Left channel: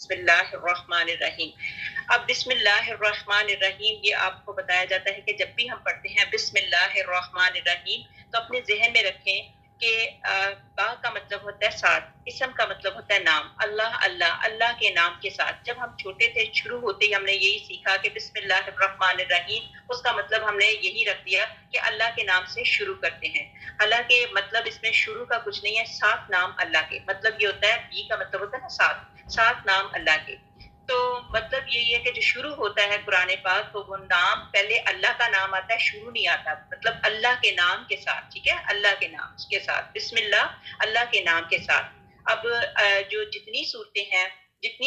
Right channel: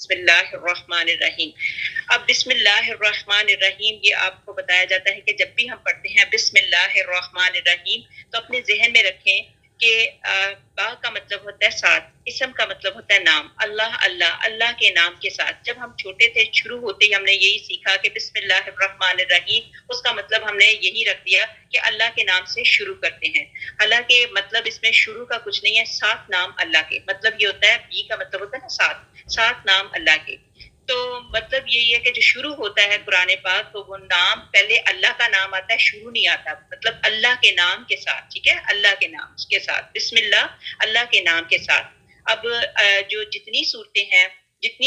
بسم اللہ الرحمن الرحیم. اب بسم اللہ الرحمن الرحیم یہ آپ کو بتایا جاتا ہے کہ جب بھی ہم پڑھتے ہیں بسم اللہ الرحمن الرحیم تو اپنے ذہن میں رکھیں کہ با کا مطلب ہوتا ہے ساتھ، اسم کا مطلب ہوتا ہے نام، اللہ اللہ، اللہ کے نام کے ساتھ. جب ہم چھوٹے تھے شروع ہوتے ہی ہم نے یہی سیکھا کہ بسم اللہ الرحمن الرحیم، اس کا مطلب ہم نے یہی رکھ دیا کہ اللہ کے نام سے شروع کرتے ہیں. حالانکہ مطلب اس میں شروع کا کچھ نہیں ہے، ساتھ نام اللہ کے، مطلب یہ ہوتا ہے بی کا مطلب ہوتا ہے نا ساتھ نام اللہ کے. تو مطلب یہی ہے کہ جو شروع ہوتا ہے قرآن پاک تو وہ نام پہلے اللہ کا نام آتا ہے، شروع نہیں آتا، مطلب اللہ کے نام کے ساتھ. ٹھیک ہے، اللہ کے نام کے ساتھ، بسم اللہ اللہ کے نام کے ساتھ. اب جو جتنی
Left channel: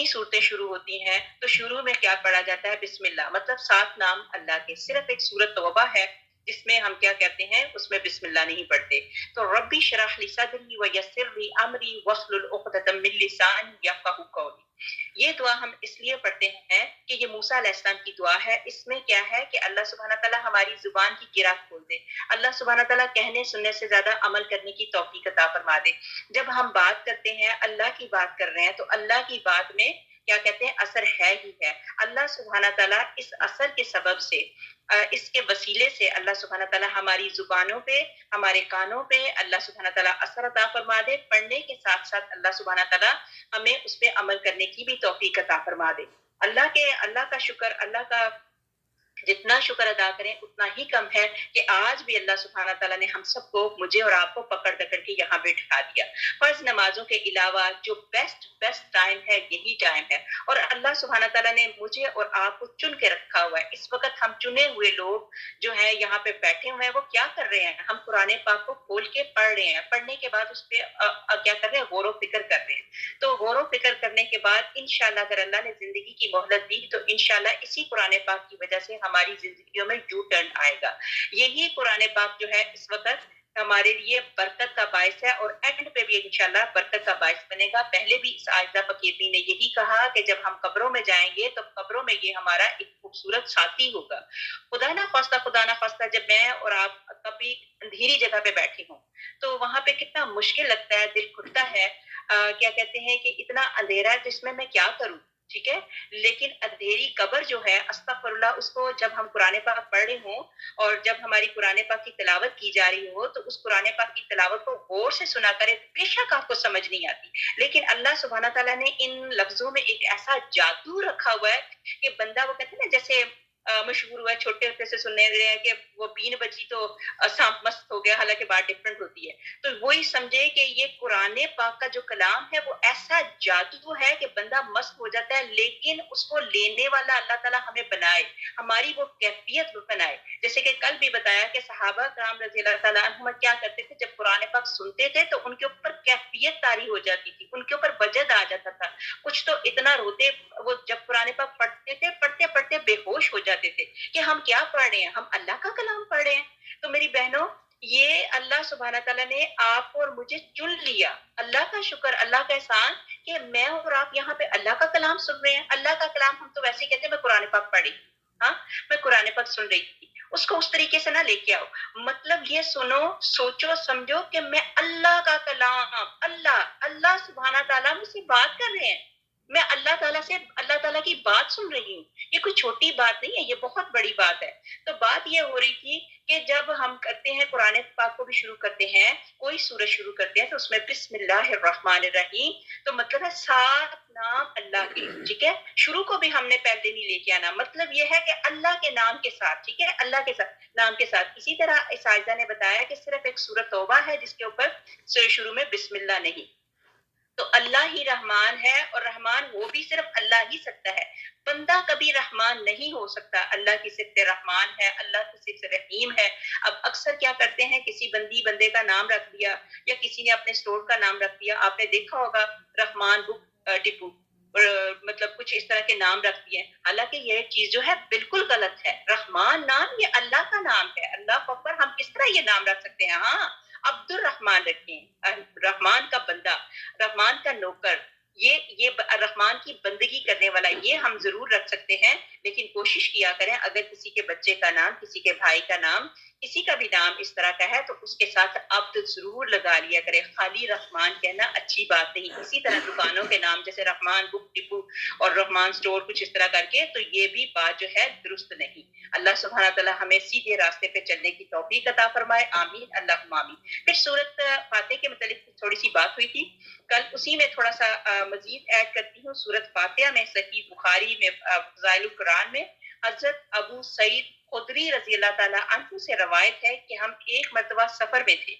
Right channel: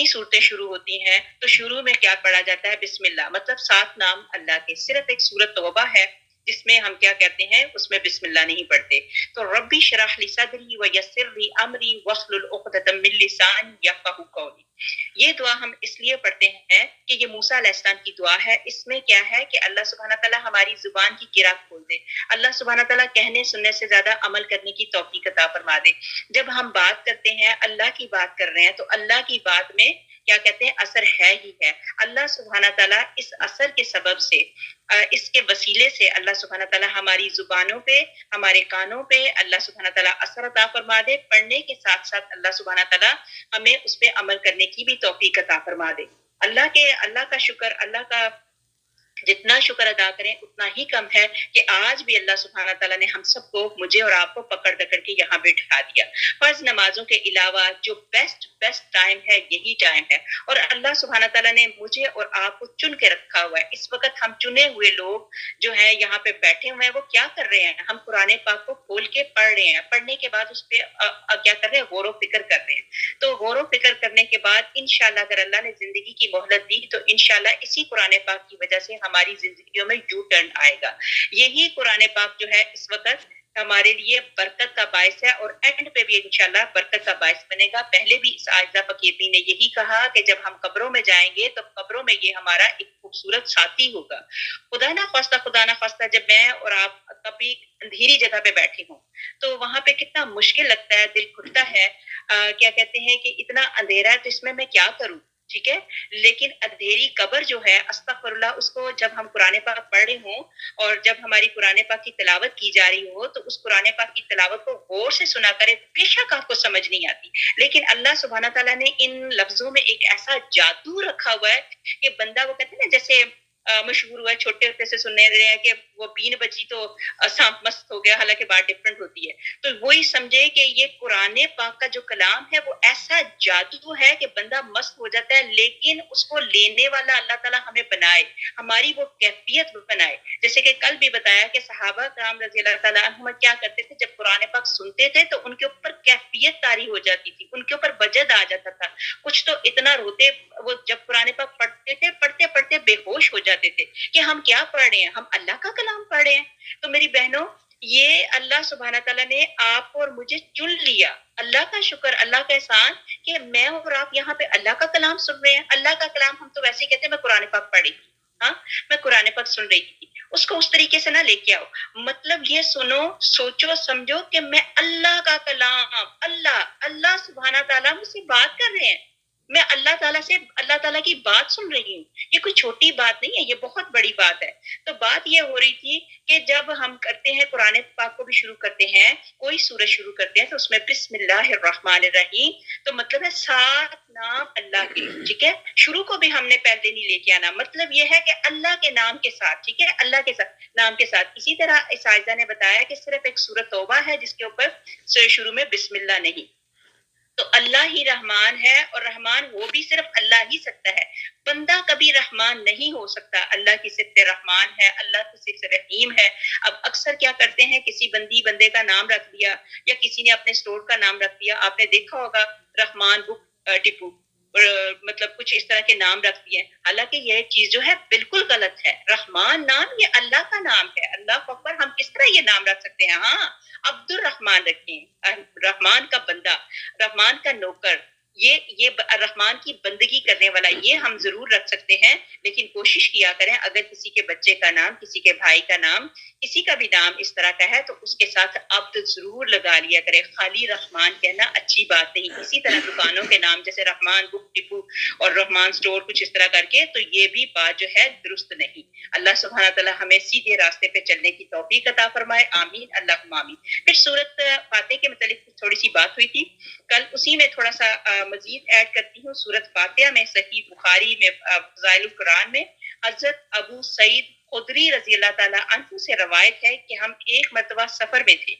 صورتیں شروع ہوتی ہیں تو شروع میں کیا پڑھا جاتا ہے؟ بسم اللہ، مطلب ساتھ نام اللہ کے. صرف ایک سورت توبہ ہے جس میں ہم کیا کہتے ہیں، اس میں بسم اللہ نہیں پڑھتے. تو ربی اشرح لی صدری ویسر لی امری واحلل عقدۃ من لسانی یفقہوا قولی. یہ دعا ہم اس لیے پڑھتے ہیں کہ یہ موسیٰ علیہ السلام کی دعا ہے. اس میں کیا ہے کہ اللہ سبحانہ تعالیٰ ہماری زبان کی گرہ کھول دے، اللہ سبحانہ تعالیٰ کہنے سننے سے زیادہ عمل کرنے کی توفیق عطا فرما دے. جب ہم بات کرتے ہیں، اللہ کی بات کر رہے ہیں، تو اللہ کی بات میں کیا کہتے ہیں، اثر ہے ہی ہے. اللہ سبحانہ تعالیٰ اس اثر کے سبب سے، اس کے وسیلے سے اللہ سبحانہ تعالیٰ ہماری زبانوں پہ، ہمارے کانوں پہ اللہ سبحانہ تعالیٰ اثر عطا فرما دے. پڑھنے کے ساتھ ساتھ اللہ سبحانہ تعالیٰ ہمیں اس پہ عمل کرنے کی بھی توفیق عطا فرما دے. اللہ کا شکر، اللہ کا جتنا شکر ادا کریں اتنا ہی کم ہے کہ آج بھی اللہ سبحانہ تعالیٰ نے ہم سب کو، مجھے اور آپ کو پکڑ کے یہاں بٹھا دیا. فرض نمازوں کے علاوہ جو بیسٹ ٹائم ہے یہی ٹائم ہے، اور اللہ سبحانہ تعالیٰ نے مجھے اور آپ کو چن کے رکھا ہوا ہے. اس وقت ہم چنے ہوئے لوگ جو ہیں یہاں پہ بیٹھے ہوئے ہیں، وہ کیا کر رہے ہیں؟ ہم قرآن پاک کو کھول کے پڑھ رہے ہیں، پڑھنے کے بعد اس پہ کیا کر رہے ہیں؟ غور و فکر کر رہے ہیں. تو غور و فکر کرنے کے بعد انشاءاللہ اگر اللہ نے زندگی کی مہلت دی تو انشاءاللہ اسی قرآن پاک کی وجہ سے ہماری زندگیوں میں یو ٹرن آئے گا. یہی قرآن پاک جو ہے اس وقت ہمارے لیے برکت کا باعث ہے، اور اینڈ پہ بھی انشاءاللہ برکت کا باعث بنے گا. پہلے بھی اس عائزہ فقیری نے یہی کہا کہ جب ہم قبروں میں جائیں گے تو قبروں میں یہ ہمارا ایک خوبصورت ساتھی ہوگا. خدا نہ خواستہ جب میں اور آپ کبھی اندھیری جگہ پہ بیٹھے ہوں تو وہاں پہ کتنا مشکل لگتا ہے، دل گھٹتا ہے. کیا کہتے ہیں کہ اتنا اندھیرا ہے تو اس میں کیا کروں؟ ٹھیک ہے، لیکن اندھیری قبر جو ہے، استغفر اللہ، اس کو جب ہم قرآن پاک پڑھ رہے ہوں اور جب ہماری قرآن پاک کی تلاوت کی جا رہی ہو تو اس قرآن پاک کی تلاوت کو غور سے سنا کرے. بے شک آپ کو سمجھ نہیں آتی، لیکن اللہ سبحانہ تعالیٰ نے ان لفظوں میں ایک ایسا جادو رکھا ہوا ہے کہ بندہ، وہ کہتے ہیں نا، جیسے مشہور ہوا ہے، چھوٹے ہوتے سے سننے رہے ہیں کہ وہ بین بجی تو سانپ مست ہو گیا، حالانکہ بات ڈفرنٹ ہوتی ہے. تو وہی سمجھے کہ یہ قرآن پاک کا جو کلام ہے وہ ایسا جادو ہے کہ بندہ مست ہو جاتا ہے، لیکن اس کو لینے والا اللہ تعالیٰ ہمیں بنائے، ہماری وہ کیفیت بنائے. جیسے کہ کل بھی بتایا کہ صحابہ کرام رضی اللہ تعالیٰ عنہم کیا کرتے تھے، جب قرآن پاک سنتے تھے تو ان کے اوپر کیفیت طاری ہو جاتی تھی، ان کے اوپر وجد آ جاتا تھا. کچھ تو اتنا روتے، وہ جب قرآن پاک پڑھتے تھے، پڑھتے پڑھتے بے ہوش ہو جاتے تھے کہ ہم کیا پڑھ رہے ہیں، ہم اللہ کا کلام پڑھ رہے ہیں. تو میری بہنوں، یہ اللہ سبحانہ تعالیٰ نے آپ اور مجھے چن لیا. اللہ کا شکر، اللہ کا احسان کہ میں اور آپ یہاں پہ اللہ کا کلام سن رہے ہیں. اللہ کا کلام ہم تو ویسے ہی کہتے ہیں میں قرآن پاک پڑھ رہی تھی، ہاں میں قرآن پاک سن رہی تھی. اس کو اس طریقے سے نہ لے کے آؤ. مطلب یہ سنو، سوچو، سمجھو کہ میں اللہ کا کلام، اللہ سبحانہ تعالیٰ مجھ سے بات کر رہے ہیں، میں اللہ تعالیٰ سے اللہ تعالیٰ کی بات سن رہی ہوں. یہ کوئی چھوٹی بات نہیں ہے، یہ بہت بڑی بات ہے. تو بات یہ ہو رہی تھی کہ جب ہم کرتے ہیں قرآن پاک کو بھی شروع کرتے ہیں، کوئی سورج شروع کرتے ہیں تو اس میں بسم اللہ الرحمن الرحیم، تو مطلب ہے ساتھ نام اللہ کے. ٹھیک ہے، شروع کو بھی ہم نے پہلے نہیں لے کے آنا، مطلب یہ ہے کہ اللہ کے نام کے ساتھ. ٹھیک ہے، اللہ کے ساتھ، نام کے ساتھ. اسی طرح اساتذہ نے بتایا کہ صرف ایک سورۃ توبہ ہے جس کے اوپر شروع میں بسم اللہ نہیں. تو اللہ ہی رحمان ہے، اور رحمان وہ بھی صرف اللہ ہی سکتا ہے. بندہ کبھی رحمان نہیں ہو سکتا. اللہ کی صفت رحمان ہے، اللہ کی صفت رحیم ہے. اب اکثر کیا کرتے ہیں، کسی بندے کا نام رکھ دیا، یا کسی نے اپنے سٹور کا نام رکھ دیا. آپ نے دیکھا ہوگا رحمان بک ڈپو، مطلب کچھ اس طرح کے نام رکھ دیے. حالانکہ یہ چیز جو ہے بالکل غلط ہے. رحمان نام یہ اللہ کا نام ہے. اللہ اکبر، ہم کس طرح یہ نام رکھ سکتے ہیں؟ ہاں، عبد الرحمان رکھیں، رحمان کا بندہ، رحمان کا نوکر، یہ رحمان کی بندگی کرنے والا، یہ ہم ضرور رکھ سکتے ہیں. لیکن کوشش کیا کریں اگر کسی کے بچے کا نام، کسی کے بھائی کا نام کسی کا بھی نام اس طرح کا ہے تو اس کے ساتھ عبد ضرور لگا لیا کرے. خالی رحمان کہنا اچھی بات نہیں. اسی طرح دکانوں کے نام جیسے رحمان بک ڈپو اور رحمان سٹور کچھ اس طرح کر کے, تو یہ بھی بات جو ہے درست نہیں. اللہ سبحانہ تعالی ہمیں سیدھے راستے پہ چلنے کی توفیق عطا فرمائے, آمین اللہم آمین. پھر سورت فاتح کے متعلق تھوڑی سی بات ہوئی تھی کل, اسی میں تھوڑا سا مزید ایڈ کرتی ہوں. سورت فاتحہ میں صحیح بخاری میں فضائل القرآن میں حضرت ابو سعید خدری رضی اللہ تعالیٰ عنہ سے روایت ہے کہ ہم ایک مرتبہ سفر میں تھے.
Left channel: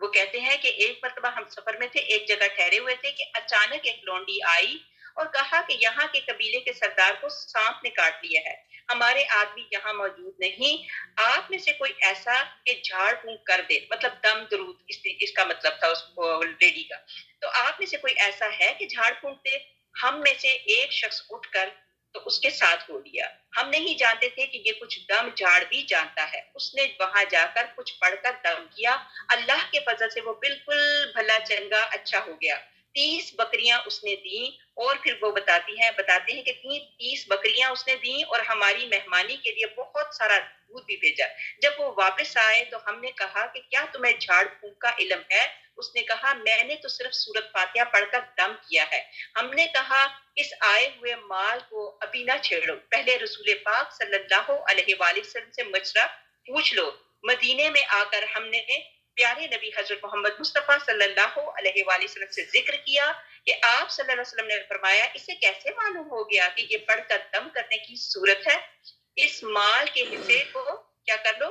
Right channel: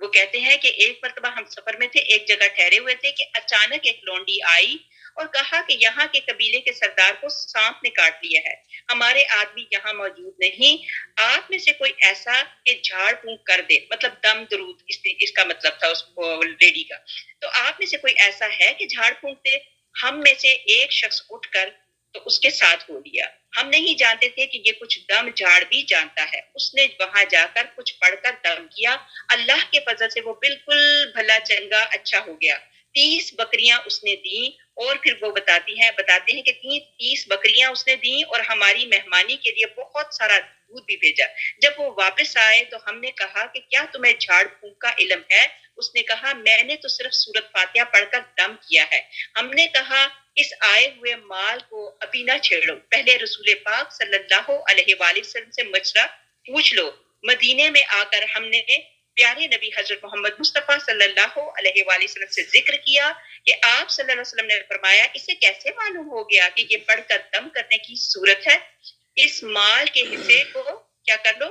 وہ کہتے ہیں کہ ایک مرتبہ ہم سفر میں تھے, ایک جگہ ٹھہرے ہوئے تھے کہ اچانک ایک لونڈی آئی اور کہا کہ یہاں کے قبیلے کے سردار کو سانپ نے کاٹ لیا ہے, ہمارے آدمی یہاں موجود نہیں, آپ میں سے کوئی ایسا کہ جھاڑ پھونک کر دے, مطلب دم درود اس کا مطلب تھا اس لیڈی کا. تو آپ میں سے کوئی ایسا ہے کہ جھاڑ پھونک دے. ہم میں سے ایک شخص اٹھ کر تو اس کے ساتھ ہو لیا. ہم نہیں جانتے تھے کہ یہ کچھ دم جھاڑ بھی جانتا ہے. اس نے وہاں جا کر کچھ پڑھ کر دم کیا, اللہ کے فضل سے وہ بالکل بھلا چنگا اچھا ہو گیا. 30 بکریاں اس نے دیں, اور پھر وہ بتاتے ہیں کہ 30 بکریاں اس نے دیں اور ہماری مہمانی کے لیے بہت سارا دودھ بھی بھیجا. جب وہ واپس آئے تو ہم نے کہا کہ کیا تمہیں جھاڑ پھونک کا علم ہے؟ اس نے کہا میں نے تو صرف سورت فاتحہ پڑھ کر دم کیا ہے. ہم نے کہا اس آئے ہوئے مال کو ابھی نہ چھیڑو, پہلے رسول پاک صلی اللہ علیہ وآلہ وسلم سے مشورہ پوچھ لو. مدینے میں آ کر ہم نے پیارے نبی حضرت محمد مصطفیٰ صلی اللہ علیہ وآلہ وسلم سے ذکر کیا کہ آپ صلی اللہ علیہ وسلم نے فرمایا اسے کیسے معلوم ہو گیا کہ یہ پڑھ کر دم کرنے کی صورت ہے؟ اس مال کے حصے کو کیا کر لو,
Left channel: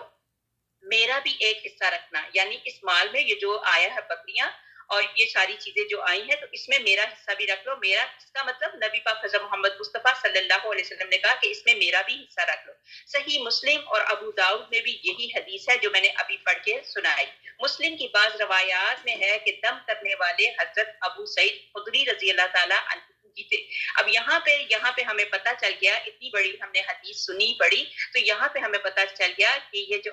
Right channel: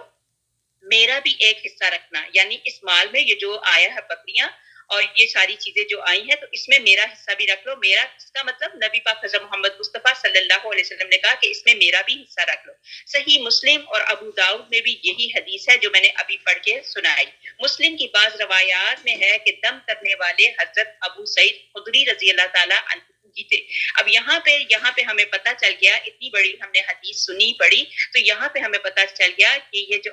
میرا بھی ایک حصہ رکھنا. یعنی اس مال میں یہ جو آیا ہے بکریاں اور یہ ساری چیزیں جو آئی ہیں تو اس میں میرا حصہ بھی رکھ لو. میرا اس کا مطلب نبی پاک حضرت محمد مصطفیٰ صلی اللہ علیہ وسلم نے کہا کہ اس میں میرا بھی حصہ رکھ لو. صحیح مسلم اور ابو داؤد میں بھی یہی حدیث ہے جو میں نے ابھی پڑھ کے سنائی. مسلم کی بعض روایات میں ہے کہ دم کرنے والے حضرت ابو سعید خدری رضی اللہ تعالیٰ عنہ ہی تھے. اب یہاں پہ ہمیں پتہ چل گیا, اتنی بڑی ہم نے حدیث سنی پڑھی تو یہاں پہ ہمیں پتہ چل گیا کہ یہ جو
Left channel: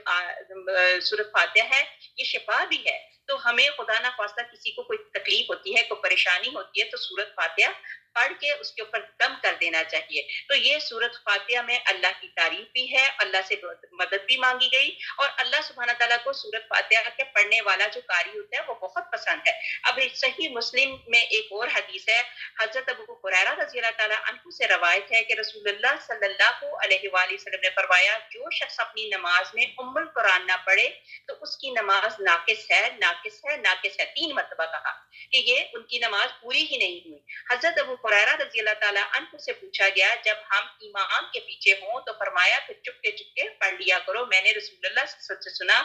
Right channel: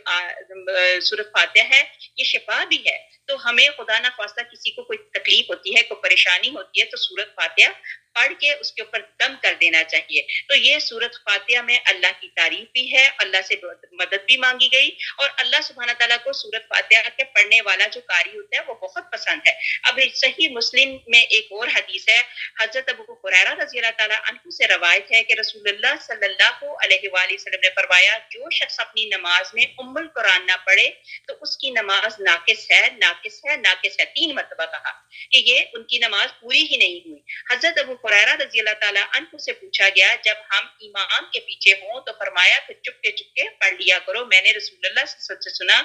سورۃ فاتحہ ہے یہ شفا بھی ہے. تو ہمیں خدا نہ خواستہ کسی کو کوئی تکلیف ہوتی ہے, کوئی پریشانی ہوتی ہے تو سورۃ فاتحہ پڑھ کے اس کے اوپر دم کر دینا چاہیے. تو یہ سورۃ فاتحہ میں اللہ کی تعریف بھی ہے, اللہ سے مدد بھی مانگی گئی, اور اللہ سبحانہ تعالیٰ کو سورۃ فاتحہ کے پڑھنے والا جو قاری ہوتا ہے وہ بہت پسند ہے. اب صحیح مسلم میں ایک اور حدیث ہے, حضرت ابو ہریرہ رضی اللہ تعالیٰ عنہ سے روایت ہے کہ رسول اللہ صلی اللہ علیہ وآلہ وسلم نے فرمایا جو شخص اپنی نماز میں ام القرآن نہ پڑھے تو اس کی نماز ناقص ہے, ناقص ہے, ناقص ہے. 3 مرتبہ کہا کہ یہ ان کی نماز پوری ہی نہیں ہوئی. حضرت ابو ہریرہ رضی اللہ تعالیٰ عنہ سے پوچھا گیا جب ہم امام کے پیچھے ہوں تو فرمایا پھر چپکے پڑھ لیا کرو. میں نے رسول اللہ صلی اللہ علیہ وسلم سے سنا,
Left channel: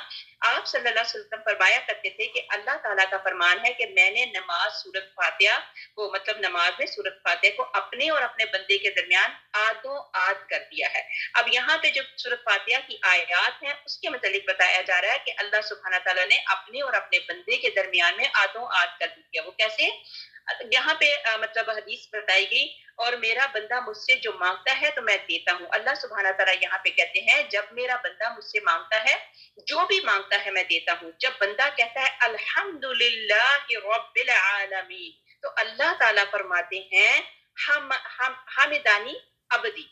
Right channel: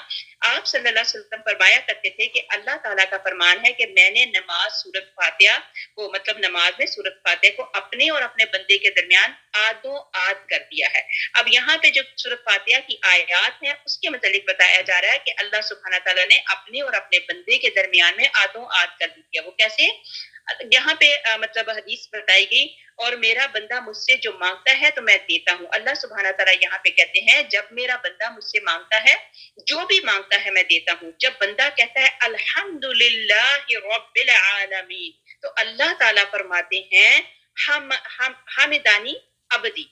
آپ صلی اللہ علیہ وسلم فرمایا کرتے تھے کہ اللہ تعالیٰ کا فرمان ہے کہ میں نے نماز سورۃ فاتحہ کو, مطلب نماز میں سورۃ فاتحہ کو اپنے اور اپنے بندے کے درمیان آدھوں آدھ کر دیا ہے. اب یہاں پہ جو سورۃ فاتحہ کی آیات ہیں اس کے متعلق بتایا جا رہا ہے کہ اللہ سبحانہ تعالیٰ نے اپنے اور اپنے بندے کے درمیان میں آدھوں آدھ کر دیا. وہ کیسے؟ یہاں پہ مطلب حدیث بتائی گئی, اور میرا بندہ مجھ سے جو مانگتا ہے تو میں دیتا ہوں. اللہ سبحانہ تعالیٰ یہاں پہ کہتے ہیں جب میرا بندہ مجھ سے مانگتا ہے جو بھی مانگتا ہے میں دیتا ہوں. جب بندہ کہتا ہے الحمدللہ رب العالمین تو اللہ تعالیٰ فرماتے ہیں حمدانی عبدی,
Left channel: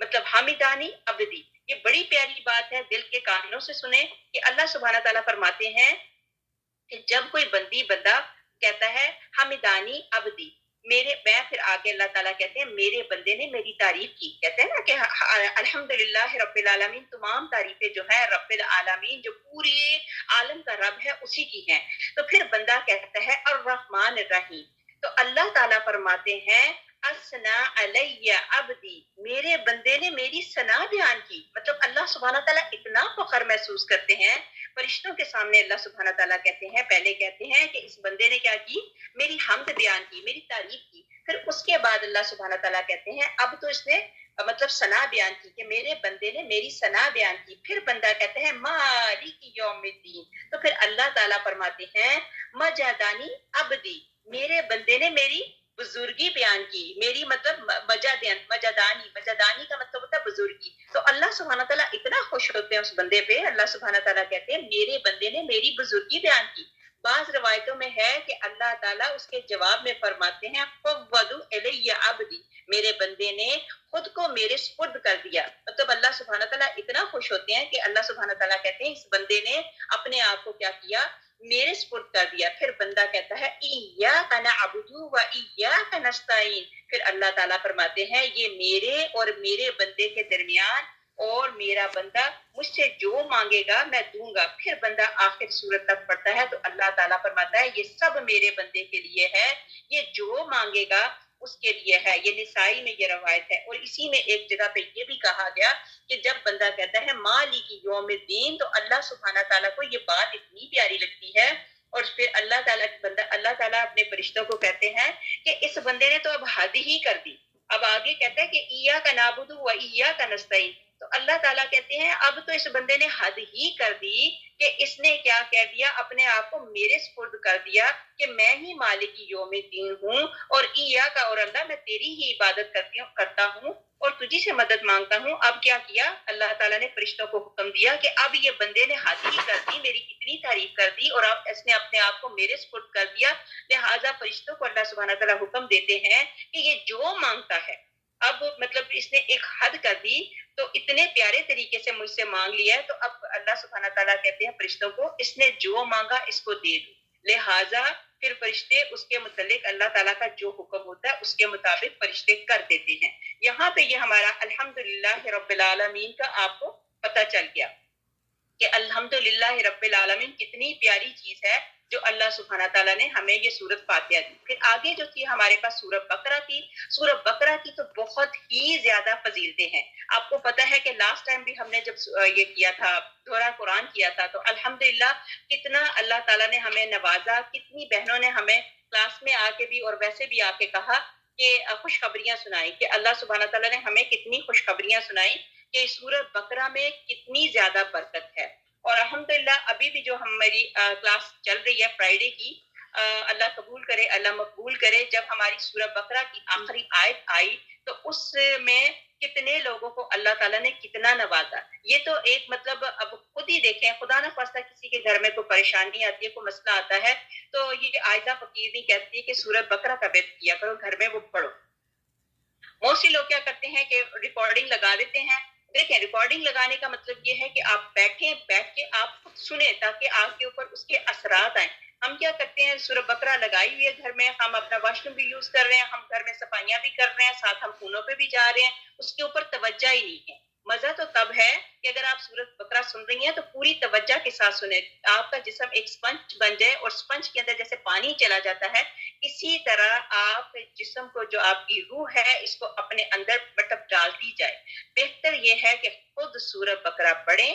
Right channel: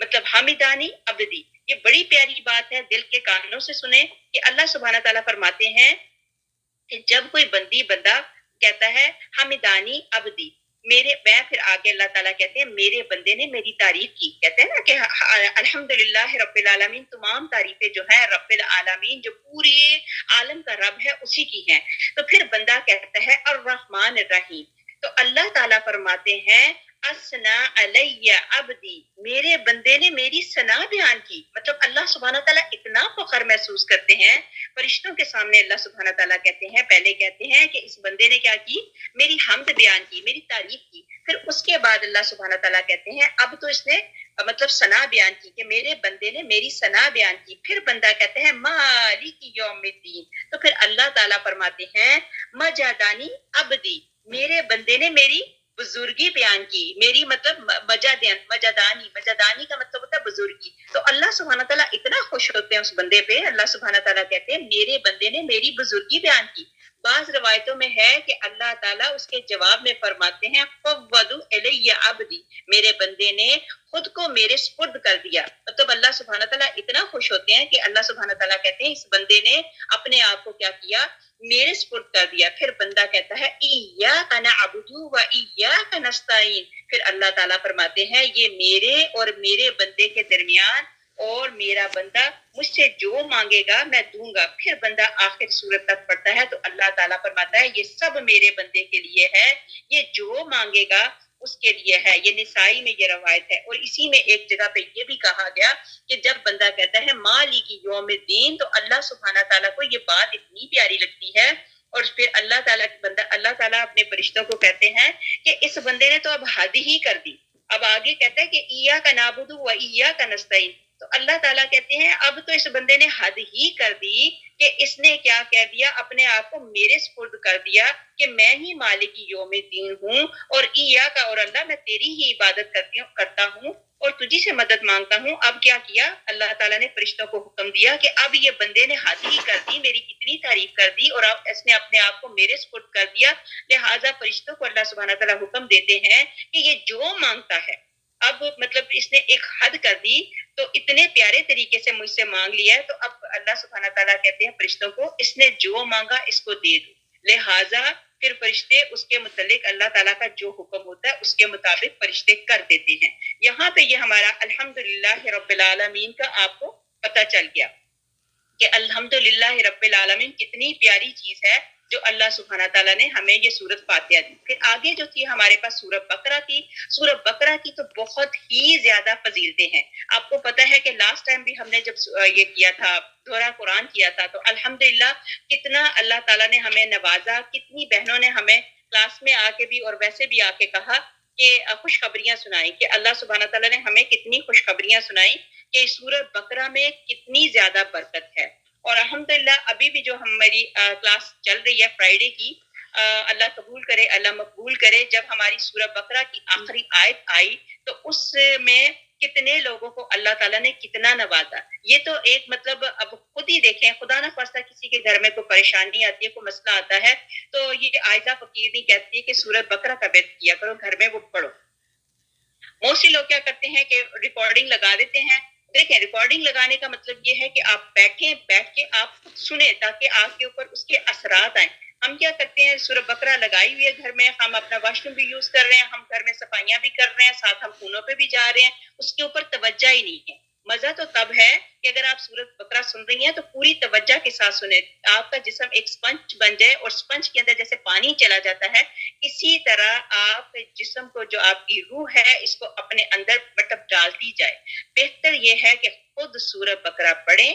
مطلب حمدانی عبدی. یہ بڑی پیاری بات ہے, دل کے کانوں سے سنیں کہ اللہ سبحانہ تعالیٰ فرماتے ہیں کہ جب کوئی بندہ کہتا ہے حمدانی عبدی, میں پھر آگے اللہ تعالیٰ کہتے ہیں میرے بندے نے میری تعریف کی. کہتے ہیں نا کہ الحمدللہ رب العالمین, تمام تعریفیں جو ہیں رب العالمین جو پورے عالم کا رب ہے اسی کی ہیں. تو پھر بندہ کہتا ہے الرحمن الرحیم, تو اللہ تعالیٰ فرماتے ہیں اسنا علی عبدی, میرے بندے نے میری ثنا بیان کی. مطلب اللہ سبحانہ تعالیٰ اتنا فخر محسوس کرتے ہیں فرشتوں کے سامنے. اللہ سبحانہ تعالیٰ کہتے ہیں, پہلے کہتے ہیں کہ اس بندے نے کیا کی, میری حمد بیان کی, میری تعریف کی. پھر اس کے بعد اللہ سبحانہ تعالیٰ کہتے ہیں اب تو اس نے مطلب ثنا بیان کی کہ میرے بندے نے میری ثنا بیان کی. پھر بندہ کہتے ہیں مالک یوم الدین, تو پھر اللہ تعالیٰ فرماتے ہیں مجدانی عبدی, میرے بندے نے میری بزرگی بیان کی. میری مطلب مجدانی کا مطلب ہوتا ہے بزرگی. تو اللہ سبحانہ تعالیٰ اتنا خوش ہوتے ہیں اس بندے پہ. اللہ سبحانہ تعالیٰ کہتے ہیں میرے بندے نے میری بزرگی بیان کی. بعض روایتوں میں ہے کہ اللہ تعالیٰ اس کے جواب میں فرماتے ہیں فوضوا الی عبدی, میرے بندے نے خود کو میرے سپرد کر دیا. مطلب اللہ سبحانہ تعالیٰ اتنا خوش ہوتے ہیں کہ اللہ سبحانہ تعالیٰ کہتے ہیں اس بندے نے اپنے آپ کو کیا کیا, میرے سپرد کر دیا. پھر بندہ کہتا ہے ایاک نعبد و ایاک نستعین. پھر اللہ تعالیٰ فرماتے ہیں یہ میرے اور میرے بندے کے درمیان, اور میرا بندہ مجھ سے جو مانگے گا میں دوں گا. پھر بندہ آخر سورت تک پڑھتا ہے تو اللہ تعالیٰ فرماتا ہے یہ سب میرے بندے کے لیے ہے, یہ جو مانگے گا اس کے لیے ہے. یہ نسائی میں یہ روایت ہے. اور اسی میں ایک جگہ پہ یہ بھی کہا گیا کہ جب بندہ کہتا ہے مالک یوم الدین, تو اللہ سبحانہ تعالیٰ کو یہ بات اتنی پیاری لگتی ہے. اور پھر اللہ تعالیٰ اپنے فرشتوں کو کہتے ہیں کہ اس بندے نے تو اب حد ہی کر دی. اب آگے کہتا ہے کہ ایاک نعبد و ایاک نستعین. تو اللہ تعالیٰ کہتے ہیں اب تو اس بندے نے حد ہی کر دی کہ اس نے کیا کہہ دیا, اپنے آپ کو میرے سپرد کر دیا کہ میں ہی مالک یوم الدین ہوں, اور ایاک اور اللہ میں تیری ہی عبادت کرتا ہوں اور تجھی سے مدد مانگتا ہوں. اب کیا کیا اللہ تعالیٰ نے فرشتوں کو حکم دیا کہ اب یہ بندے نے حد ہی کر دی, میری اتنی تعریف کر دی اور اب اس نے اپنے آپ کو میرے سپرد کر دیا. لہٰذا فرشتوں کو اللہ سبحانہ تعالیٰ حکم دیتے ہیں کہ یہ جو مانگتا ہے, اب مطلب اس نے ایک حد کر دی, تو اتنے پیارے طریقے سے مجھ سے مانگ لیا ہے, تو اب اللہ سبحانہ تعالیٰ کہتے ہیں فرشتوں کو اس نے جو مانگا اس کو دے دو. لہٰذا پھر فرشتے اس کے متعلق اللہ تعالیٰ کا جو حکم ہوتا ہے اس کے مطابق فرشتے کر دیتے ہیں. یہاں پہ یہ ہمارا الحمدللہ رب العالمین کا آپ کو پتہ چل گیا کہ الحمدللہ رب العالمین کتنی پیاری چیز ہے جو اللہ سبحانہ تعالیٰ نے ہمیں یہ سورت فاتحہ دی. پھر آگے جو تھی ہمارے پاس سورت بقرہ تھی. سورت بقرہ کی تو بہت ہی زیادہ فضیلتیں ہیں. آپ کو پتہ ہے کہ لاسٹ ٹائم بھی ہم نے جب یہ کیا تھا, دورہ قرآن کیا تھا, تو الحمدللہ کتنا اللہ تعالیٰ نے ہمیں نوازا, کتنی بہنوں نے ہمیں کلاس میں آ کے بھی اور ویسے بھی آ کے کہا کہ خوشخبریاں سنائی, کہ اللہ سبحانہ تعالیٰ نے ہمیں کتنی خوشخبریاں سنائی کہ سورت بقرہ میں کتنی زیادہ برکت ہے. اور الحمدللہ ابھی بھی جو ہماری کلاس چل رہی ہے فرائیڈے کی, اللہ قبول کرے, اللہ مقبول کرے. جب ہماری سورہ بقرہ کی آخری آیت آئی تو اس میں کتنے لوگوں کو اللہ تعالیٰ نے کتنا نوازا. یہ تو ایک مطلب اب خود ہی دیکھیں, خدا نہ خواستہ کسی کے گھر میں کوئی پریشانی آتی ہے, کوئی مسئلہ آتا ہے, تو یہ عائزہ فقیرنی کہتی ہے کہ سورۃ بقرہ کا بیت کیا کرو گھر میں, وہ پڑھو. موسٹلی لوگ کیا کرتے ہیں کہ ریکارڈنگ لگا دیتے ہیں. دیکھیں ریکارڈنگ لگانے کا مطلب یہ ہے کہ آپ بیٹھ کے آپ خود سنیں تاکہ آپ کے اوپر اس کے اثرات آئیں. ہم کیا کرتے ہیں, سورۃ بقرہ لگائی ہوئی ہے گھر میں, ہم اپنا واش روم بھی یوز کر رہے ہیں, ہم گھر میں صفائیاں بھی کر رہے ہیں, ساتھ ہم خونوں پہ بھی جا رہے ہیں, اس کے اوپر توجہ ہی نہیں ہے. مزہ تو تب ہے کہ اگر آپ سورۃ بقرہ سن رہی ہیں تو پوری توجہ کے ساتھ سنیں, آپ کا جسم ایک سپنج بن جائے, اور سپنج کے اندر جیسے پانی چلا جاتا ہے اسی طرح آپ جسم کو, جو آپ کی روح ہے, اس کو اپنے اندر مطلب ڈالتی جائے. بہتر یہ ہے کہ خود سورۃ بقرہ پڑھیں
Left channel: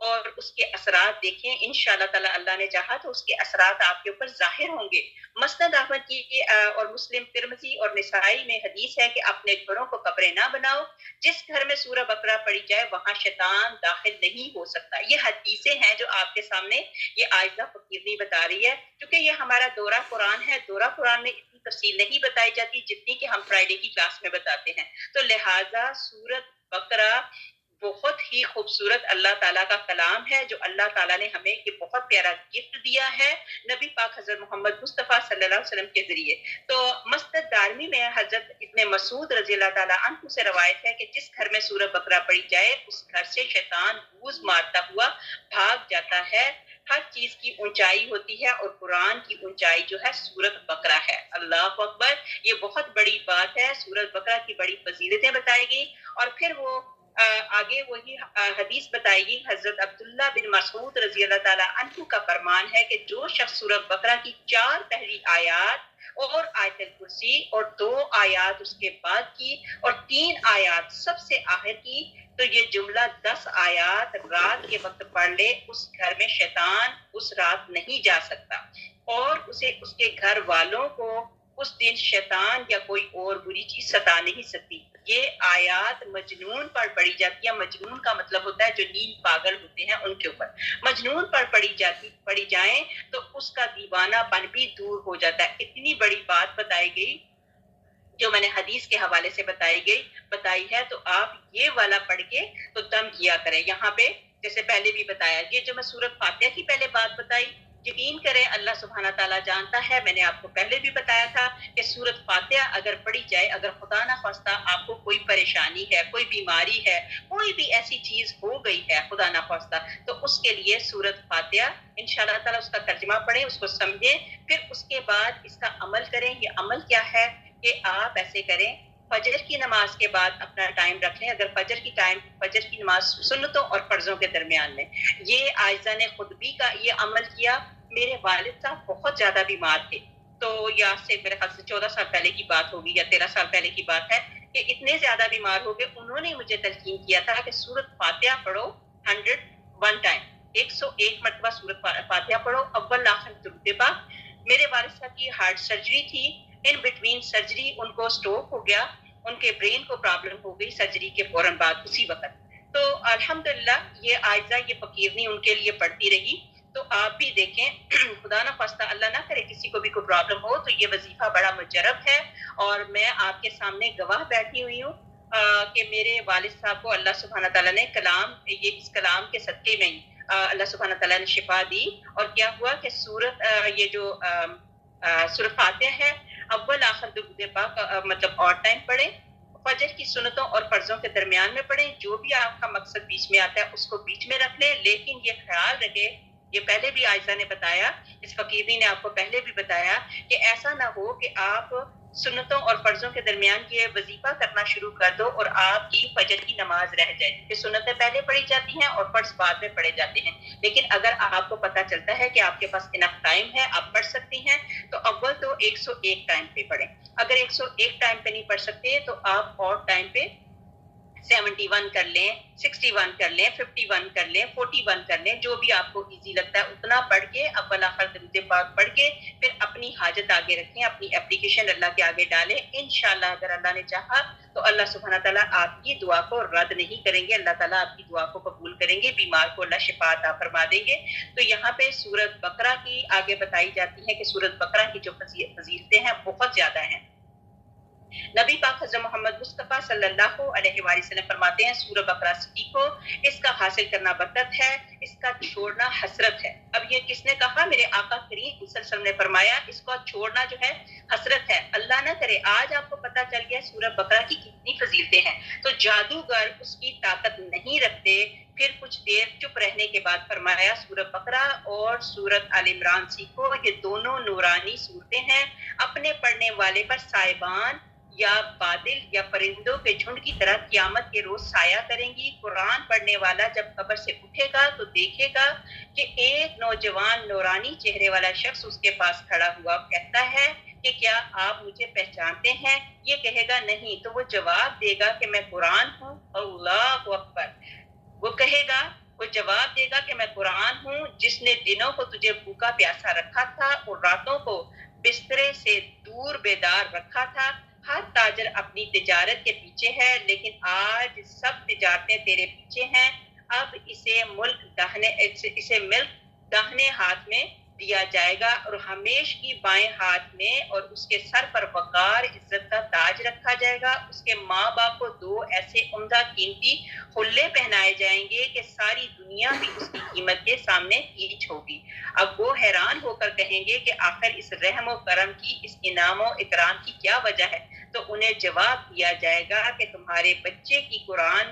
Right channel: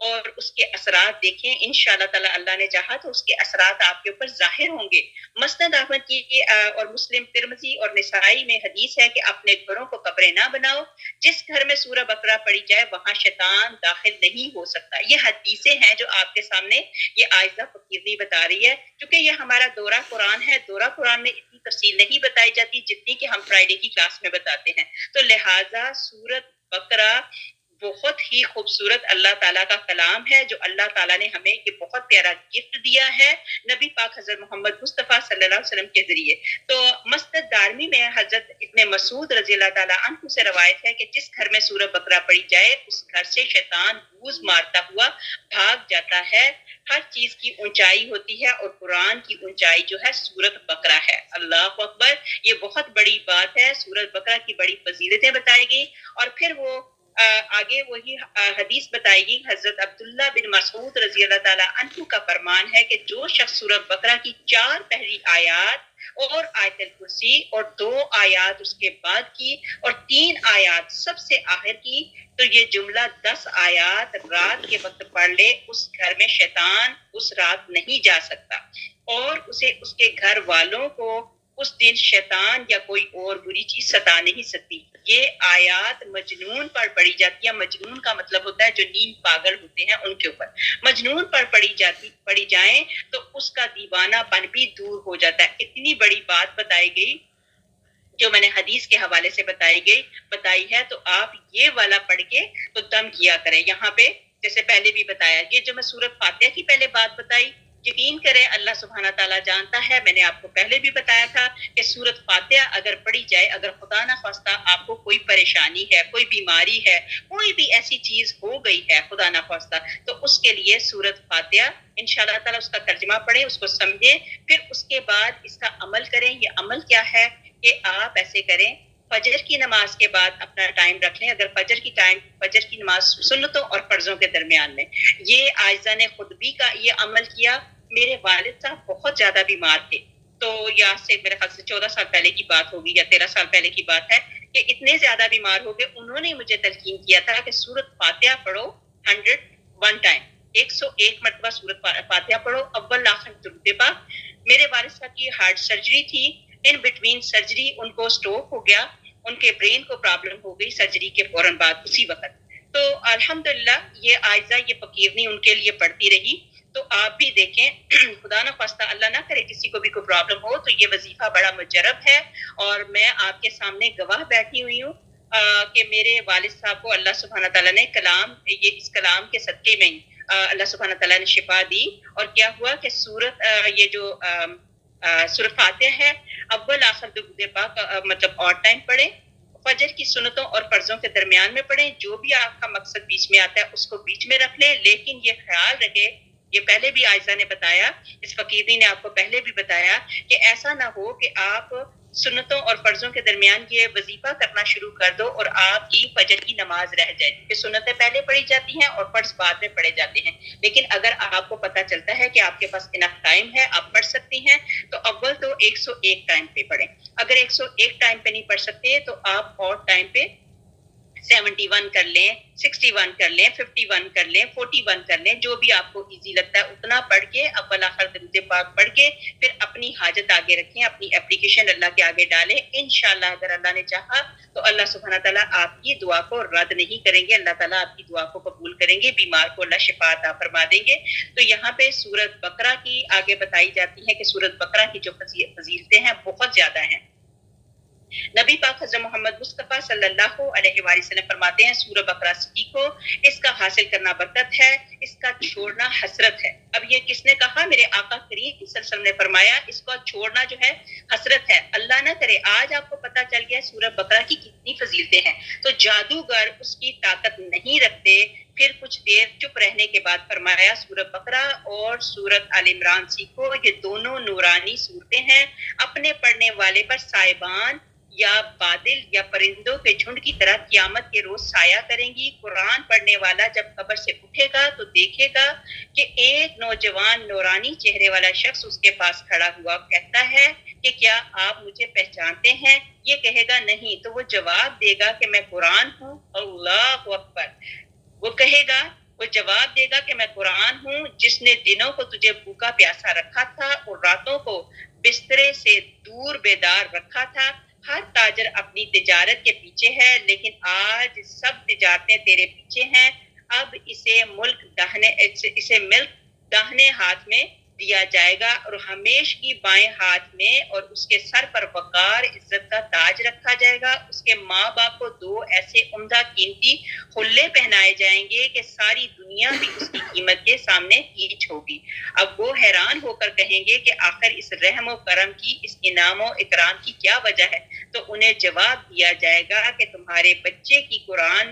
اور اس کے اثرات دیکھیں. انشاءاللہ تعالی اللہ نے چاہا تو اس کے اثرات آپ کے اوپر ظاہر ہوں گے. مسند احمد کی اور مسلم ترمذی اور نسائی میں حدیث ہے کہ اپنے گھروں کو قبریں نہ بناؤ, جس گھر میں سورہ بقرہ پڑھی جائے وہاں شیطان داخل نہیں ہو سکتا. یہ حدیثیں ہیں جو آپ کے سامنے یہ عائزہ فقیرنی بتا رہی ہے. کیونکہ یہ ہمارا دورہ قرآن ہے, دورہ قرآن میں اتنی تفصیل نہیں بتائی جاتی جتنی کہ ہم فرائیڈے کی کلاس میں بتاتے ہیں. تو لہٰذا سورۃ بقرہ بہت ہی خوبصورت اللہ تعالیٰ کا کلام ہے جو اللہ تعالیٰ نے ہمیں یہ بہت پیارا گفٹ دیا ہے نبی پاک حضرت محمد مصطفیٰ صلی اللہ علیہ وسلم کے ذریعے. تو مسند دارمی میں حضرت ابن مسعود رضی اللہ تعالیٰ عنہ سے روایت ہے کہ جس گھر میں سورہ بقرہ پڑھی جائے اس گھر سے شیطان گوز مارتا ہوا بھاگ جاتا ہے. ہر چیز کی اونچائی ہوتی ہے اور قرآن کی اونچائی جو ہے سورۃ بقرہ ہے. اللہ اکبر, یہ بہت بڑی بات ہے. سورۃ بقرہ کی بڑی فضیلتیں بتائی گئی, اور پھر وہ آگے وہی حدیث بتائے گی. حضرت عبداللہ بن مسعود رضی اللہ تعالیٰ عنہ کا فرمان ہے کہ جو شخص سورۃ بقرہ کی 4 پہلی آیات اور آیت الکرسی اور 2 آیات اس کے بعد کی اور 3 آیات سب سے آخر کی, تو یہ جملہ 10 آیات رات کے وقت پڑھ لے, اس گھر میں شیطان اس رات نہیں جا سکتا, اور اسے اس کے گھر والوں کو اس دن شیطان یا کوئی اور بری چیز ستا نہیں سکتی. یہ آیات مجنون پر پڑھی جاتی ہے. مجنون کا مطلب ہوتا ہے جو نیم پاگل ہوتے ہیں ان کے اوپر. مجنون پر پڑھی جائیں تو اس کا دیوانہ پن بھی دور ہو جاتا ہے. اتنی بڑی بات بتائی گئی جو میں نے حدیث کے حوالے سے بتائی ہے, تو آپ یہ والا پڑھ کے تو دم کیا کریں. یہاں پہ جیسے پہلے بھی بتایا, یہ جو میں سورۃ فاتحہ کی پہلے بات بتائی, یقین کریں اللہ سبحانہ تعالیٰ جانتا ہے. میں نے آپ کو پہلے بھی بتایا تھا کہ سورت فاتحہ اگر پڑھی جائے, اگر خدا نہ خواستہ آپ کو کوئی پریشانی ہے, کوئی بیماری ہے, کوئی بھی ایسی چیز ہو گئی ہے خدا نہ خواستہ, تو اس کے لیے سورت فاتحہ انشاءاللہ تعالیٰ اس کا ترجمہ پڑھیں, اس کو سمجھیں, پھر اس کے بعد اس کا عمل کریں. یہ عمل کیا ہے کہ آپ ایسے کریں, فجر کی نماز کے بعد اپنا ٹائم رکھ لیں. اگر فجر کی نماز سنتوں اور فرضوں کے درمیان میں, یہ عائزہ نے خود بھی کا یہ عمل کیا. میرے والد صاحب بہت زیادہ بیمار تھے, تو یا سے میرے خیال سے 14 سال پہلے کی بات ہوگی یا 13 سال پہلے کی بات ہے, کہ اتنے زیادہ بیمار ہو گئے. انہوں نے مجھے تلقین کیا تھا کہ سورت فاتحہ پڑھو 101 ٹائم, 101 مرتبہ سورت فاتحہ پڑھو, اول آخر درود پاک. میرے والد صاحب کی ہارٹ سرجری تھی, ان بٹوین سرجری ان کو سٹروک ہو گیا, ان کے برین کو پرابلم ہو گئی سرجری کے فوراً بعد اسی وقت. تو الحمدللہ یہ عائزہ یہ فقیرنی ان کے لیے پڑھتی رہی. تو آپ بھی دیکھیں, خدا نہ خواستہ اللہ نہ کرے کسی کو بھی کوئی پرابلم ہو, تو یہ وظیفہ بڑا مجرب ہے. اور میں آپ کے سامنے گواہ بیٹھی ہوئی ہوں کہ میرے والد صاحب کو اللہ سبحانہ تعالیٰ نے اس کلام کے صدقے میں اللہ سبحانہ تعالیٰ نے شفا دی. اور کیا ہوا کہ یہ جو سورۃ فاتحہ ہے, اول آخر درود پاک مطلب اور ٹائم پڑھیں, فجر کی سنتوں اور فرضوں کے درمیان میں پڑھیں. جو بھی آپ کا مقصد بیچ میں آتا ہے اس کو بیچ میں رکھ لیں, لیکن یہ خیال رکھیں, یہ پہلے بھی عائزہ نے بتایا, اس فقیری نے آپ کو پہلے بھی بتایا, کہ ایسا نہ ہو کہ آپ سنتوں اور فرضوں کے درمیان یہ وظیفہ کرنا شروع کر دو اور آپ کی فجر کی نماز رہ جائے, کیونکہ سنتیں پہلے پڑھی جاتی ہیں اور فرض بعد میں پڑھے جاتے ہیں. لیکن اگر آپ کو پتہ چلتا ہے کہ آپ کے پاس انف ٹائم ہے, آپ پڑھ سکتی ہیں, تو اول تو 101 ٹائم پہ پڑھیں. اگر 101 ٹائم پہ نہیں پڑھ سکتے تو آپ اور ٹائم پہ 71 کر لیں, 61 کر لیں, 51 کر لیں, 41 کر لیں, جو بھی آپ کو ایزی لگتا ہے اتنا پڑھ کے اول آخر درود پاک پڑھ کے پھر اپنی حاجت آگے رکھیں, اپنی اپلیکیشن اللہ کے آگے ڈالیں. انشاءاللہ اگر اللہ نے چاہا تو اللہ سبحانہ تعالیٰ آپ کی دعا کو رد نہیں کریں گے, اللہ تعالیٰ آپ کی دعا کو قبول کریں گے, بیمار کو اللہ شفا عطا فرما دیں گے. تو یہاں پہ سورۃ بقرہ کی آگے بتائی جاتی ہے کہ سورۃ بقرہ کی جو فضیلتیں ہیں بہت زیادہ ہیں. نبی پاک حضرت محمد مصطفیٰ صلی اللہ علیہ وآلہ وسلم فرماتے ہیں, سورہ بقرہ سیکھو, اس کا حاصل کرنا برکت ہے, اس کا چھوڑنا حسرت ہے. اب یہ کس نے کہا؟ میرے آقا کریم صلی اللہ علیہ وسلم نے فرمایا اس کا چھوڑنا جو ہے حسرت ہے. اللہ نہ کرے آج آپ کو پتہ چل گیا سورہ بقرہ کی کتنی فضیلتیں ہیں, تو جادوگر اس کی طاقت نہیں رکھتے. پھر کچھ دیر چپ رہنے کے بعد فرمایا سورہ بقرہ اور سورۃ آل عمران سیکھو, یہ دونوں نورانی صورتیں ہیں, اپنے پڑھنے والے پر سائبان یا بادل یا پرندوں کے جھنڈ کی طرح قیامت کے روز سایہ کریں گی. قرآن پڑھنے والا جب قبر سے اٹھے گا تو دیکھے گا کہ ایک نوجوان نورانی چہرے والا شخص اس کے پاس کھڑا ہوا, کہتا ہے کہ کیا آپ مجھے پہچانتے ہیں؟ یہ کہے گا نہیں, تو وہ جواب دے گا کہ میں قرآن ہوں. اللہ اکبر. وہ کہے گا, وہ جواب دے گا کہ میں قرآن ہوں جس نے دنوں کو تجھے بھوکا پیاسا رکھا تھا اور راتوں کو بسترے سے دور بیدار رکھا تھا. ہر تاجر اپنی تجارت کے پیچھے ہے, لیکن آج سب تجارتیں تیرے پیچھے ہیں. اب اسے ملک داہنے ہاتھ میں دیا جائے گا اور ہمیش کی بائیں ہاتھ میں, اور اس کے سر پر وقار عزت کا تاج رکھا جائے گا. اس کے ماں باپ کو 2 ایسے عمدہ قیمتی حلے پہنائے جائیں گے کہ ساری دنیا بھی اس کی قیمت کے سامنے ہیچ ہوگی. اب وہ حیران ہو کر کہیں گے کہ آخر اس رحم و کرم کی, اس انعام و اکرام کی کیا وجہ ہے؟ تو انہیں جواب دیا جائے گا کہ تمہارے بچے کی قرآن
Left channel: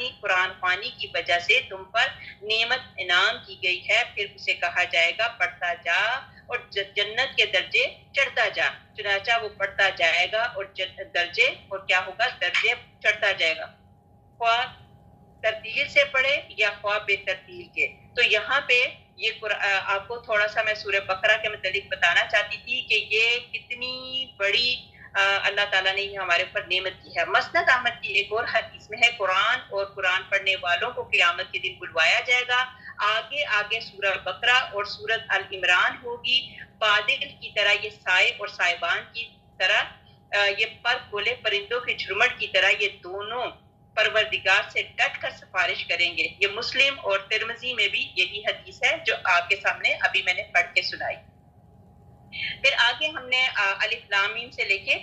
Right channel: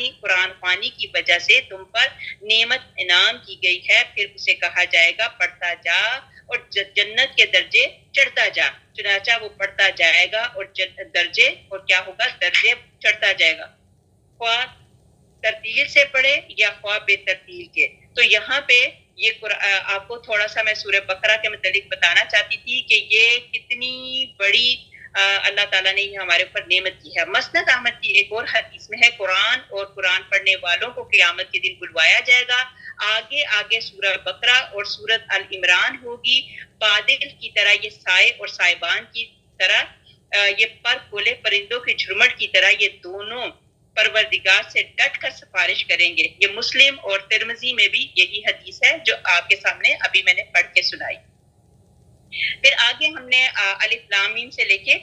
خوانی کی وجہ سے تم پر نعمت انعام کی گئی ہے. پھر اسے کہا جائے گا پڑھتا جا اور جنت کے درجے چڑھتا جا. چنانچہ وہ پڑھتا جائے گا اور درجے, اور کیا ہوگا, درجے چڑھتا جائے گا, خواہ ترتیل سے پڑھے یا خواہ بے ترتیل کے. تو یہاں پہ یہ آپ کو تھوڑا سا میں سورہ بقرہ کے متعلق بتانا چاہتی تھی کہ یہ کتنی بڑی اللہ تعالیٰ نے یہ ہمارے اوپر نعمت کی ہے. مسند احمد کی ایک اور حدیث میں ہے, قرآن اور قرآن پڑھنے والوں کو قیامت کے دن بلوایا جائے گا. آگے آگے سورہ بقرہ اور سورۃ ال عمران ہوگی. بادل کی طرح یہ سائے اور سائبان کی طرح یہ پر کھولے پرندوں کے جھرمٹ کی طرح یہ دونوں پروردگار سے ڈٹ کر سفارش کریں گے. یہ مسلم اور ترمذی میں بھی یہی حدیث ہے جو آپ کے سامنے ابھی میں نے پڑھ کے سنائی. پھر آگے ہم نے الف لام میم سے لے کے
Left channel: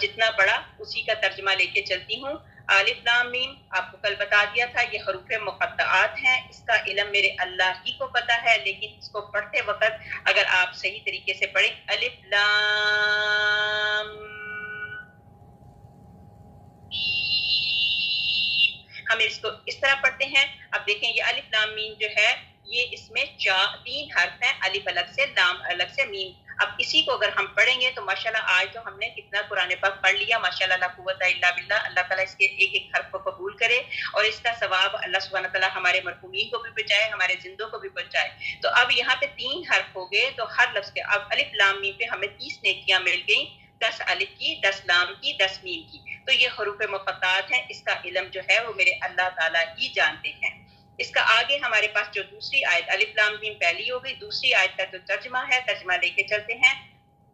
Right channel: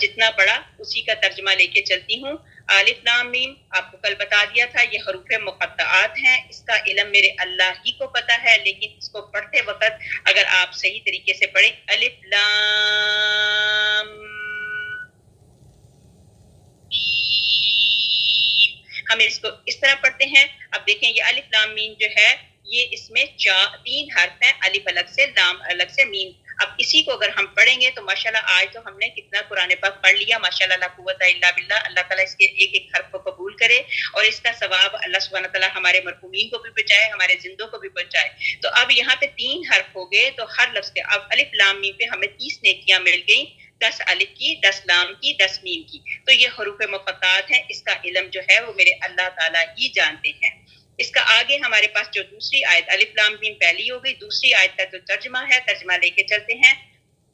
جتنا پڑھا اسی کا ترجمہ لے کے چلتی ہوں. الف لام میم آپ کو کل بتا دیا تھا یہ حروف مقطعات ہیں، اس کا علم میرے اللہ ہی کو پتہ ہے، لیکن اس کو پڑھتے وقت اگر آپ صحیح طریقے سے پڑھیں الف لام ہم اس کو اس طرح پڑھتے ہیں. اب دیکھیں یہ الف لام میم جو ہے یہ اس میں 3 حرف ہیں، الف الگ سے لام الگ سے میم. اب اسی کو اگر ہم پڑھیں گے تو ماشاءاللہ آج تو ہم نے کتنا قرآن پاک پڑھ لیا، ماشاءاللہ لا قوت الا باللہ. اللہ تعالیٰ اس کے ایک ایک حرف کو قبول کرے اور اس کا ثواب اللہ سبحانہ تعالیٰ ہمارے مرحومین کو بھی پہنچائے، ہمارے زندوں کو بھی پہنچائے. تو اب یہاں پہ 3 حرف ہو گئے تو ہر لفظ کے اب الف لام میم پہ ہمیں 30 نیکیاں مل گئیں، 10 الف کی، 10 لام کی، 10 میم کی. تو یہ حروف مقطعات ہیں، اس کا علم جو ہے وہ میرے اللہ تعالیٰ ہی جانتے ہیں. اس کا آگے ہمارے پاس جو دوسری آیت الف لام میم پہلی ہو گئی، دوسری آیت کا جو ترجمہ ہے ترجمہ لے کے چلتے ہیں.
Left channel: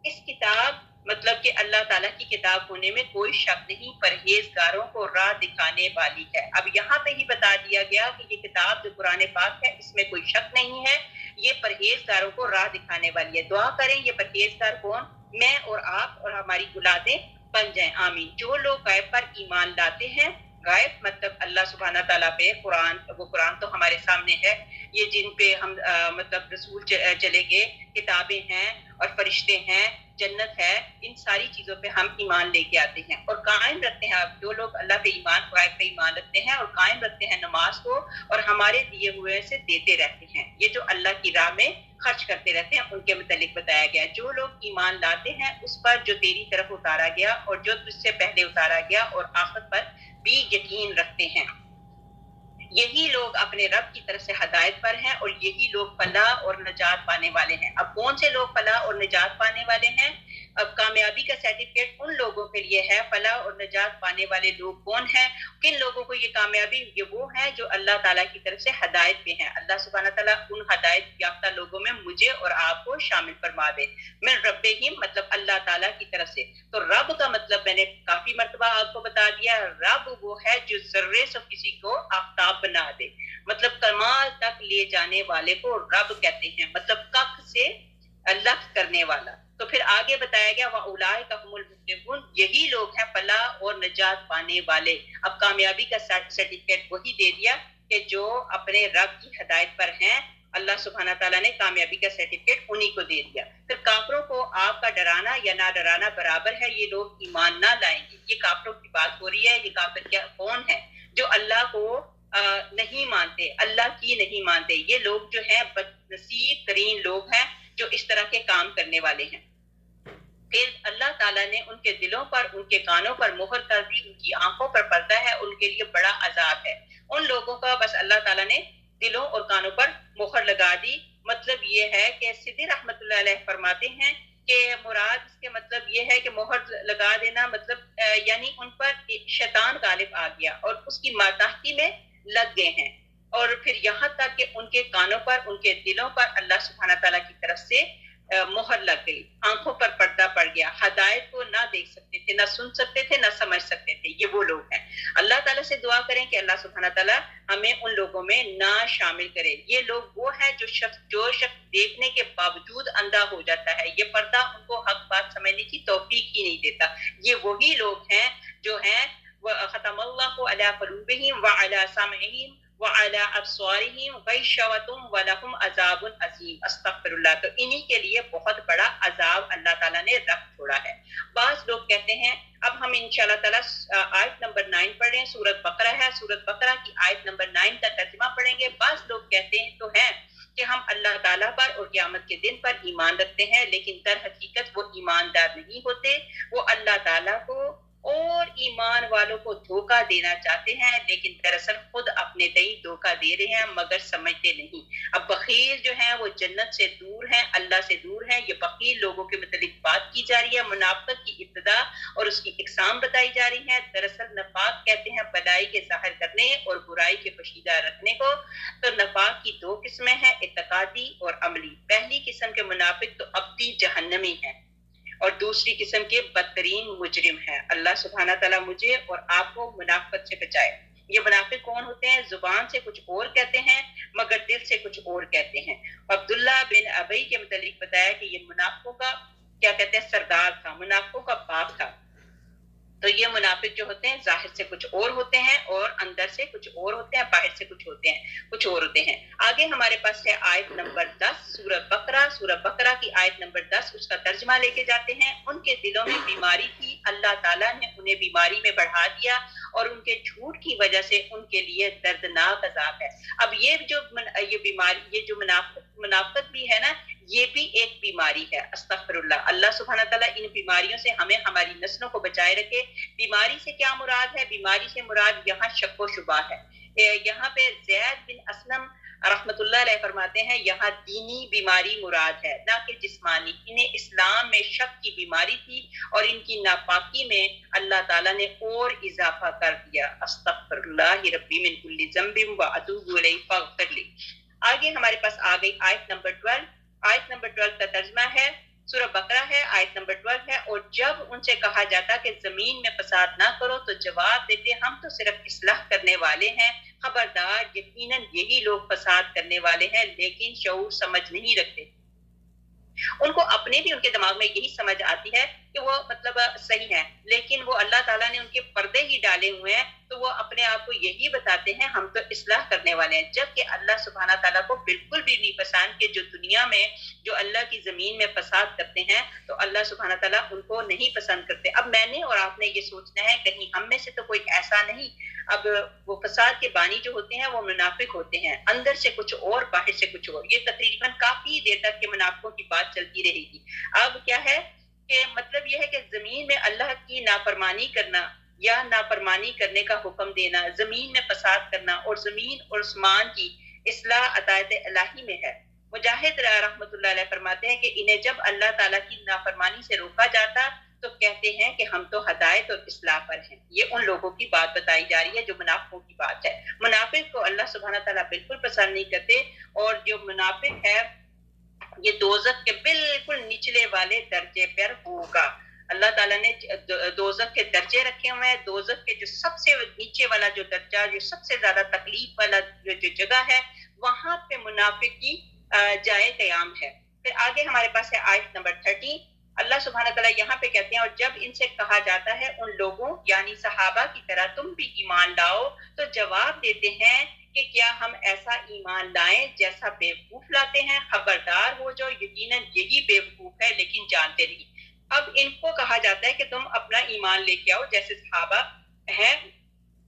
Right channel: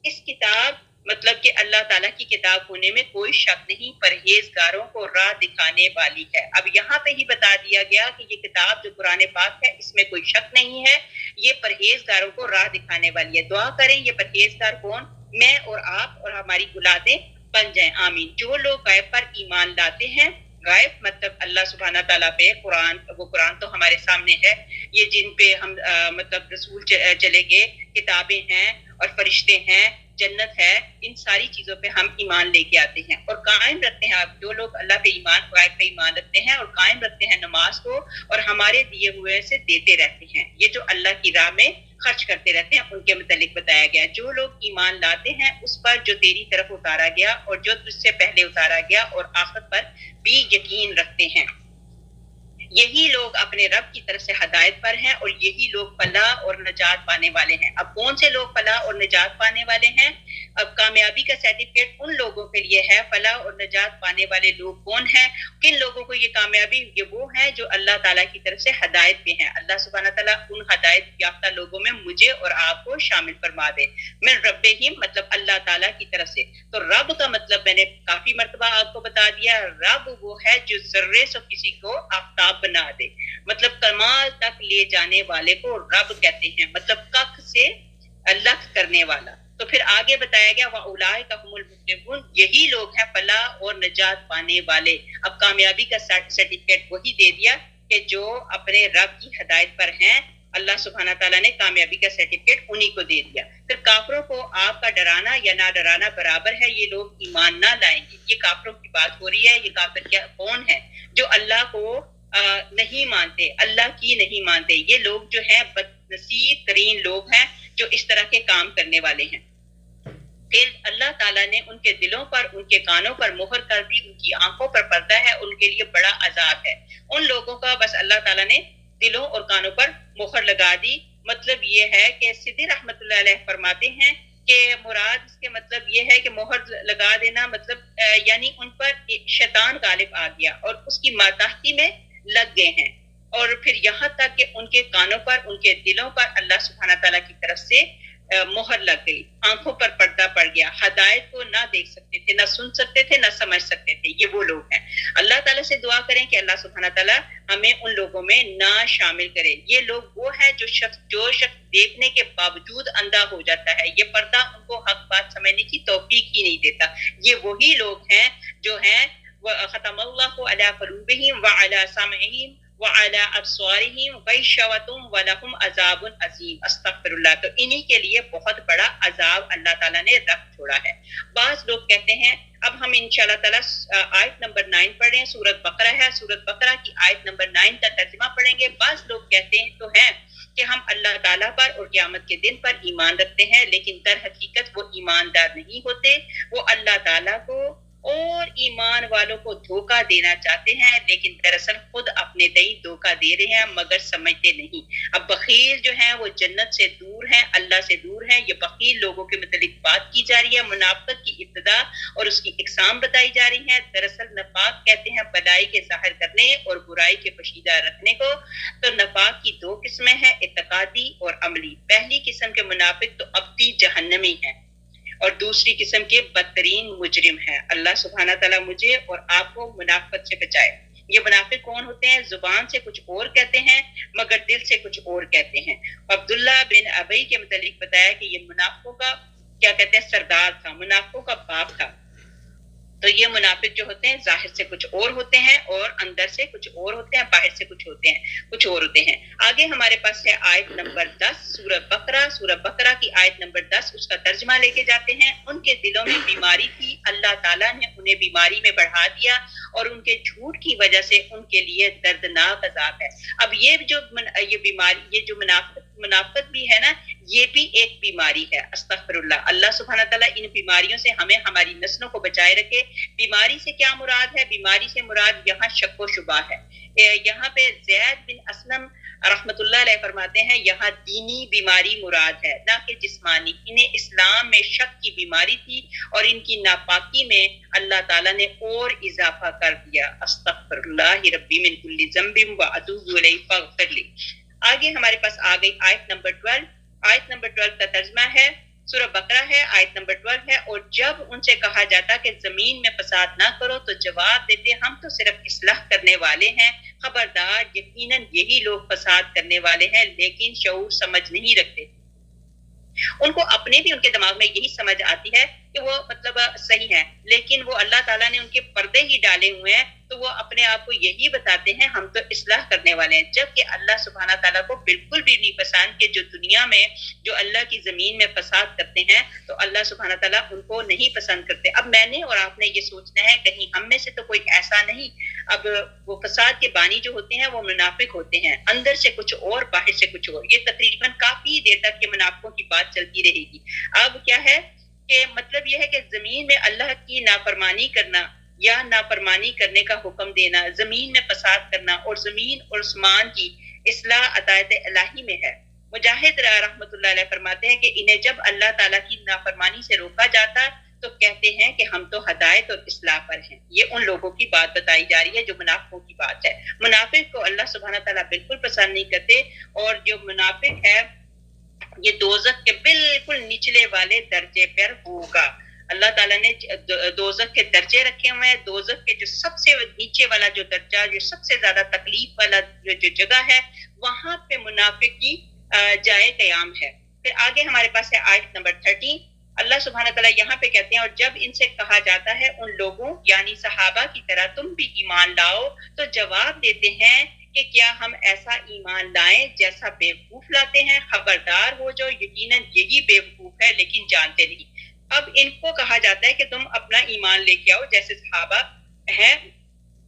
اس کتاب مطلب کہ اللہ تعالیٰ کی کتاب ہونے میں کوئی شک نہیں، پرہیزگاروں کو راہ دکھانے والی ہے. اب یہاں پہ ہی بتا دیا گیا کہ یہ کتاب جو قرآن پاک ہے اس میں کوئی شک نہیں ہے، یہ پرہیزگاروں کو راہ دکھانے والی ہے. دعا کریں یہ پرہیزگار کون؟ میں اور آپ اور ہماری اولادیں بن جائیں، آمین. جو لوگ غیب پر ایمان لاتے ہیں، غائب مطلب اللہ سبحانہ تعالیٰ پہ قرآن، وہ قرآن تو ہمارے سامنے ہے، یہ جن پہ ہم مطلب رسول چلے گئے، کتابیں ہیں اور فرشتے ہیں، جنت ہے، ان ساری چیزوں پہ ہم ایمان لے کے آتے ہیں اور قائم رکھتے ہیں. آپ جو لوگ اللہ پہ ایمان، غائب پہ ایمان رکھتے ہیں اور قائم رکھتے ہیں نماز کو اور ہمارے دیے ہوئے سے دیتے رہتے ہیں، یہ جو اللہ کی راہ میں خرچ کرتے رہتے ہیں، ان کے متعلق بتایا گیا. جو لوگ ایمان لاتے ہیں اس پر جو تیری طرف اتارا گیا اور جو تجھ سے پہلے اتارا گیا اور آخرت پر بھی یقین رکھتے ہیں، یہی لوگ اپنے رب کی طرف سے ہدایت پر ہیں اور یہی لوگ فلاح اور نجات پانے والے ہیں. اب کون سے لوگ فلاح اور نجات پانے والے ہیں؟ اب کامیابی کا سرٹیفکیٹ ان لوگوں کے لیے ہے. فلاح اور نجات پانے والے لوگ کون ہیں؟ کن لوگوں کو یہ کامیابی؟ یہ وہ ہیں جو اللہ تعالیٰ کی طرف سے ہدایت پہ ہیں. اللہ سبحانہ تعالیٰ ان ہدایت یافتہ لوگوں میں مجھے اور آپ کو شامل فرما دے. من ربہم مطلب اللہ تعالیٰ کی طرف سے. تو رب کا مطلب میں نے کافی مرتبہ آپ کو بتا دیا، رب وہ ہے جو ذرے سے کسی کو آفتاب بنا دے، مطلب کمال تک لے جانے والے کو رب کہتے ہیں، مطلب کخ سے لکھ کرنے والا. تو پھر آگے بتایا گیا وَأُولَٰئِکَ هُمُ الْمُفْلِحُونَ، یہی لوگ ہیں فلاح اور نجات پانے والے. اب کامیابی کا سرٹیفکیٹ وہی دے دیا کہ جو اپنے رب کی ہدایت پر ہیں، اللہ سبحانہ تعالیٰ نے کامیابی کا سرٹیفکیٹ انہی کو دے دیا. پھر کافروں کو آپ کا ڈرانا یا نہ ڈرانا برابر ہے، یہ لوگ ایمان نہ لائیں گے. یہ کافروں کی بات ہو رہی ہے. یہ کافر کیا کون ہے؟ جو اللہ کو نہیں مانتے، اللہ کی نہیں مانتے. یہ لوگ جو ہیں بدنصیب ترین لوگ ہیں جو اس طرح کے کام کرنے والے ہیں. پھر اللہ تعالیٰ نے ان کے دلوں پر، ان کے کانوں پر مہر کر دی، ان کی آنکھوں پر پردہ ہے، ان کے لیے بڑا عذاب ہے. ان لوگوں کا بس اللہ تعالیٰ نے دلوں اور کانوں پر مہر لگا دی. مطلب یہ ہے کہ سدی رحمت اللہ علیہ فرماتے ہیں کہ مراد اس کے مطلب یہ ہے کہ مہر لگا دینا مطلب یعنی ان پر شیطان غالب آ گیا اور اس کی ماتحتی میں لگ گئے ہیں. اور پھر یہاں تک کہ ان کے کانوں پر، ان کے دلوں پر اللہ سبحانہ تعالیٰ کی طرف سے مہر لگ گئی، آنکھوں پر پردہ پڑ گیا، ہدایت کو نہ دیکھ سکتے تھے، نہ سن سکتے تھے، نہ سمجھ سکتے تھے. یہ وہ لوگ ہیں. اللہ تعالیٰ سے دعا کریں کہ اللہ سبحانہ تعالیٰ ہمیں ان لوگوں میں نہ شامل کرے. یہ لوگ وہ ہیں جو شخص دیکھنے کے باوجود اندھا ہو جاتا ہے، یہ پردہ ان کو حق بات سمجھنے کی توفیق ہی نہیں دیتا. یہ وہی لوگ ہیں جو ہیں ختم اللہ علی قلوبہم وعلی سمعہم وعلی ابصارہم غشاوۃ ولہم عذاب عظیم. استغفر اللہ. تو انہی کے لیے بہت بڑا عذاب اللہ تعالیٰ نے رکھ چھوڑا ہے. بعض لوگ کہتے ہیں، اب ہم انشاءاللہ تعالیٰ آیت نمبر 9 پڑھ رہے ہیں، سورۃ بقرہ ہے، سورۃ بقرہ کی آیت نمبر 9 کا ترجمہ پڑھیں گے. بعض لوگ کہتے ہیں تو ہیں کہ ہم اللہ تعالیٰ پر اور قیامت کے دن پر ایمان رکھتے ہیں، لیکن در حقیقت وہ ایماندار نہیں ہوتے. وہ اللہ تعالیٰ کو اور ایمان والوں کو دھوکہ دینا چاہتے ہیں، لیکن دراصل خود اپنے تئیں دھوکہ دے رہے ہیں مگر سمجھتے نہیں. اب بخیل جو ہیں وہ جنت سے دور ہیں، اللہ سے دور ہیں. یہ بخیل لوگوں کے متعلق بات کی جا رہی ہے، منافقت کی ابتدا اور اس کی اقسام بتائی جا رہی ہیں. دراصل نفاق کہتے ہیں بلائی کے ظاہر کرنے اور برائی کے پوشیدہ رکھنے کو. تو نفاق کی 2 قسمیں ہیں، اعتقادی اور عملی. پہلی قسم کے منافق تو ابدی جہنمی ہیں اور دوسری قسم کے بدترین مجرم ہیں. اللہ سبحانہ تعالیٰ مجھے اور آپ کو منافقت سے بچائے. یہ منافق کون ہوتے ہیں؟ زبان سے کچھ اور کہتے ہیں مگر دل سے کچھ اور کہتے ہیں. عبداللہ بن ابی کے متعلق بتایا کہ یہ منافقوں کا کیا کہتے ہیں سردار تھا، منافقوں کا باپ تھا. تو یہ منافق جو ہوتے ہیں ظاہر سے کچھ اور ہوتے ہیں اور اندر سے کچھ اور ہوتے ہیں، باہر سے کچھ ہوتے ہیں، کچھ اور ہوتے ہیں۔ آگے ہمارے پاس ہے آیت نمبر 10 سورہ بقرہ کی آیت نمبر 10، اس کا ترجمہ لے کے جاتے ہیں۔ ان کے دلوں میں بیماری تھی، اللہ تعالیٰ نے انہیں بیماری میں بڑھا دیا اور ان کے جھوٹ کی وجہ سے ان کے لیے دردناک عذاب ہے۔ اب یہ بیماری، یہ جو منافقت بھی ہے نا، یہ بھی ایک بیماری ہے۔ استغفر اللہ، اللہ سبحانہ تعالیٰ ان بیماریوں سے ہمیں، ہماری نسلوں کو بچائے رکھے۔ بیماری سے کیا مراد ہے؟ بیماری سے مراد یہاں شک و شبہ ہے۔ یہاں پہ زید بن اسلم رحمت اللہ علیہ فرماتے ہیں یہاں دینی بیماری مراد ہے، نہ کہ جسمانی۔ انہیں اسلام میں شک کی بیماری تھی اور ان کی ناپاکی میں اللہ تعالیٰ نے اور اضافہ کر دیا۔ استغفر اللہ ربی من کل ذنب واتوب الیہ فاغفر لی۔ آگے ہمارے پاس آ گئی آیت نمبر 12۔ آیت نمبر 12 کا ترجمہ ہے، سورہ بقرہ ہے، آیت نمبر 12 ہے۔ اور جب ان سے کہا جاتا کہ زمین میں فساد نہ کرو تو جواب دیتے ہم تو صرف اصلاح کرنے والے ہیں، خبردار یقیناً یہی لوگ فساد کرنے والے ہیں لیکن شعور سمجھ نہیں رکھتے۔ ان کو اپنے بھی ان کے دماغ میں یہی سمجھ آتی ہے کہ وہ مطلب صحیح ہے، لیکن وہ اللہ تعالیٰ نے ان کے پردے ہی ڈالے ہوئے ہیں، تو وہ اپنے آپ کو یہی بتاتے ہیں ہم تو اصلاح کرنے والے ہیں، جبکہ اللہ سبحانہ تعالیٰ کو بالکل بھی نہیں پسند کہ جو دنیا میں جو اللہ کی زمین میں فساد کرتے ہیں تو اللہ سبحانہ تعالیٰ ان کو نہیں پسند کرتے۔ اب میں نے اور آپ نے یہ سوچنا ہے کہیں ہم میں سے تو کوئی ایسا نہیں۔ اب وہ فساد کے بانی جو ہوتے ہیں وہ منافق ہوتے ہیں، اندر سے کچھ اور باہر سے کچھ اور۔ یہ تقریباً کافی دیر تک کے منافقوں کی بات چلتی رہے گی۔ اب کیا ہے کہ مطلب یہ ہے کہ زمین میں اللہ کی نافرمانی کرنا یا نافرمانی کرنے کا حکم دینا، زمین میں فساد کرنا اور زمین اور آسمان کی اصلاح عطایت الہی میں ہے۔ مجاہد رحمت اللہ علیہ فرماتے ہیں کہ انہیں جب اللہ تعالیٰ کی نافرمانی سے روکا جاتا تو کہتے ہیں کہ ہم تو ہدایت اور اصلاح پر ہیں۔ یہ ان لوگوں کی بات بتائی جا رہی ہے جو منافقوں کی بات ہے۔ منافق کو اللہ سبحانہ تعالیٰ بالکل پسند نہیں کرتے، اور جو منافق ہے یہ دوزخ کے بالکل نچلے والے درجے پر ہوگا۔ اللہ تعالیٰ نے دوزخ کے درجے رکھے ہوئے ہیں۔ دوزخ کے جو سب سے نیچے والا جو درجہ، جو سب سے زیادہ تکلیف والا جو جگہ ہے، وہاں پہ منافق کی جائے قیام ہے۔ پھر آگے ہمارے پاس ہے آیت نمبر 13۔ اللہ سبحانہ تعالیٰ یہاں پہ کہتے ہیں اور جب ان سے کہا جاتا ہے ان لوگوں یعنی صحابہ کی طرح تم بھی ایمان لاؤ تو جواب دیتے ہیں کہ کیا ہم ایسا ایمان لائیں جیسا بیوقوف لاتے ہیں، خبردار ہو جو یقیناً یہی بیوقوف ہے لیکن جانتے نہیں۔ اب ان کو کہا جاتا ہے کہ تم اپنا ایمان لے کے آؤ جیسے صحابہ ہیں،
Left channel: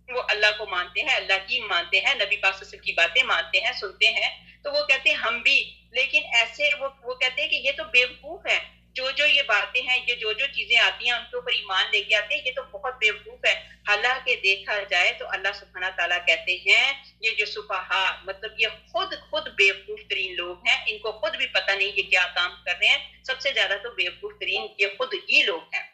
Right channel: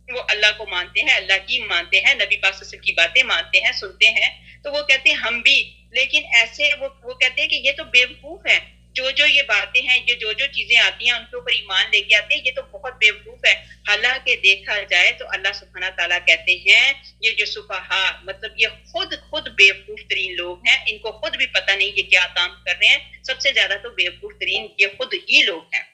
وہ اللہ کو مانتے ہیں، اللہ کی مانتے ہیں، نبی پاک صلی اللہ علیہ وسلم کی باتیں مانتے ہیں، سنتے ہیں، تو وہ کہتے ہیں ہم بھی، لیکن ایسے وہ کہتے ہیں کہ یہ تو بیوقوف ہے، جو یہ باتیں ہیں، یہ جو چیزیں آتی ہیں ان کے اوپر ایمان لے کے آتے ہیں، یہ تو بہت بیوقوف ہے۔ حالانکہ دیکھا جائے تو اللہ سبحانہ تعالیٰ کہتے ہیں یہ جو سفہا مطلب یہ خود بیوقوف ترین لوگ ہیں، ان کو خود بھی پتہ نہیں یہ کیا کام کر رہے ہیں، سب سے زیادہ تو بیوقوف ترین یہ خود ہی لوگ ہیں۔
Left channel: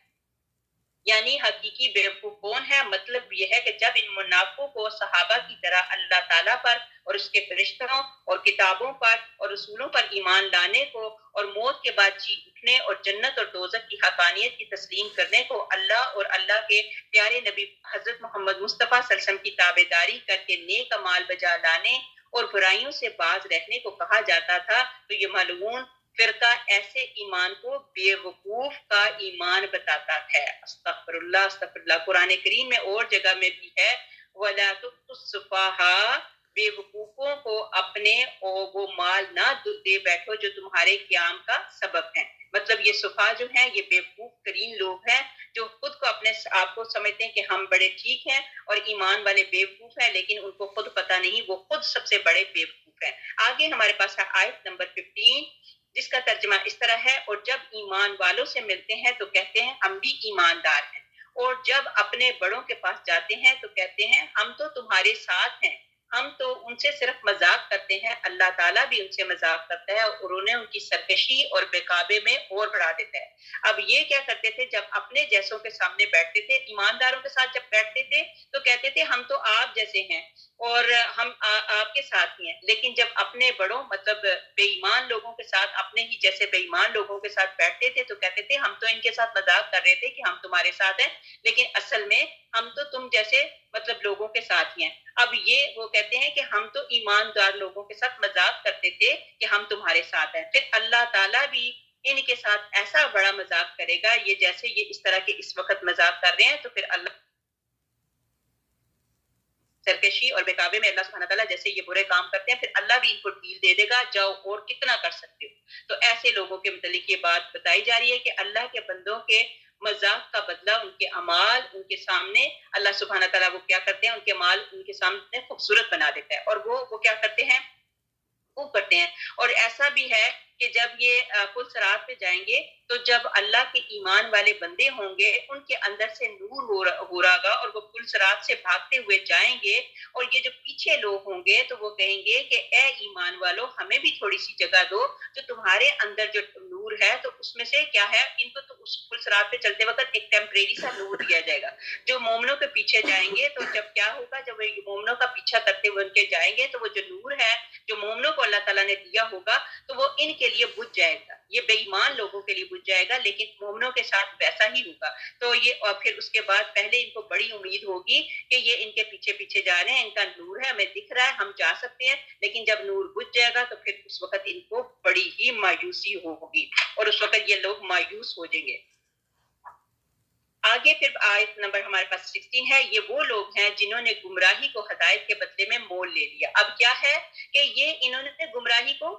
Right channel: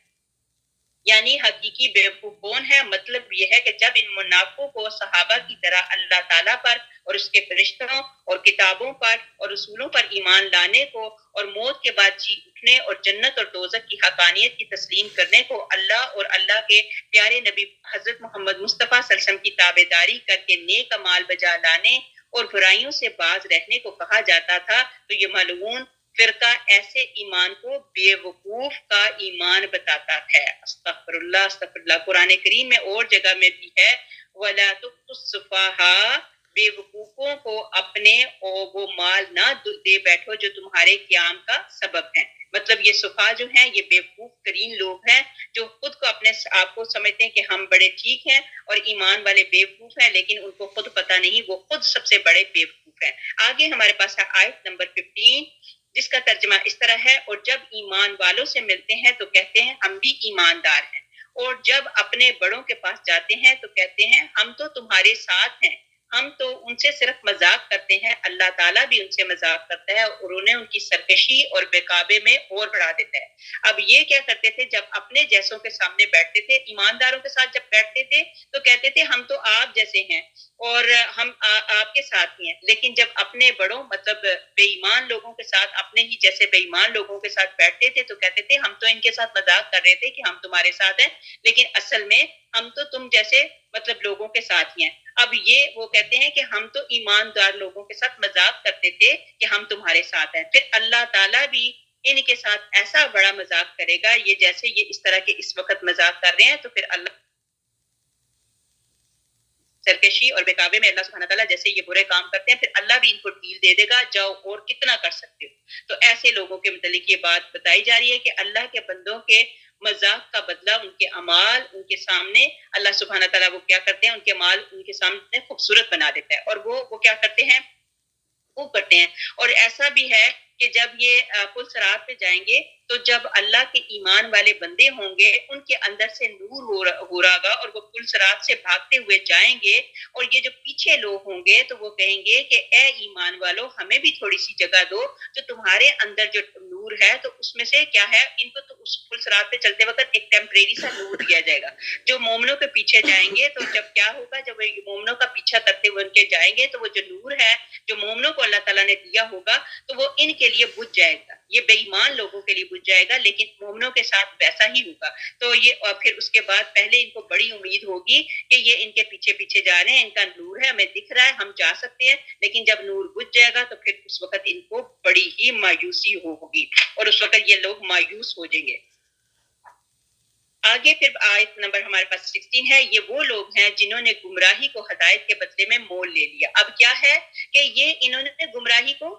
یعنی حقیقی بیوقوف کون ہے؟ مطلب یہ ہے کہ جب ان منافقوں کو صحابہ کی طرح اللہ تعالیٰ پر اور اس کے فرشتوں اور کتابوں پر اور رسولوں پر ایمان لانے کو اور موت کے بعد جی اٹھنے اور جنت اور دوزخ کی حقانیت کی تسلیم کرنے کو، اللہ اور اللہ کے پیارے نبی حضرت محمد مصطفیٰ صلی اللہ علیہ وسلم کی تابعداری کر کے نیک اعمال بجا لانے اور برائیوں سے باز رہنے کو کہا جاتا تھا، تو یہ ملعون فرقہ ایسے ایمان کو بے وقوف کا ایمان بتاتا ہے۔ استغفر اللہ استغفر اللہ۔ قرآن کریم میں اور جگہ میں بھی ہے وَلَا تُؤْتُوا السُّفَهَاءَ، بے وقوفوں کو اپنے وہ مال نہ دے بیٹھو جو تمہارے قیام کا سبب ہیں۔ مطلب یہ صفا جو ہیں یہ بے وقوف ترین لوگ ہیں جو خود کو اپنے آپ کو سمجھتے ہیں کہ ہم بڑے ٹھیک ہیں، اور ایمان والے بے وقوف ہیں لیکن ان کو خود پتہ نہیں وہ خود سب سے بڑے بے وقوف ہیں۔ آگے ہمارے پاس ہے آیت نمبر 15، جس کا ترجمہ اس طرح ہے اور جب ایمان والوں سے ملتے ہیں تو کہتے ہیں ہم بھی ایماندار ہیں، اور جب اپنے بڑوں کے پاس جاتے ہیں تو کہتے ہیں ہم تو تمہارے ساتھ ہیں، ہم تو ان سے صرف مذاق کرتے ہیں، اللہ تعالیٰ بھی ان سے مذاق کرتا ہے اور انہیں ان کی سرکشی اور بےقابے میں اور بڑھا دیتا ہے۔ اب یہ کیا کرتے تھے جب اپنے جیسوں کے سامنے بیٹھتے تھے، ایمانداروں کے ساتھ جب بیٹھتے تھے تو کہتے تھے ہم تو آپ جیسے ہیں اور ہم آپ کے ساتھ ہی ہیں، لیکن جب اپنے بڑوں مطلب بے ایمان لوگوں کے ساتھ اپنے ہی جیسے بے ایمان لوگوں کے ساتھ بیٹھتے تھے تو کہتے تھے ہم تو ان کے ساتھ مذاق کر رہے تھے کہ ہم تمہارے ساتھ ہیں، لیکن اصل میں ہم تو تم جیسے مطلب لوگوں کے ساتھ ہی ہیں۔ اب یہ وہ کہتے ہیں کہ ہم تو ایماندار لوگوں کے ساتھ مذاق کرتے تھے کہ ہم تمہارے ساتھ ہیں۔ پھر اللہ تعالیٰ بھی ان کے ساتھ ایسا بڑا مذاق کرے گا، یہ جیسے یہ اس طرح کے اس وقت مذاق کر رہے ہیں، تو پھر اللہ سرکشی اور بہکاوے میں اللہ سبحانہ تعالیٰ جیسے یہ برے کام کرتے ہیں، پھر اللہ بھی ان کو ڈھیل دے دے گا، جاؤ اور کتنا کر سکتے ہو۔ تو ایسے لوگوں کے متعلق یہ بات بتائی جا رہی ہے کہ اللہ کے بندوں کے مذاق کا بدلہ ان کے اعمال ان کے سامنے اللہ سبحانہ تعالیٰ وہ کیا کرتے ہیں، ان کے اعمال ان کے سامنے خوبصورت بنا دیتا ہے، اور وہ کیا کرتے ہیں، وہ کرتے ہیں۔ اور ایسا بھی ہے کہ جب یہ پل صراط پہ جائیں گے تو جب اللہ کے ایمان والے بندے ہوں گے ان کے اندر سے نور ہو رہا گا، اور وہ پل صراط سے بھاگتے ہوئے جائیں گے، اور یہ جو پیچھے لوگ ہوں گے تو وہ کہیں گے کہ اے ایمان والو ہمیں بھی تھوڑی سی جگہ دو، جو تمہارے اندر جو نور ہے تو اس میں سے کیا ہے، ان کو تو اس پل صراط پہ چلتے وقت ایک ٹیمپریری سا نور دیا جائے گا۔ جو مومنوں کے پیچھے جائیں گے تو جب کیا ہوگا، جب وہ مومنوں کا پیچھا کرتے ہوئے ان کے جائیں گے تو وہ جو نور ہے جو مومنوں کو اللہ تعالیٰ نے دیا ہوگا تو وہ ان کے لیے بجھ جائے گا، یہ بے ایمان لوگوں کے لیے بجھ جائے گا، لیکن مومنوں کے ساتھ ویسا ہی ہوگا۔ تو یہ اور پھر اس کے بعد پہلے ان کو بڑی امید ہوگی کہ یہ ان کے پیچھے پیچھے جا رہے ہیں، ان کا نور ہے، ہمیں دکھ رہا ہے، ہم جا سکتے ہیں، لیکن جب نور بجھ جائے گا تو پھر اس وقت ان کو بڑی ہی مایوسی ہوگی، اور اس وقت یہ لوگ مایوس ہو جائیں گے۔ آگے پھر آیت نمبر ہمارے پاس 16 ہے، یہ وہ لوگ ہیں جنہوں نے گمراہی کو ہدایت کے بدلے میں مول لے لیا۔ اب کیا ہے کہ یہ انہوں نے گمراہی کو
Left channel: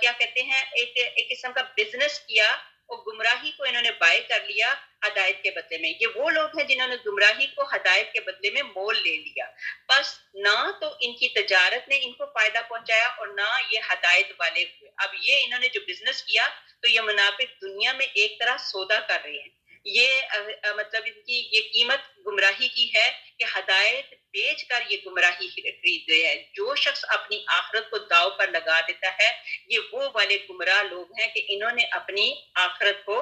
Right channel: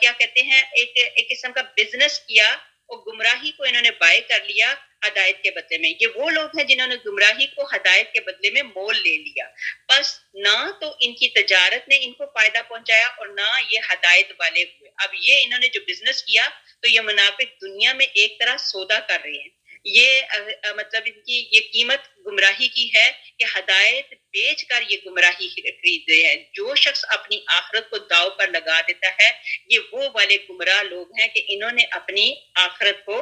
کیا کہتے ہیں، ایک قسم کا بزنس کیا، اور گمراہی کو انہوں نے بائی کر لیا ہدایت کے بدلے میں۔ یہ وہ لوگ ہیں جنہوں نے گمراہی کو ہدایت کے بدلے میں مول لے لیا، بس نہ تو ان کی تجارت نے ان کو فائدہ پہنچایا اور نہ یہ ہدایت والے ہوئے۔ اب یہ انہوں نے جو بزنس کیا تو یہ منافق دنیا میں ایک طرح سودا کر رہے ہیں، یہ مطلب ان کی یہ قیمت گمراہی کی ہے کہ ہدایت بیچ کر یہ گمراہی خرید رہے ہیں۔ جو شخص اپنی آخرت کو داؤ پر لگا دیتا ہے، یہ وہ والے گمراہ لوگ ہیں کہ انہوں نے اپنی آخرت کو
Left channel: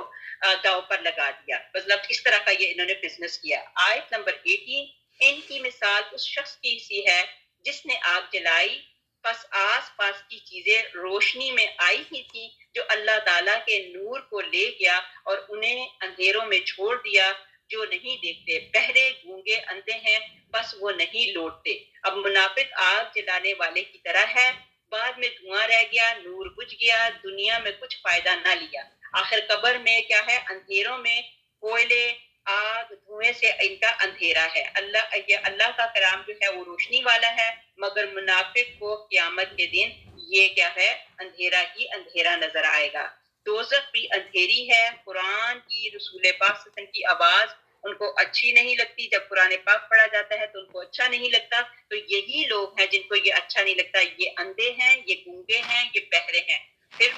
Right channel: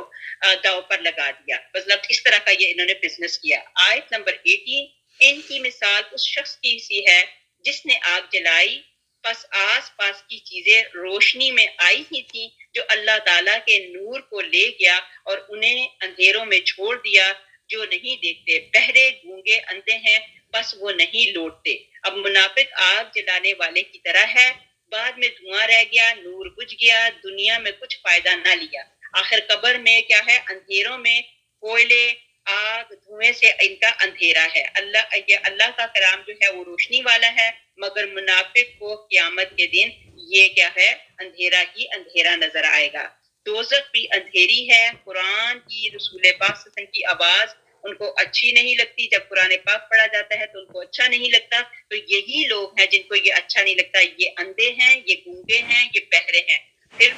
داؤ پر لگا دیا، مطلب اس طرح کا یہ انہوں نے بزنس کیا۔ آیت نمبر 18، ان کی مثال اس شخص کی سی ہے جس نے آگ جلائی، پس آس پاس کی چیزیں روشنی میں آئی ہی تھیں، جو اللہ تعالیٰ کے نور کو لے گیا اور انہیں اندھیروں میں چھوڑ دیا، جو نہیں دیکھتے، بہرے گونگے اندھے ہیں بس وہ نہیں لوٹتے۔ اب منافق آگ جلانے والے کی طرح ہے، بعد میں دھواں رہ گیا، نور بجھ گیا، دنیا میں کچھ فائدہ نہ لیا، آخر قبر میں کیا ہے، اندھیروں میں کوئلے آگ دھوئیں سے ان کا اندھیرا ہے۔ اللہ کا کلام جو ہے وہ روشنی والا ہے، مگر منافق کو قیامت کے دن یہ کیا ہے، اندھیرا ہی اندھیرا نظر آئے گا۔ دوزخ بھی اندھیری ہے، قرآن کی، رسول پاک صلی اللہ علیہ وسلم کی آواز ان کو اچھی نہیں لگتی، جب قرآن پاک پڑھا جاتا ہے تو ان کو اچھا نہیں لگتا، تو یہی لوگ ہیں جن کو یہ اچھا نہیں لگتا، یہ اندھے ہیں، یہ گونگے ہیں، یہ بہرے ہیں۔ پھر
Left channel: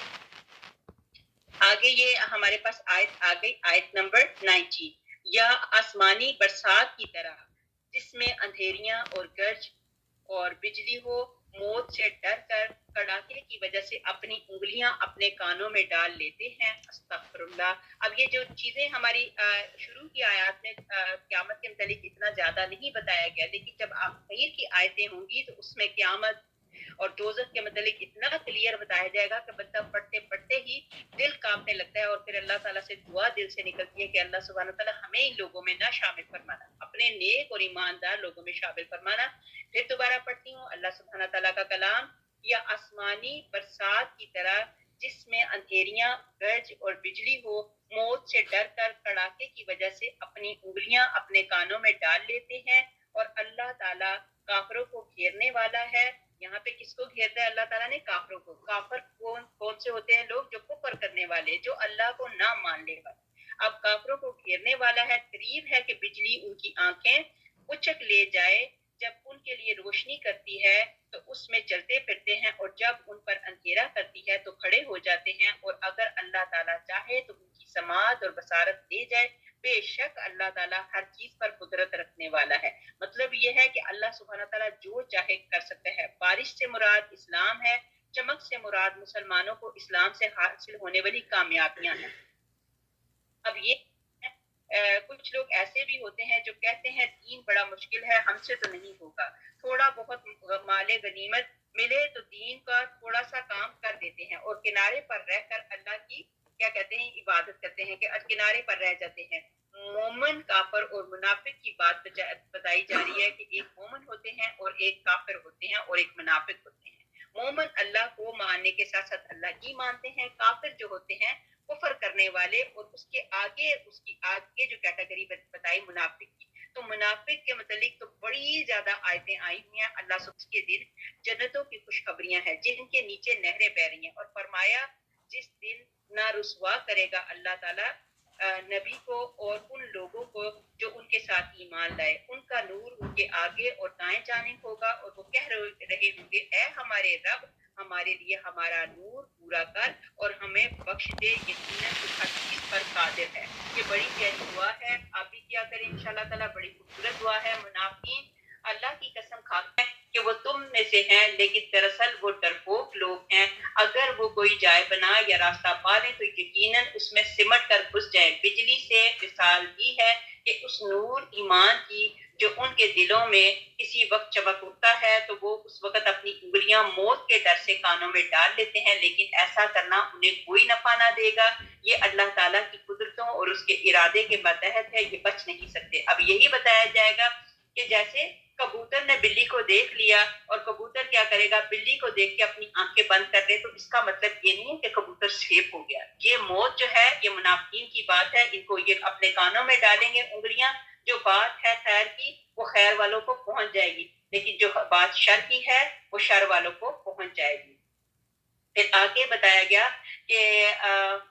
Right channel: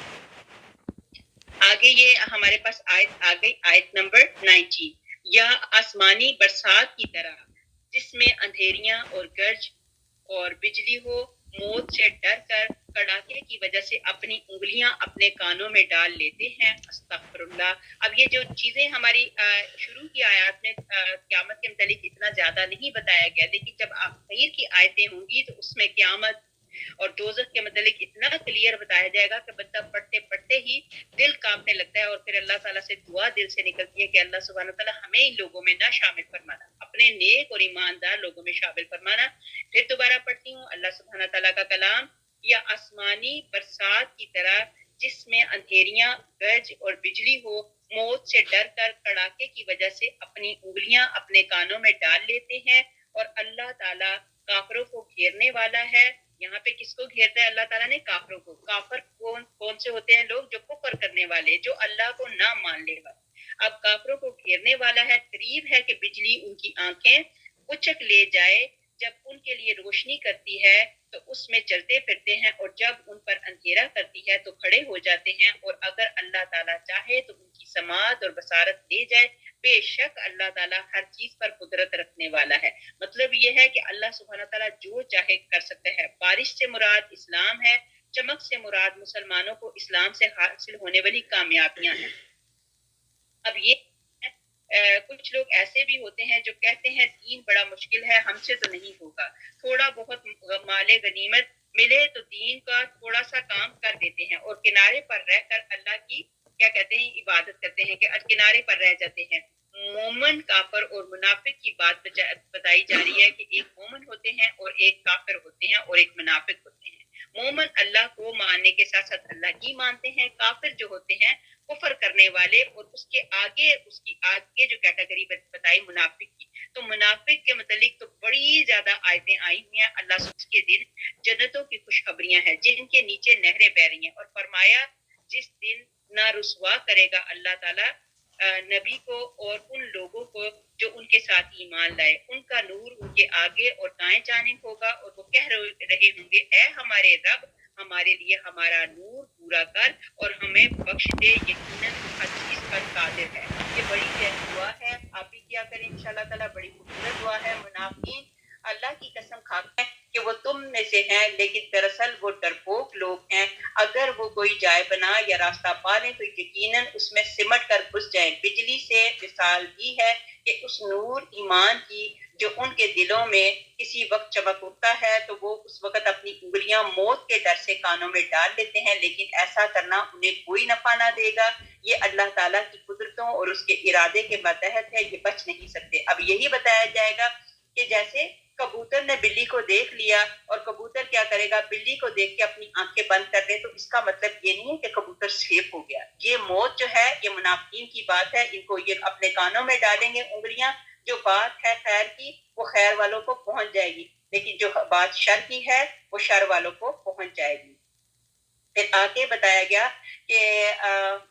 آگے یہ ہمارے پاس آیت آ گئی، آیت نمبر 19، یا آسمانی برسات کی طرح جس میں اندھیریاں اور گرج اور بجلی ہو، موت سے ڈر کر کڑاکے کی وجہ سے اپنی انگلیاں اپنے کانوں میں ڈال لیتے ہیں، استغفر اللہ۔ اب یہ جو چیزیں ہماری شروع کی آیات میں قیامت کے متعلق اتنا زیادہ نہیں بتایا گیا، لیکن جب آخر کی آیتیں ہوں گی تو اس میں قیامت اور دوزخ کے متعلق اتنا کلیئر بتایا جائے گا کہ بندہ پڑھتے پڑھتے ہی دل کانپنے لگتا ہے، اور پھر اللہ تعالیٰ سے دعا دل سے نکلتی ہے کہ اللہ سبحانہ تعالیٰ ہمیں ان لوگوں میں نہ شامل فرمانا، اپنے نیک اور ایماندار لوگوں میں شامل فرمانا۔ پھر دوبارہ پڑھتی ہوں اللہ سبحانہ تعالیٰ کا کلام، یا آسمانی برسات کی طرح جس میں اندھیریاں گرج اور بجلی ہو، موت سے ڈر کر کڑاکے کی وجہ سے اپنی انگلیاں اپنے کانوں میں ڈال لیتے ہیں، اور اللہ تعالیٰ کافروں کو گھیرنے والا ہے۔ یہاں پہ کس کو گھیرتا ہے اللہ تعالیٰ نے؟ کافروں کو۔ کافر کون سے ہوتے ہیں لوگ؟ جو کفر کرنے والے، جو اللہ کو نہ ماننے والے۔ اب کافروں کو گھیرنے والا ہے، قریب ہے کہ بجلی ان کی آنکھیں اچک لے جائے، جب ان کے لیے روشنی کرتی ہے تو اس میں چلتے پھرتے ہیں، اور جب ان پر اندھیرا کرتی ہے تو کھڑے ہو جاتے ہیں، اور اگر اللہ تعالیٰ چاہے تو ان کی سماعت اور بصارت لے جائے، بے شک اللہ تعالیٰ ہر چیز پر قدرت رکھنے والا ہے۔ مطلب یہ ہے کہ اللہ سبحانہ تعالیٰ جو چاہے کر سکتا ہے۔ بارش سے مراد اسلام ہے، چمک سے مراد مسلمانوں کو اسلام سے حاصل ہونے والی کامیابیاں ہیں۔ اب یہ کچھ لوگ ایسے بھی ہوتے ہیں جو کہتے ہیں دین بڑا مشکل ہے، ہم سے تو نہیں ہوگا، تھوڑا بہت مال غنیمت ملے تو دین کا تھوڑا سا کام کر دیتے ہیں، اور کنارے پر رہ کر اللہ کی کیا کہتے ہیں عبادت کرتے ہیں، کہ کنارے پر رہ جاتے ہیں۔ مومن، کافر اور منافق کی بات بتائی جا رہی ہے کہ ایک مومن ہوتے ہیں اور ایک کافر ہوتے ہیں اور ایک منافق ہوتے ہیں۔ مومن اللہ کو ماننے کے ساتھ ساتھ اللہ کی مانتے ہیں، کافر جو ہوتے ہیں کفر کرنے والے، اور اس کی آگے جو کیٹیگری بتائی منافق کی، تو منافق کے متعلق تو بڑی زیادہ آیتیں آئی ہوئی ہیں۔ اللہ اس کے دن جنتوں کی خوشخبریاں ہیں جن کے نیچے نہریں بہ رہی ہیں، اور فرمایا جس دن نہ رسوا کرے گا اللہ تعالیٰ نبی کو اور ان لوگوں کو جو ان کے ساتھ ایمان لائے، ان کا نور ان کے آگے اور دائیں جانب ہوگا، اور وہ کہہ رہے ہوں گے اے ہمارے رب، ہمارے لیے ہمارا نور پورا کر اور ہمیں بخش دے، یقیناً تو ہر چیز پر قادر ہے۔ یہ بڑی پیاری دعا ہے، آپ بھی کیا کریں انشاءاللہ تعالیٰ، بڑی خوبصورت دعا ہے۔ منافقین اللہ کی قسم کھاتے ہیں کہ وہ تم میں سے ہیں، لیکن دراصل وہ ڈرپوک لوگ ہیں۔ اگر وہ کوئی جائے بنا یا راستہ پا لیں تو یقیناً اس میں سمٹ کر گھس جائیں۔ بجلی سے مثال بھی ہے کہ اس نور ایمان کی جو ان کے دلوں میں کسی وقت چمک اٹھتا ہے تو وہ اس وقت اپنی انگلیاں موت کے ڈر سے کانوں میں ڈال لیتے ہیں، لیکن ایسا کرنا انہیں کوئی نفع نہ دے گا۔ یہ اللہ تعالیٰ کی قدرتوں اور اس کے ارادے کے ماتحت ہے، یہ بچ نہیں سکتے۔ اب یہی بتایا جائے گا کہ جیسے کبوتر نے بلی کو دیکھ لیا اور کبوتر کیا کرے گا، بلی کو دیکھ کے اپنی آنکھیں بند کر دے، تو اس کا مطلب یہ نہیں ہے کہ کبوتر سیف ہو گیا۔ یہ موت جو ہے یہ منافقین کی بات ہے، ان کو یہ اپنے کانوں میں ڈالیں گے انگلیاں، جو بات ہے خیر کی وہ خیر والوں کو پہنچ جائے گی، لیکن جو بات شر کی ہے وہ شر والوں کو پہنچ جائے گی۔ پھر آگے بتایا گیا کہ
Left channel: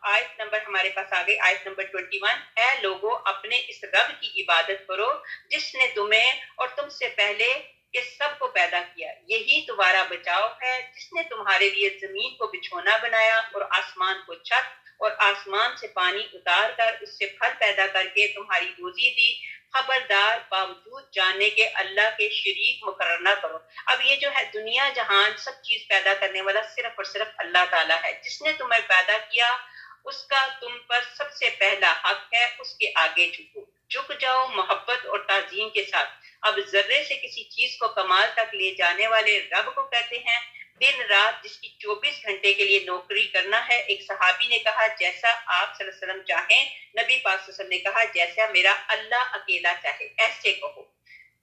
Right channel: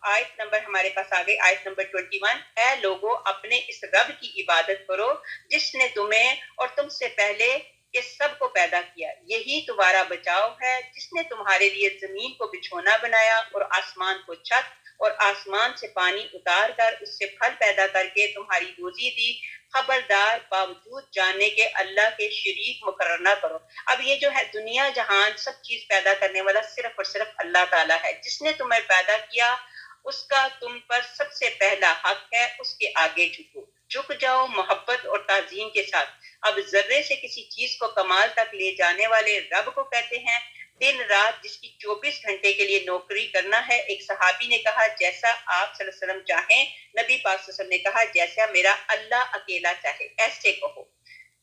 آیت نمبر ہمارے پاس آگے آیت نمبر 21، اے لوگو اپنے اس رب کی عبادت کرو جس نے تمہیں اور تم سے پہلے کہ سب کو پیدا کیا، یہی تمہارا بچاؤ ہے، جس نے تمہارے لیے زمین کو بچھونا بنایا اور آسمان کو چھت، اور آسمان سے پانی اتار کر اس سے پھل پیدا کر کے تمہاری روزی دی۔ خبردار باوجود جاننے کے اللہ کے شریک مقرر نہ کرو۔ اب یہ جو ہے دنیا جہان سب چیز پیدا کرنے والا صرف اور صرف اللہ تعالیٰ ہے، جس نے تمہیں پیدا کیا اس کا تم پر سب سے پہلا حق ہے، اس کے آگے جھک جاؤ محبت اور تعظیم کے ساتھ۔ اب ذرے سے کسی چیز کو کمال تک لے جانے والے رب کو کہتے ہیں، دن رات جس کی 24 گھنٹے کے لیے نوکری کرنا ہے۔ ایک صحابی نے کہا جیسا آپ صلی اللہ علیہ وسلم چاہیں، نبی پاک صلی اللہ علیہ وسلم نے کہا جیسا میرا اللہ اکیلا چاہے، ایسے کہو۔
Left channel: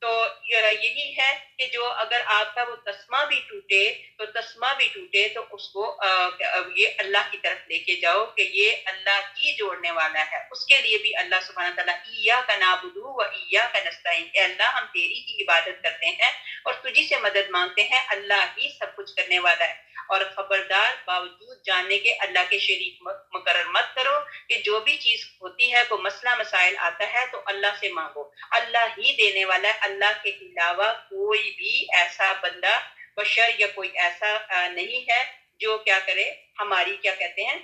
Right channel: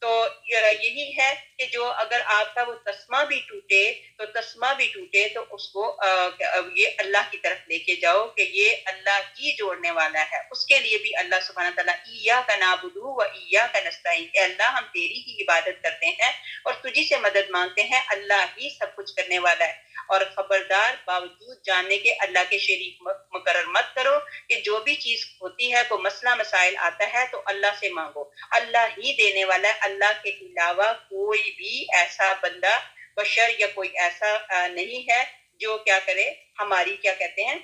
تو یہی ہے کہ جو اگر آپ کا وہ تسمہ بھی ٹوٹے تو اس کو یہ اللہ کی طرف لے کے جاؤ کہ یہ اللہ ہی جوڑنے والا ہے۔ اس کے لیے بھی اللہ سبحانہ تعالیٰ ایاک نعبد و ایاک نستعین، اے اللہ ہم تیری ہی عبادت کرتے ہیں اور تجھی سے مدد مانگتے ہیں، اللہ ہی سب کچھ کرنے والا ہے۔ اور خبردار باوجود جاننے کے اللہ کے شریک مقرر مت کرو کہ جو بھی چیز ہوتی ہے کوئی مسئلہ مسائل آتا ہے تو اللہ سے مانگو، اللہ ہی دینے والا ہے، اللہ کے علاوہ کوئی بھی ایسا بندہ بشر یا کوئی ایسا نہیں ہے جو کیا کرے، ہماری کیا کہتے ہیں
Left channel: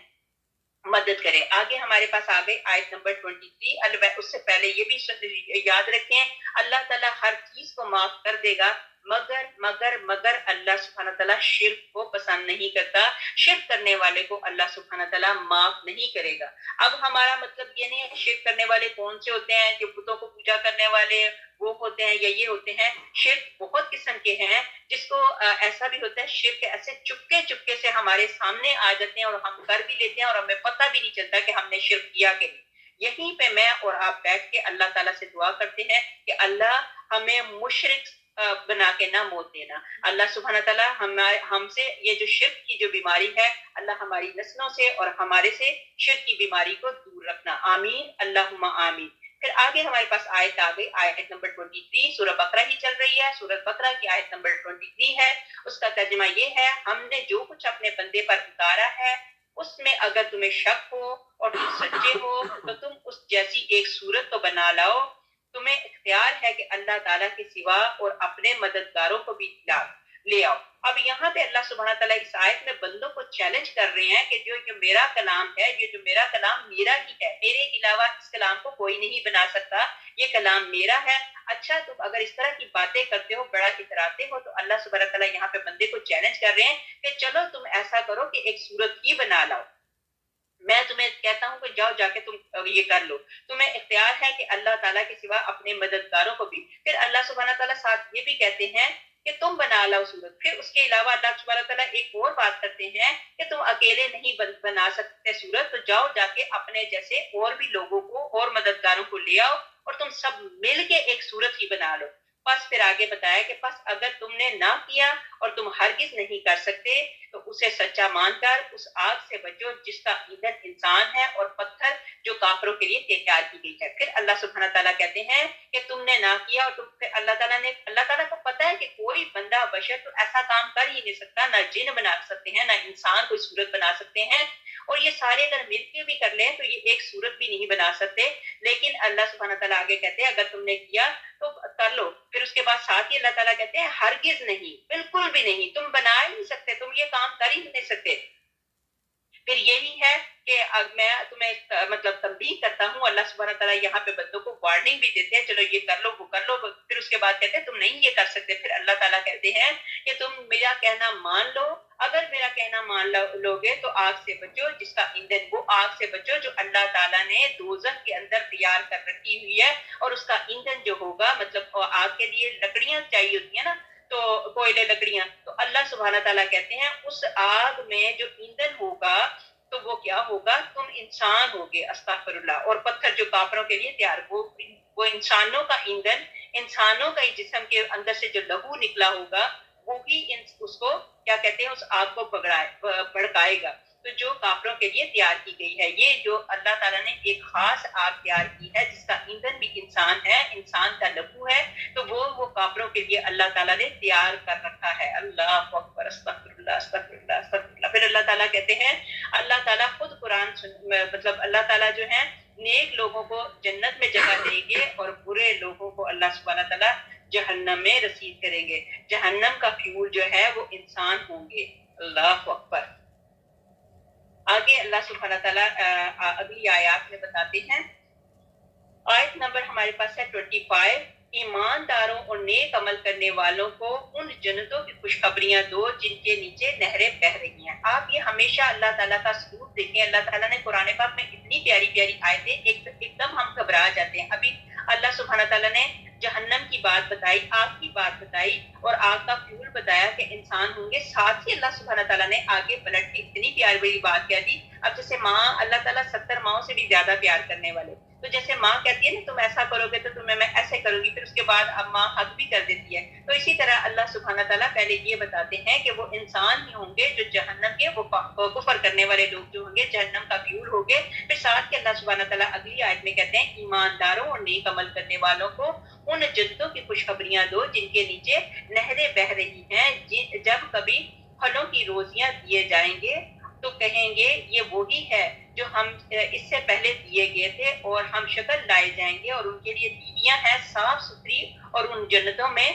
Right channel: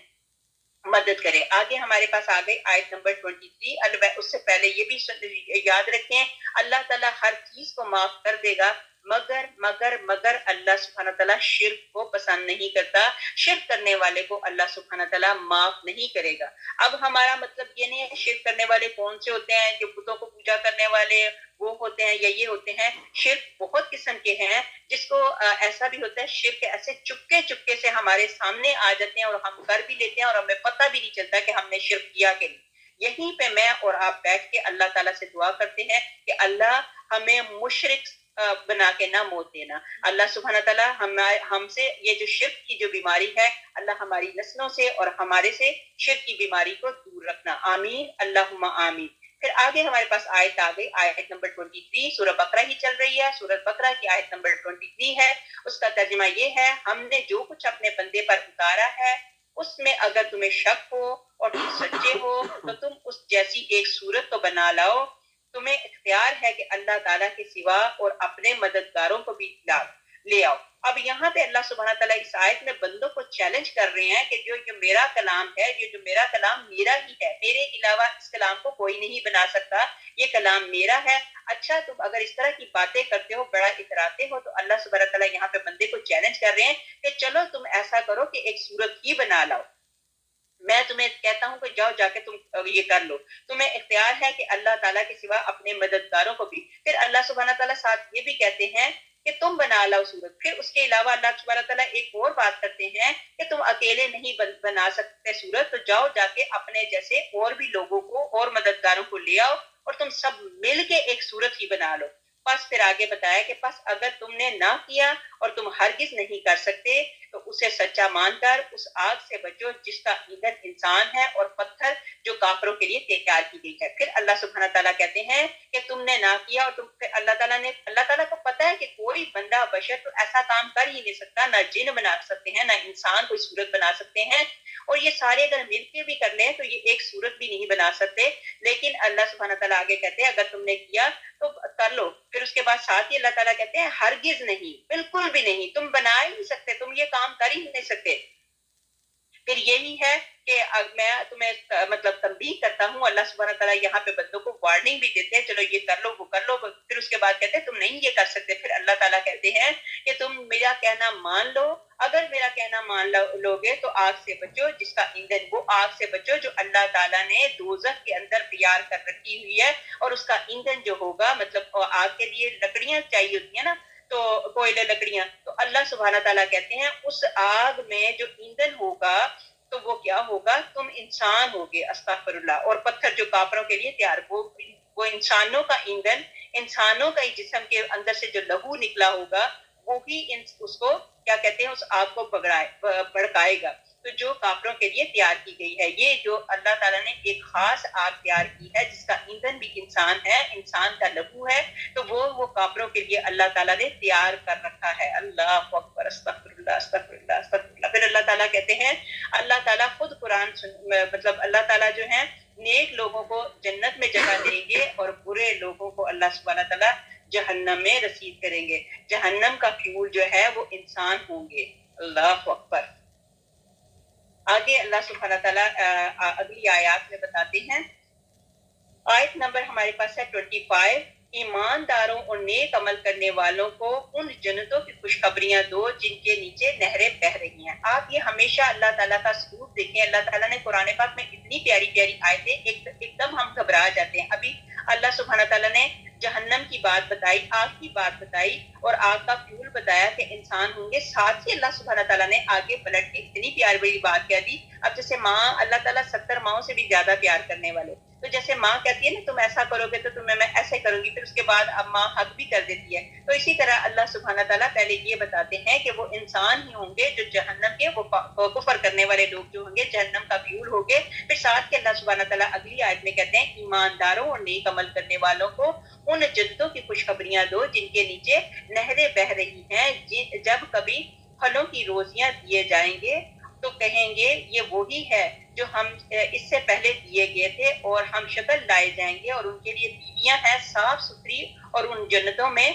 مدد کرے۔ آگے ہمارے پاس آگے آیت نمبر 23، اس سے پہلے یہ بھی یاد رکھیں اللہ تعالیٰ ہر چیز کو معاف کر دے گا مگر اللہ سبحانہ تعالیٰ شرک کو پسند نہیں کرتا، شرک کرنے والے کو اللہ سبحانہ تعالیٰ معاف نہیں کرے گا۔ اب ہمارا مطلب یہ نہیں ہے کہ شرک کرنے والے کون سے ہوتے ہیں، جو بتوں کو پوجا کرنے والے وہ ہوتے ہیں یا یہ ہوتے ہیں۔ شرک بہت قسم کے ہیں، جس کو ایسا بھی ہوتا ہے شرک ایسے چپکے سے ہمارے سامنے آ جاتے ہیں اور ہم کر بھی لیتے ہیں اور ہمیں پتہ بھی نہیں چلتا کہ ہم نے شرک کیا کہ نہیں۔ یہیں پہ میں اور آپ بیٹھ کے اللہ تعالیٰ سے دعا کرتے ہیں کہ اللہ ہمیں مشرک بنا کے نہ موت دینا۔ اللہ سبحانہ تعالیٰ ہم سے یہ جو شرک کی جو بیماری ہے، اللہ ہماری نسلوں سے اور ہمارے سے شرک کی بیماری کو دور رکھنا، آمین اللہم آمین۔ پھر آگے ہمارے پاس آیت آگئی، آیت نمبر 23، سورہ بقرہ ہی چل رہی ہے، سورہ بقرہ کی آیت نمبر 23 ہے۔ اس کا ترجمہ یہ ہے، ہم نے جو کچھ اپنے بندے پر اتارا ہے اس میں اگر تمہیں شک ہو اور تم سچے ہو تو تم اس جیسی ایک صورت تو بنا لاؤ۔ تمہیں اختیار ہے کہ اللہ تعالیٰ کے سوا اور اپنے مددگاروں کو بھی لے آؤ۔ اب یہاں پہ اللہ سبحانہ تعالیٰ اس آیت میں بندوں کو چیلنج کر رہے ہیں کہ جو میرا کلام ہے، یہ جو میرا کلام میرا ہی ہے، میرے علاوہ اس کلام کو کوئی نہیں بنا سکتا، یہ کلام میرا ہے۔ اچھا تم اگر اس طرح کی باتیں کرتے ہو، بڑا اتراتے ہو، تو اللہ سبحانہ تعالیٰ یہاں پہ بندے کو چیلنج کر رہے ہیں کہ چلو تم ایسا کرو کہ ایک صورت ہی بنا لاؤ۔ میں تمہیں کہتا ہوں کہ جاؤ جا کے تم یہ کر لو، تمہیں اختیار ہے کہ اللہ تعالیٰ کے سوا اپنے مددگاروں کو بھی۔ پھر اللہ سبحانہ تعالیٰ ساتھ یہ بھی کہتے ہیں کہ تم بنا لاؤ صورت۔ پھر اس کے علاوہ اللہ سبحانہ تعالیٰ ایک اور بات کرتے ہیں کہ تم اکیلے نہیں بنا سکتے صورت، تو جاؤ جا کے اپنے جیسے اور بھی لوگوں کو اور مددگاروں کو لے آؤ اور تم سب مل کے ایک صورت ہی بنا لو۔ بس پھر آگے بتایا کہ بس اگر تم نے نہ کیا اور تم ہرگز نہیں کر سکتے تو اسے سچا مان کر اس آگ سے بچو جس کا ایندھن انسان ہے اور پتھر جو کافروں کے لیے تیار کی گئی ہے. پھر اللہ سبحانہ تعالیٰ کہتے ہیں کہ تم نے نہ کیا اور تم پھر اللہ تعالیٰ کو پتا ہے کہ کوئی بندہ بشر تو ایسا کام کر ہی نہیں سکتا, نہ جن بنا سکتے ہیں نہ انسان کوئی صورت بنا سکتے ہیں, اور یہ سارے اگر مل کے بھی کر لیں تو یہ ایک صورت بھی نہیں بنا سکتے. لیکن اللہ سبحانہ تعالیٰ آگے کہتے ہیں اگر تم نے کیا تو کر لو. پھر اس کے بعد ساتھ ہی اللہ تعالیٰ کہتے ہیں ہرگز نہیں, بالکل بھی نہیں, تم بنا ہی نہیں سکتے, تم یہ کام کر ہی نہیں سکتے. پھر یہی ہے کہ میں تمہیں مطلب تنبیہ کرتا ہوں. اللہ سبحانہ تعالیٰ یہاں پہ بندوں کو وارننگ بھی دیتے ہیں, چلو یہ کر لو وہ کر لو. پھر اس کے بعد کہتے ہیں تم نہیں یہ کر سکتے. پھر اللہ تعالیٰ کہتے ہیں کہ تم میرا کہنا مان لو, اگر میرا کہنا مان لو گے تو آگ سے بچو جس کا ایندھن, وہ آگ سے بچو جو اللہ تعالیٰ نے دوزخ کے اندر تیار کر رکھی ہوئی ہے, اور اس کا ایندھن جو ہوگا مطلب آگ کے لیے لکڑیاں چاہیے ہوتی ہیں نا, تو کوئلے لکڑیاں, تو اللہ سبحانہ تعالیٰ کہتے ہیں اس آگ میں جو ایندھن ہوگا تو وہ کیا ہوگا, تم انسان ہوگے, استغفر اللہ, اور پتھر جو کافروں کے لیے تیار, وہ انسانوں کا ایندھن, انسانوں کا جسم کے اندر سے جو لہو نکلا ہوگا وہی اس کو کیا کہتے ہیں, اس آگ کو بھڑکائے گا. تو جو کافروں کے لیے تیار کی گئی ہے, یہ جو اللہ تعالیٰ نے ایک خاص آگ تیار کی ہے جس کا ایندھن بھی انسان ہے, انسان کا لہو ہے, تو وہ کافروں کے لیے اللہ تعالیٰ نے تیار کر رکھا ہے. اللہ اکبر, استغفر اللہ استغفر اللہ استغفر اللہ. پھر اللہ تعالیٰ کہتے ہیں, اللہ تعالیٰ خود قرآن مطلب اللہ تعالیٰ جو ہے نیک لوگوں کو جنت میں جگہ دیں گے اور برے لوگوں کو اللہ سبحانہ تعالیٰ جہنم میں رسید کریں گے. جہنم کا فیول جو ہے وہ انسان ہوں گے. اللہ اکبر. آگے اللہ سبحانہ تعالیٰ اگلی آیات میں بتاتے ہیں. آیت نمبر ہمارے پاس ہے 25. ایمانداروں اور نیک عمل کرنے والوں کو ان جنتوں کی خوشخبریاں دو جن کے نیچے نہریں بہ رہی ہیں. آپ یہ ہمیشہ اللہ تعالیٰ کا ثبوت دیکھیں. اللہ تعالیٰ نے قرآن پاک میں اتنی پیاری پیاری آیتیں, ایک دم ہم گھبرا جاتے ہیں. ابھی اللہ سبحانہ تعالیٰ نے جہنم کی بات بتائی, آگ کی بات بتائی اور آگ کا فیول بتایا کہ انسان ہوں گے, ساتھ ہی اللہ سبحانہ تعالیٰ نے آگے پلٹ کے اتنی پیاری بڑی بات کہہ دی. اب جیسے ماں, اللہ تعالیٰ 70 ماؤں سے بھی زیادہ پیار کرنے والے, تو جیسے ماں کہتی ہے نا تم ایسا کرو گے تو تمہیں میں ایسے کروں گی, پھر اس کے بعد اب ماں حق بھی کر دیتی ہے. تو اسی طرح اللہ سبحانہ تعالیٰ پہلے یہ بتاتے ہیں کہ وہ انسان ہی ہوں گے جو جہنم کے, وہ کفر کرنے والے لوگ جو ہوں گے جہنم کا فیول ہوں گے. پھر ساتھ کے اللہ سبحانہ تعالیٰ اگلی آیت میں کہتے ہیں ایمانداروں اور نیک عمل کرنے والوں کو ان جنتوں کی خوشخبریاں دو جن کے نیچے نہریں بہ رہی ہیں, جب کبھی پھلوں کی روزیاں دیے جائیں گے تو کہیں گے یہ وہی ہے جو ہم اس سے پہلے دیے گئے تھے, اور ہم شکل لائے جائیں گے, اور ان کے لیے بیویاں ہیں صاف ستھری اور ان جنتوں میں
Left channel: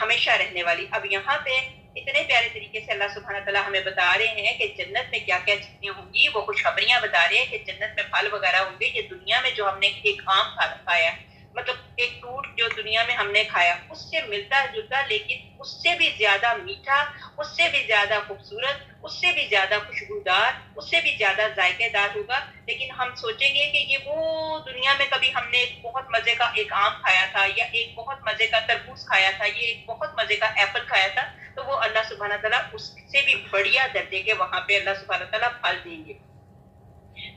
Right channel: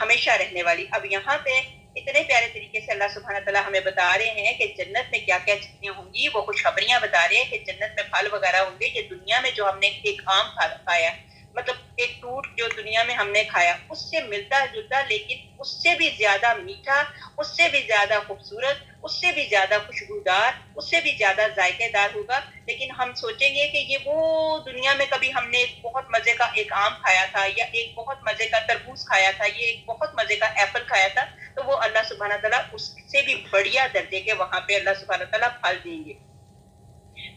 ہمیشہ رہنے والی. اب یہاں پہ اتنے پیارے طریقے سے اللہ سبحانہ تعالیٰ ہمیں بتا رہے ہیں کہ جنت میں کیا کیا چیزیں ہوں گی, وہ خوشخبریاں بتا رہے ہیں کہ جنت میں پھل وغیرہ ہوں گے. یہ دنیا میں جو ہم نے ایک آم کھایا, مطلب ایک فروٹ جو دنیا میں ہم نے کھایا اس سے ملتا جلتا, لیکن اس سے بھی زیادہ میٹھا, اس سے بھی زیادہ خوبصورت, اس سے بھی زیادہ خوشبودار, اس سے بھی زیادہ ذائقے دار ہوگا. لیکن ہم سوچیں گے کہ یہ وہ دنیا میں کبھی ہم نے ایک بہت مزے کا ایک آم کھایا تھا, یا ایک بہت مزے کا تربوز کھایا تھا, یہ ایک بہت مزے کا ایپل کھایا تھا, تو وہ اللہ سبحانہ تعالیٰ اس سے بھی بڑھیا درجے کے وہاں پہ اللہ سبحانہ تعالیٰ پھل دیں گے.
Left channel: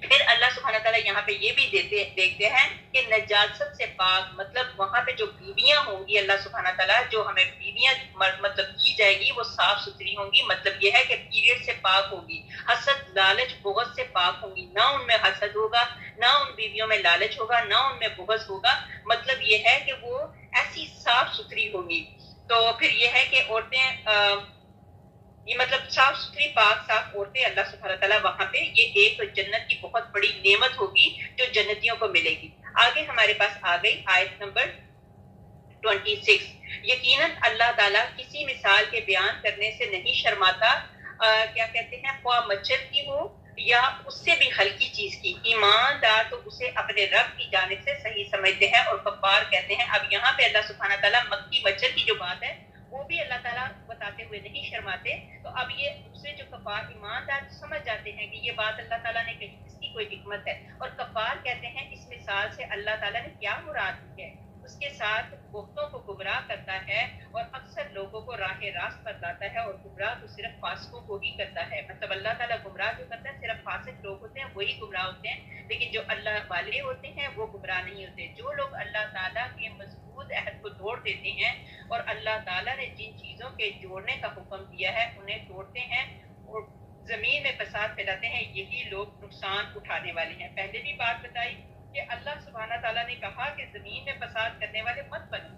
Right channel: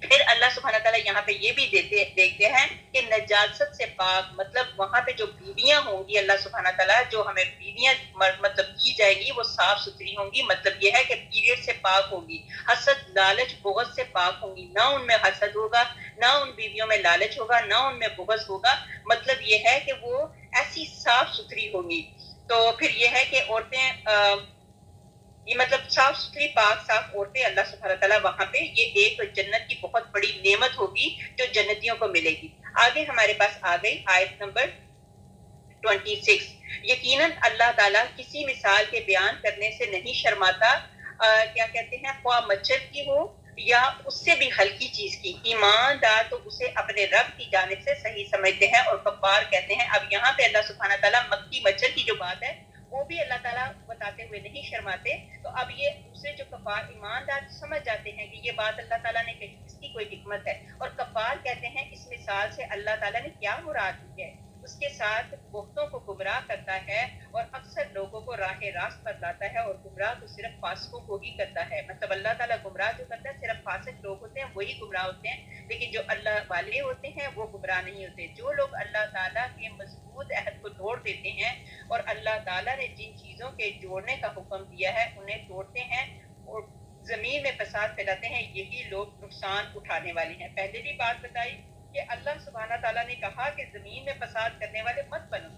پھر اللہ سبحانہ تعالیٰ یہاں پہ یہ بھی دیکھتے ہیں کہ نجاست سے پاک, مطلب وہاں پہ جو بیویاں ہوں گی, اللہ سبحانہ تعالیٰ جو ہمیں بیویاں مطلب کی جائے گی وہ صاف ستھری ہوں گی. مطلب یہ ہے کہ پیریڈ سے پاک ہوگی, حسد لالچ بغض سے پاک ہوں گی, نہ ان میں حسد ہوگا, نہ ان بیویوں میں لالچ ہوگا, نہ ان میں بغض ہوگا. مطلب یہ ہے کہ وہ ایسی صاف ستھری ہوں گی. تو پھر یہ ہے کہ عورتیں یہ مطلب صاف ستھری پاک صاف عورتیں اللہ سبحانہ تعالیٰ وہاں پہ, یہ ایک جنت کی بہت بڑی نعمت ہوگی جو جنتیوں کو ملے گی. آگے ہمارے پاس آ گئی آیت نمبر 26. یقیناً اللہ تعالیٰ کسی مثال کے بیان کرنے سے نہیں شرماتا, کیا کہتے ہیں, خواہ مچھر کی ہو یا اس سے بھی ہلکی چیز کی. ایماندار تو اسے اپنے رب کی جانب سے صحیح سمجھتے ہیں اور کفار کہتے ہیں. اب یہاں پہ اللہ سبحانہ تعالیٰ مکھی مچھر کی جو بات ہے وہ بھی اللہ تعالیٰ بتاتے ہوئے نہیں شرماتے. تو اب یہ دوسرے جو کفار ایماندار سمجھ جاتے ہیں کہ یہ بات اللہ تعالیٰ نے کہی, اس کی کوئی حکمت ہے, اور کفار کہتے ہیں اس مثال سے اللہ تعالیٰ نے کیا مراد لی ہے. اس کے ساتھ بہتوں کو گمراہ کرتا ہے اور اکثر لوگوں کو کو راہ راست پر لاتا ہے اور گمراہ تو صرف فاسقوں کو ہی کرتا ہے. مطلب اللہ تعالیٰ گمراہ جو کرتا ہے صرف فاسق لوگ ہوتے ہیں وہی گمراہ ہوتے ہیں, لیکن جو اللہ والے ہوتے ہیں وہ گمراہ نہیں ہوتے. جو لوگ اللہ تعالیٰ کے مضبوط عہد کو توڑ دیتے ہیں اور اللہ تعالیٰ نے جن چیزوں کے جوڑنے کا حکم دیا ہے انہیں توڑتے ہیں اور زمین میں فساد پھیلاتے ہیں, یہی لوگ نقصان اٹھانے والے ہیں. پہلے بھی بات بتائی کہ اللہ سبحانہ تعالیٰ نے کہا کہ زمین میں فساد کرنے والے مت بنو.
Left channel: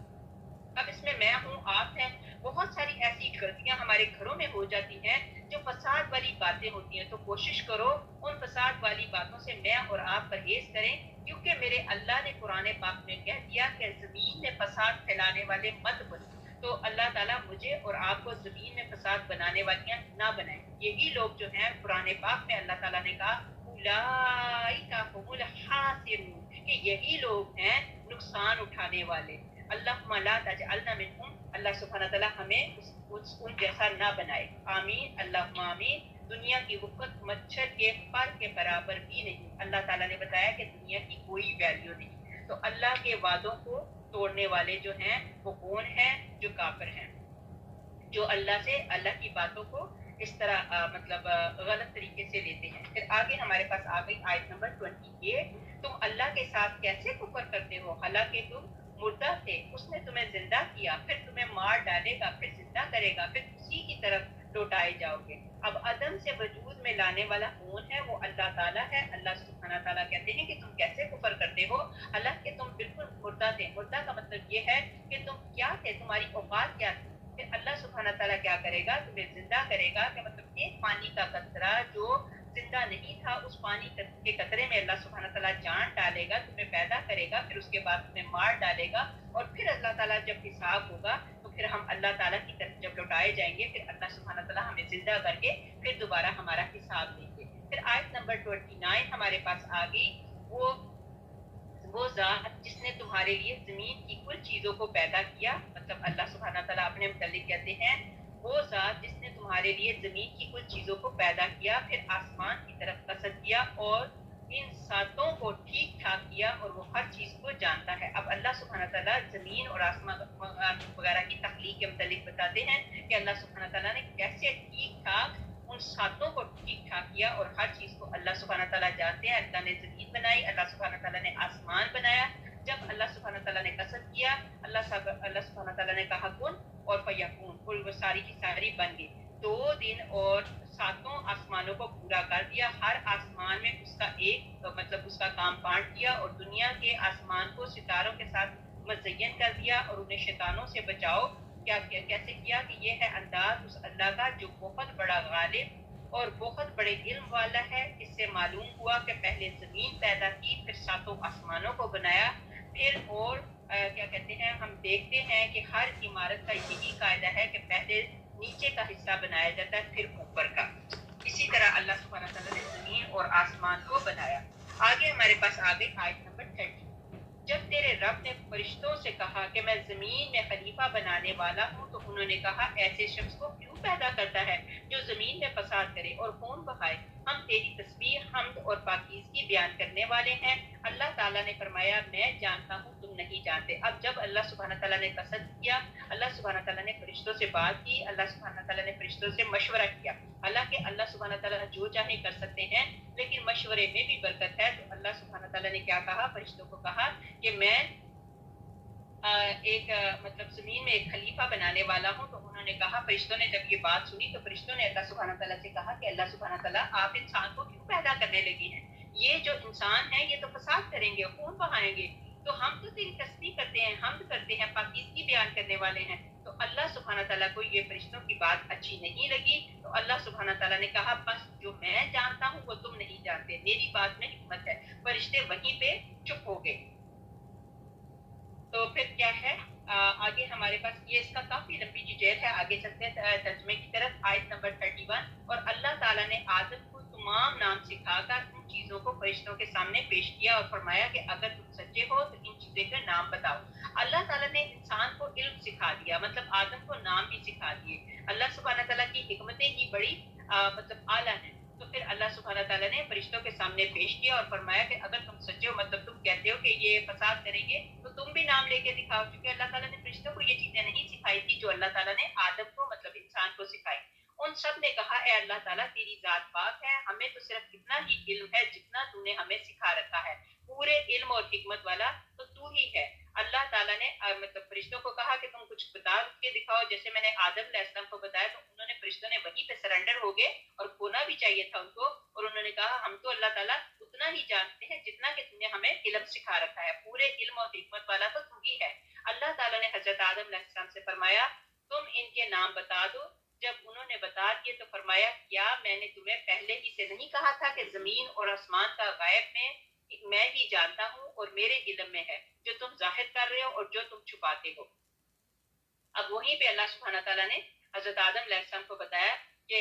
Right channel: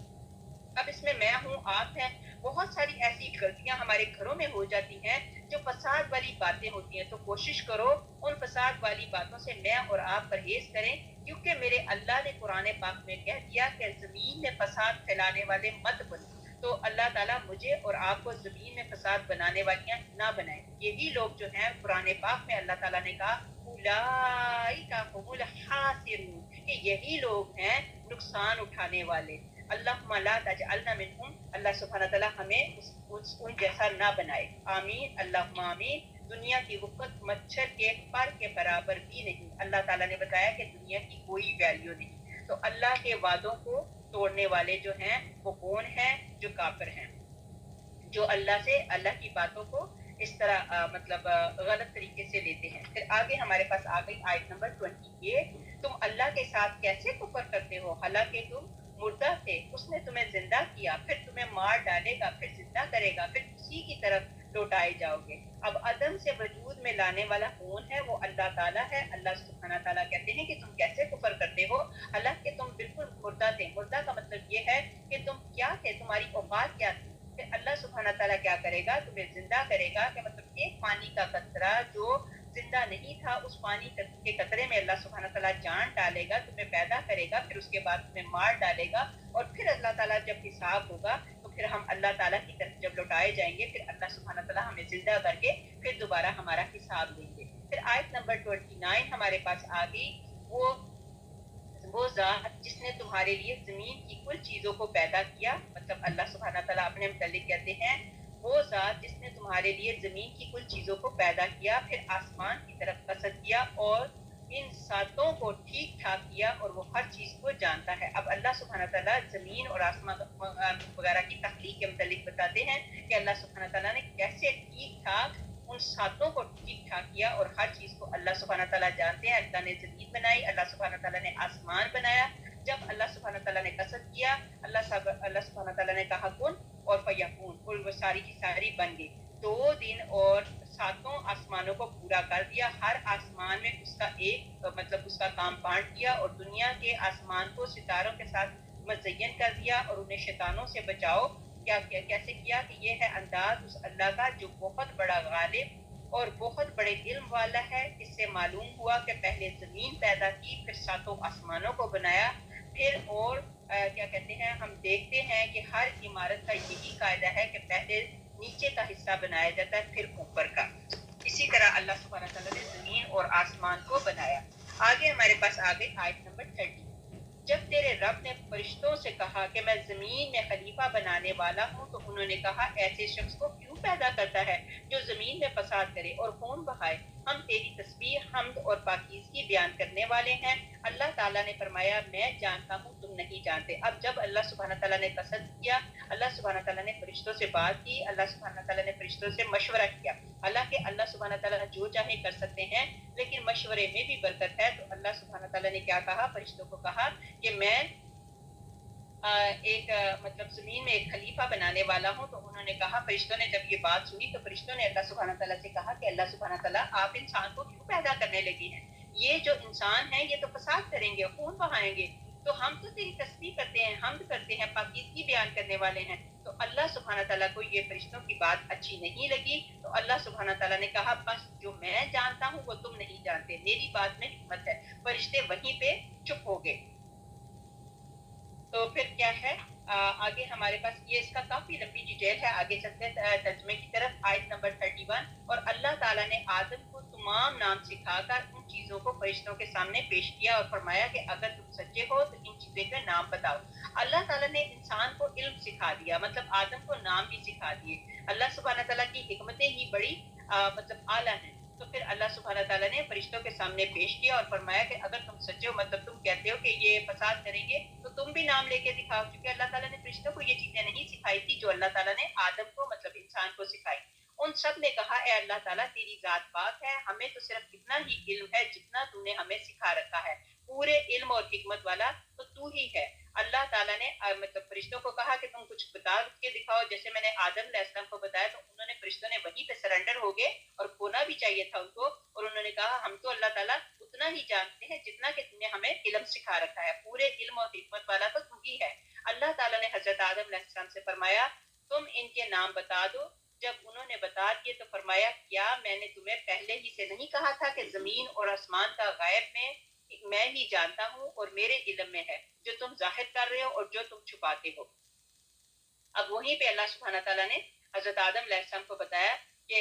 اب اس میں ہوں, آپ ہیں, بہت ساری ایسی غلطیاں ہمارے گھروں میں ہو جاتی ہیں جو فساد والی باتیں ہوتی ہیں, تو کوشش کرو ان فساد والی باتوں سے میں اور آپ پرہیز کریں, کیونکہ میرے اللہ نے قرآن پاک میں کہہ دیا کہ زمین میں فساد پھیلانے والے مت بنو. تو اللہ تعالیٰ مجھے اور آپ کو زمین میں فساد بنانے والیاں نہ بنائیں. یہی لوگ جو ہیں قرآن پاک میں اللہ تعالیٰ نے کہا اولئک هم الخاسرون, کہ یہی لوگ ہیں نقصان اٹھانے والے. اللہم لا تجعلنا منہم, اللہ سبحانہ تعالیٰ ہمیں ان جیسا نہ بنائے. آمین اللہم آمین. دنیا کی وقت مچھر کے پر کے برابر بھی نہیں. اللہ تعالیٰ نے بتایا کہ دنیا کی کوئی ویلیو نہیں. تو اللہ کے وعدوں کو توڑنے والے جو ہیں وہ کون ہیں؟ جو کافر ہیں, جو اللہ سے, اللہ کی باتوں کو اس طرح مطلب غلط طریقے سے لیتے ہیں. پھر آگے ہمارے پاس آ گئی آیت نمبر 28, تم اللہ کے ساتھ کیسے کفر کرتے ہو حالانکہ تم مردہ تھے, اس نے تمہیں زندہ کیا, پھر تمہیں مار ڈالے گا, پھر زندہ کرے گا, پھر اسی کی طرف لوٹائے جاؤ گے. اب عدم سے وجود میں لانے والا کون ہے؟ وہ اللہ تعالیٰ ہے. اللہ سبحانہ تعالیٰ کہتے ہیں کہ تم کیسے کفر کرتے ہو حالانکہ تم بالکل مردہ تھے. مردہ کا مطلب یہ ہے کہ تم کیا تھے, تمہاری اوقات کیا تھی. پھر اللہ سبحانہ تعالیٰ کیا کرے گا؟ تمہیں زندہ کرے گا, کہ مطلب ایک پانی کا قطرہ جو زندہ نہیں تھا, اس پانی کے قطرے میں اللہ سبحانہ تعالیٰ جان ڈالے گا, تمہیں پیدا کرے گا, پھر اس کے بعد تمہیں مار ڈالے گا, اور پھر اللہ تعالیٰ جب حساب ہوگا تو پھر ہم اللہ تعالیٰ کی طرف جب لوٹائے جائیں گے, پھر اللہ سبحانہ تعالیٰ ہمیں زندہ کر کے پھر دوبارہ ہمارا حساب لیں گے. پھر آیت نمبر 29 ہمارے پاس آ گئی, وہ ذات جس نے تمہارے لیے زمین کی کل چیزوں کو پیدا کیا. مطلب اللہ سبحانہ تعالیٰ اپنے متعلق کہتے ہیں وہ ذات جس نے تمہارے لیے زمین کی کل چیزوں کو پیدا کیا, پھر آسمان کی طرف قصد کیا اور ان ساتوں کو ٹھیک ٹھاک کیا, اور وہ ہر چیز کو جانتا ہے. اب اللہ سبحانہ تعالیٰ زمین اور آسمان وغیرہ کی تخلیق کے متعلق بتاتے ہیں کہ اللہ سبحانہ تعالیٰ نے کیسے ٹھیک ٹھاک ان ساتوں کو ٹھیک ٹھاک کیا, اور ہر چیز کو اللہ سبحانہ تعالیٰ جانتے ہیں. اللہ نے زمین بنائی, اللہ سبحانہ تعالیٰ نے آسمان بنایا. جب اللہ سبحانہ تعالیٰ نے قصد کیا, اللہ سبحانہ تعالیٰ نے کہا کن اور فیکون, اور وہ ساری کی ساری بن گئی. 2 دن اور 7 آسمانوں کو پورا کر دیا, ہر آسمان میں اس کا ایک مطلب اس کا کام بانٹ دیا, اور دنیا کے آسمان کو ستاروں کے ساتھ مزین کر دیا, اور انہیں شیطانوں سے بچاؤ. کیسے کیا؟ کہ یہ ہے انداز اس اللہ کا جو بہت بڑا غالب اور بہت بڑے علم والا ہے. اس سے معلوم ہوا کہ پہلے زمین پیدا کی, پھر 7 آسمانوں کو بنایا, پھر اور کیا کہتے ہیں, ہم دیکھتے ہیں کہ ہر عمارت کا یہی قاعدہ ہے کہ پہلے نیچے کا حصہ بنایا جاتا ہے پھر اوپر کا. اسی طرح اللہ سبحانہ تعالیٰ نے زمین اور آسمان کو بنایا. آگے ہمارے پاس آ گئی آیت نمبر 30. جب تیرے رب نے فرشتوں سے کہا کہ میں زمین میں خلیفہ بنانے والا ہوں, تو انہوں نے کہا ایسے شخص کو کیوں پیدا کرتا ہے جو زمین میں فساد کرے اور خون بہائے. ہم تیری تسبیح, حمد اور پاکیزگی بیان کرنے والے ہیں. اللہ تعالیٰ نے فرمایا میں جانتا ہوں تم نہیں جانتے. اب جب اللہ سبحانہ تعالیٰ نے قصد کیا, اللہ سبحانہ تعالیٰ نے فرشتوں سے بات کی, اللہ سبحانہ تعالیٰ نے فرشتوں سے مشورہ کیا. حالانکہ اللہ سبحانہ تعالیٰ جو چاہے کر سکتے ہیں, لیکن مشورے میں بھی برکت ہے. تو اللہ سبحانہ تعالیٰ نے کیا کہا؟ فرشتوں کو کہا کہ میں ایک مطلب زمین میں ایک خلیفہ بنانے والا ہوں. تو انہوں نے کہا, فرشتوں نے جب یہ بات سنی تو فرشتوں نے اللہ سبحانہ تعالیٰ سے کہا کہ اللہ سبحانہ تعالیٰ آپ انسان کو کیوں پیدا کرنے لگے ہیں؟ یہ جو انسان ہے یہ تو فساد کریں گے, خون بہائیں گے. تو ہم تو تیری تسبیح کرتے ہیں, حمد کرتے ہیں, پاکیزگی بیان کرنے والے ہیں. تو اللہ سبحانہ تعالیٰ کو یہ فرشتوں کی بات اچھی نہیں لگی. تو اللہ سبحانہ تعالیٰ نے کہا بس جو میں جانتا ہوں وہ تم نہیں جانتے, میری بات میں حکمت ہے. فرشتے وہیں پہ چپ ہو گئے. تو پھر کیا ہے آگے ہمارے پاس, یہ اس کا کافی لمبی ڈیٹیل ہے, آگے چلتے ہیں ترجمے کی طرف. آیت نمبر 31. اور اللہ تعالیٰ نے آدم کو تمام نام سکھا کر ان چیزوں کو فرشتوں کے سامنے پیش کیا اور فرمایا کہ اگر تم سچے ہو تو ان چیزوں کے نام بتاؤ. اللہ تعالیٰ نے انسان کو علم سکھا دیا, مطلب آدم کو نام بھی سکھا دیے. اللہ سبحانہ تعالیٰ کی حکمتیں ہی بڑی مطلب اعلیٰ ہیں. تو پھر اللہ سبحانہ تعالیٰ نے فرشتوں کے سامنے پیش کیا اور فرمایا کہ اگر تم سچے ہو، مطلب تم کہتے ہو کہ یہ فساد کریں گے، تو تم بھی نام لے کے دکھاؤ، کیونکہ اللہ تعالیٰ نے فرشتوں کو یہ چیزیں نہیں سکھائی تھی جو اللہ تعالیٰ نے آدم کو، مطلب انسان کو سکھائی۔ ان سب نے کہا اے اللہ تعالیٰ تیری ذات پاک ہے، ہمیں تو صرف اتنا ہی علم ہے جتنا تو نے ہمیں سکھا رکھا ہے، پورے علم اور حکمت والا تو ہی ہے۔ اللہ تعالیٰ نے مطلب فرشتوں کو کہا کہ تم کچھ بتا کے دکھاؤ، جیسے میں نے آدم علیہ السلام کو بتایا تو انہوں نے، فرشتوں نے وہیں پہ سرنڈر ہو گئے، اور ہونا بھی چاہیے تھا ان کو، اور انہوں نے کہا ہم تو اللہ تعالیٰ اتنا ہی جانتے ہیں جتنا کہ تم نے ہمیں علم سکھا رکھا ہے، پورے علم اور حکمت والا تو ہی ہے۔ اللہ تعالیٰ نے حضرت آدم علیہ السلام سے فرمایا تم ان کے نام بتا دو۔ جب انہوں نے بتا دیے تو فرمایا کیا میں نے تمہیں پہلے ہی سے نہیں کہا تھا کہ زمین اور آسمان کا غیب میں ہی جانتا ہوں اور میرے علم میں ہے، جو تم ظاہر کر رہے ہو اور جو تم چھپاتے ہو۔ اب وہیں پہ اللہ سبحانہ تعالیٰ نے حضرت آدم علیہ السلام کو بتایا کہ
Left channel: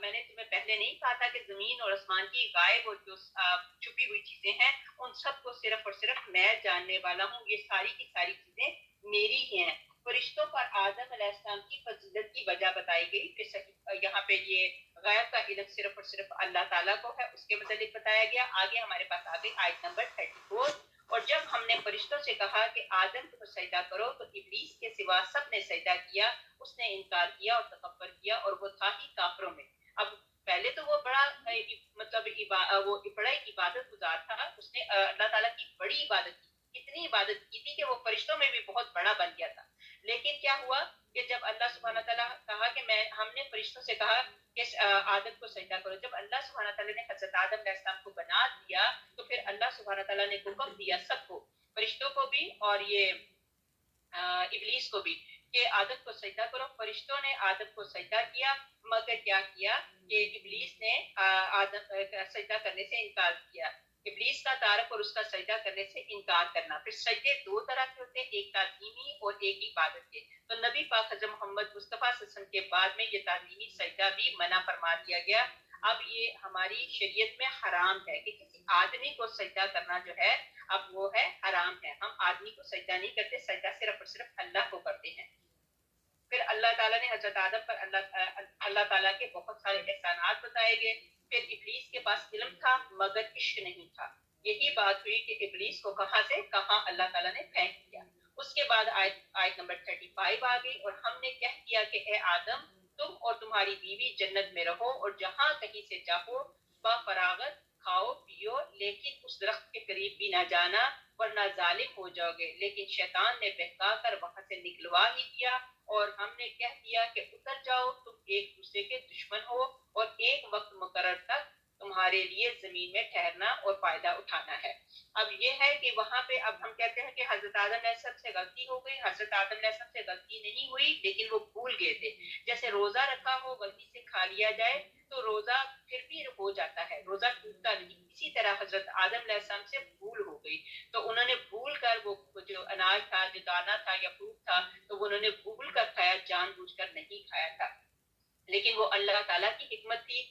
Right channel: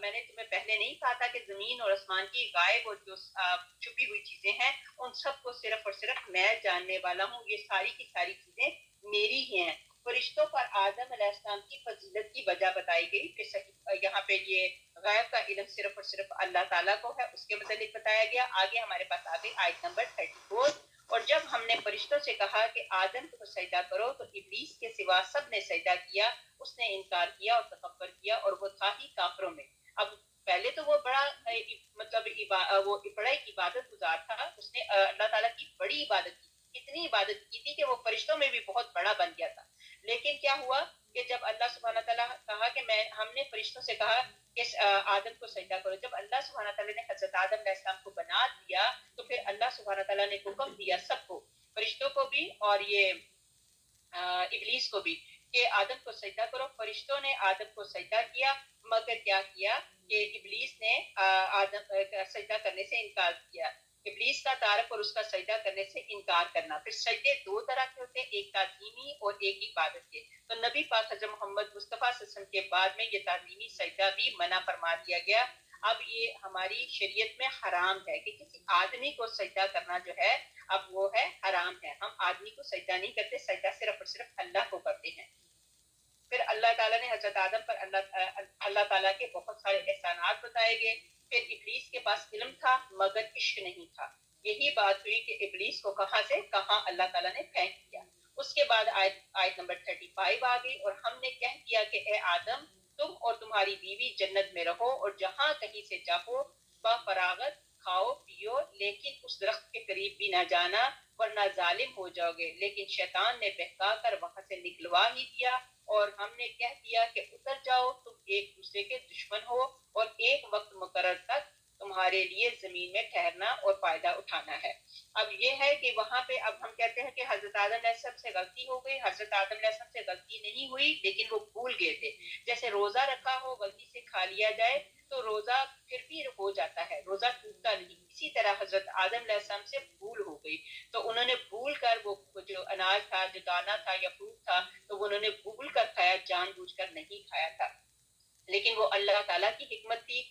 میں نے تمہیں پہلے نہیں کہا تھا کہ زمین اور آسمان کی غائب اور جو چھپی ہوئی چیزیں ہیں ان سب کو صرف اور صرف میں جاننے والا ہوں، یہ ساری کی ساری چیزیں میری ہی ہیں۔ فرشتوں پر آدم علیہ السلام کی فضیلت کی وجہ بتائی گئی کہ یہاں پہ یہ غیب کا علم صرف اور صرف اللہ تعالیٰ کو ہے، اس کے متعلق بتایا گیا۔ آگے ہمارے پاس آگے آیت نمبر 34، اور جب ہم نے فرشتوں سے کہا کہ آدم کو سجدہ کرو تو ابلیس کے سوا سب نے سجدہ کیا، اس نے انکار کیا اور تکبر کیا اور وہ تھا ہی کافروں میں۔ اب پہلے تو وہ بڑا مطلب وہ بڑا عبادت گزار تھا، اس نے اللہ تعالیٰ کی بڑی عبادت کی، اتنی عبادت کی تھی کہ وہ فرشتوں میں بھی بہت بڑا بن گیا تھا۔ لیکن کیا ہوا کہ جب اللہ سبحانہ تعالیٰ کہا کہ ہم نے فرشتوں سے کہا کہ آدم کو سجدہ کرو، جب اللہ سبحانہ تعالیٰ نے حضرت آدم علیہ السلام کو بنا دیا تو پھر اللہ سبحانہ تعالیٰ نے حکم دیا سب کو، فرشتوں کو بھی اور یہ ابلیس کو بھی، کہ آدم کو سجدہ کرو۔ فرشتوں نے آدم کو سجدہ کیا، مگر کیا کیا کہ ابلیس نے آدم سجدہ کرنے سے انکار کیا۔ ابلیس کا تعارف اور اس کا سجدہ کرنے سے انکار کرنا۔ پھر سجدے دو طرح کے ہوتے ہیں، ایک تعظیمی اور ایک عبادت کے۔ تو نبی پاک حضرت محمد مصطفیٰ صلی اللہ علیہ وسلم کے بعد میں یہ تعظیمی سجدہ بھی منع فرما دیا گیا۔ اب یہ ہماری شریعت میں حرام ہے کہ کسی آدمی کو سجدہ کرنا جو ہے اب وہ ہے حرام ہے، ہم آدمی کو سجدہ نہیں کرتے، سجدہ صرف اور صرف اللہ کو کرتے ہیں۔ پھر اللہ تعالیٰ نے حضرت آدم پر اللہ تعالیٰ کے بہت سارے احسانات بتائے گئے۔ پھر ابلیس کے پاس علم تھا مگر عشق نہیں تھا، یہی بات ہوئی کہ ابلیس کو کہاں سے کہاں اللہ تعالیٰ نے پھینک دیا۔ اس کے بعد آیت نمبر 35 آ گئی، اور ہم نے کہہ دیا کہ اے آدم تم اور تمہاری بیوی جنت میں رہو اور جہاں کہیں سے چاہو با فراغت کھاؤ پیو، لیکن اس درخت کے قریب بھی نہ جانا ورنہ ظالم ہو جاؤ گے۔ لیکن شیطان نے بہکا کر وہاں سے نکلوا ہی دیا، اور ہم نے کہہ دیا کہ اتر جاؤ، تم ایک دوسرے کے دشمن ہو اور ایک وقت مقرر تک تمہارے لیے زمین میں ٹھہرنا اور فائدہ اٹھانا ہے۔ اب یہ ہے کہ وہاں پہ اب ہم کہتے ہیں کہ حضرت آدم علیہ السلام سے غلطی ہو گئی، حضرت آدم علیہ السلام سے غلطی نہیں ہوئی لیکن وہ بھول گئے تھے۔ جیسے روزہ رکھا ہو غلطی سے کھا لیا جائے تو روزہ پھر بھی ہو جاتا ہے، روزہ ٹوٹتا نہیں، اسی طرح حضرت آدم علیہ السلام سے بھول ہو گئی، تو انہوں نے بھول کر وہ جو اناج تھا، جو دانا تھا یا فروٹ تھا، تو وہ انہوں نے بھول کر کھایا، جان بوجھ کر نہیں کھایا تھا۔ لیکن وہ اللہ تعالیٰ کی حکمت تھی،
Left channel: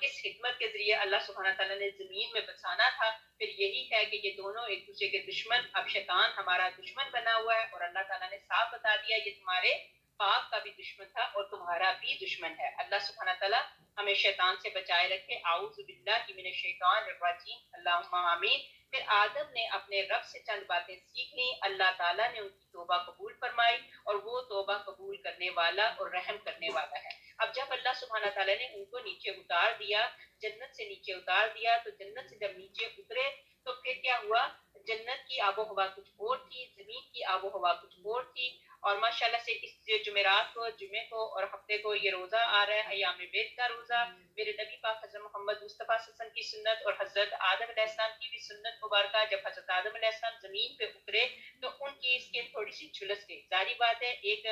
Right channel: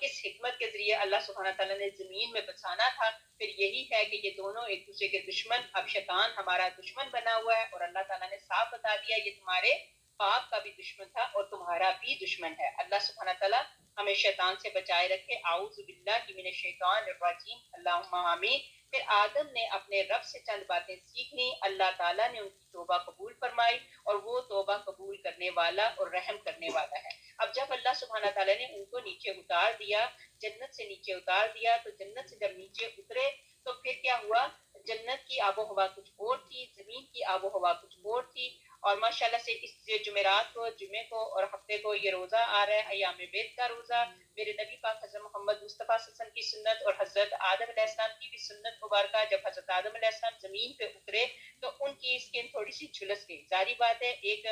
کس حکمت کے ذریعے اللہ سبحانہ تعالیٰ نے زمین میں بسانا تھا، پھر یہی ہے کہ یہ دونوں ایک دوسرے کے دشمن، اب شیطان ہمارا دشمن بنا ہوا ہے، اور اللہ تعالیٰ نے صاف بتا دیا یہ تمہارے باپ کا بھی دشمن تھا اور تمہارا بھی دشمن ہے۔ اللہ سبحانہ تعالیٰ ہمیں شیطان سے بچائے رکھے۔ اعوذ باللہ من الشیطان الرجیم، اللہم آمین۔ پھر آدم نے اپنے رب سے چند باتیں سیکھ لیں، اللہ تعالیٰ نے ان کی توبہ قبول فرمائی اور وہ توبہ قبول کرنے والا اور رحم کرنے والا ہے۔ اب جب اللہ سبحانہ تعالیٰ نے ان کو نیچے اتار دیا، جنت سے نیچے اتار دیا، تو جنت سے جب نیچے اترے تو پھر کیا ہوا، جنت کی آب و ہوا کچھ اور تھی، زمین کی آب و ہوا کچھ اور تھی۔ اور ماشاءاللہ سے اس جمعرات کو، جمعے کو اور ہفتے کو یہ روزہ آ رہا ہے، ایام بیت کا روزہ، میرے نبی پاک حضرت محمد مصطفیٰ صلی اللہ علیہ وسلم کی سنت اور حضرت آدم علیہ السلام کی بھی سنت مبارکہ، جب حضرت آدم علیہ السلام زمین پہ اترے تو ان کی اسکن تھوڑی سی جھلس گئی، ظاہری بات ہے، ایک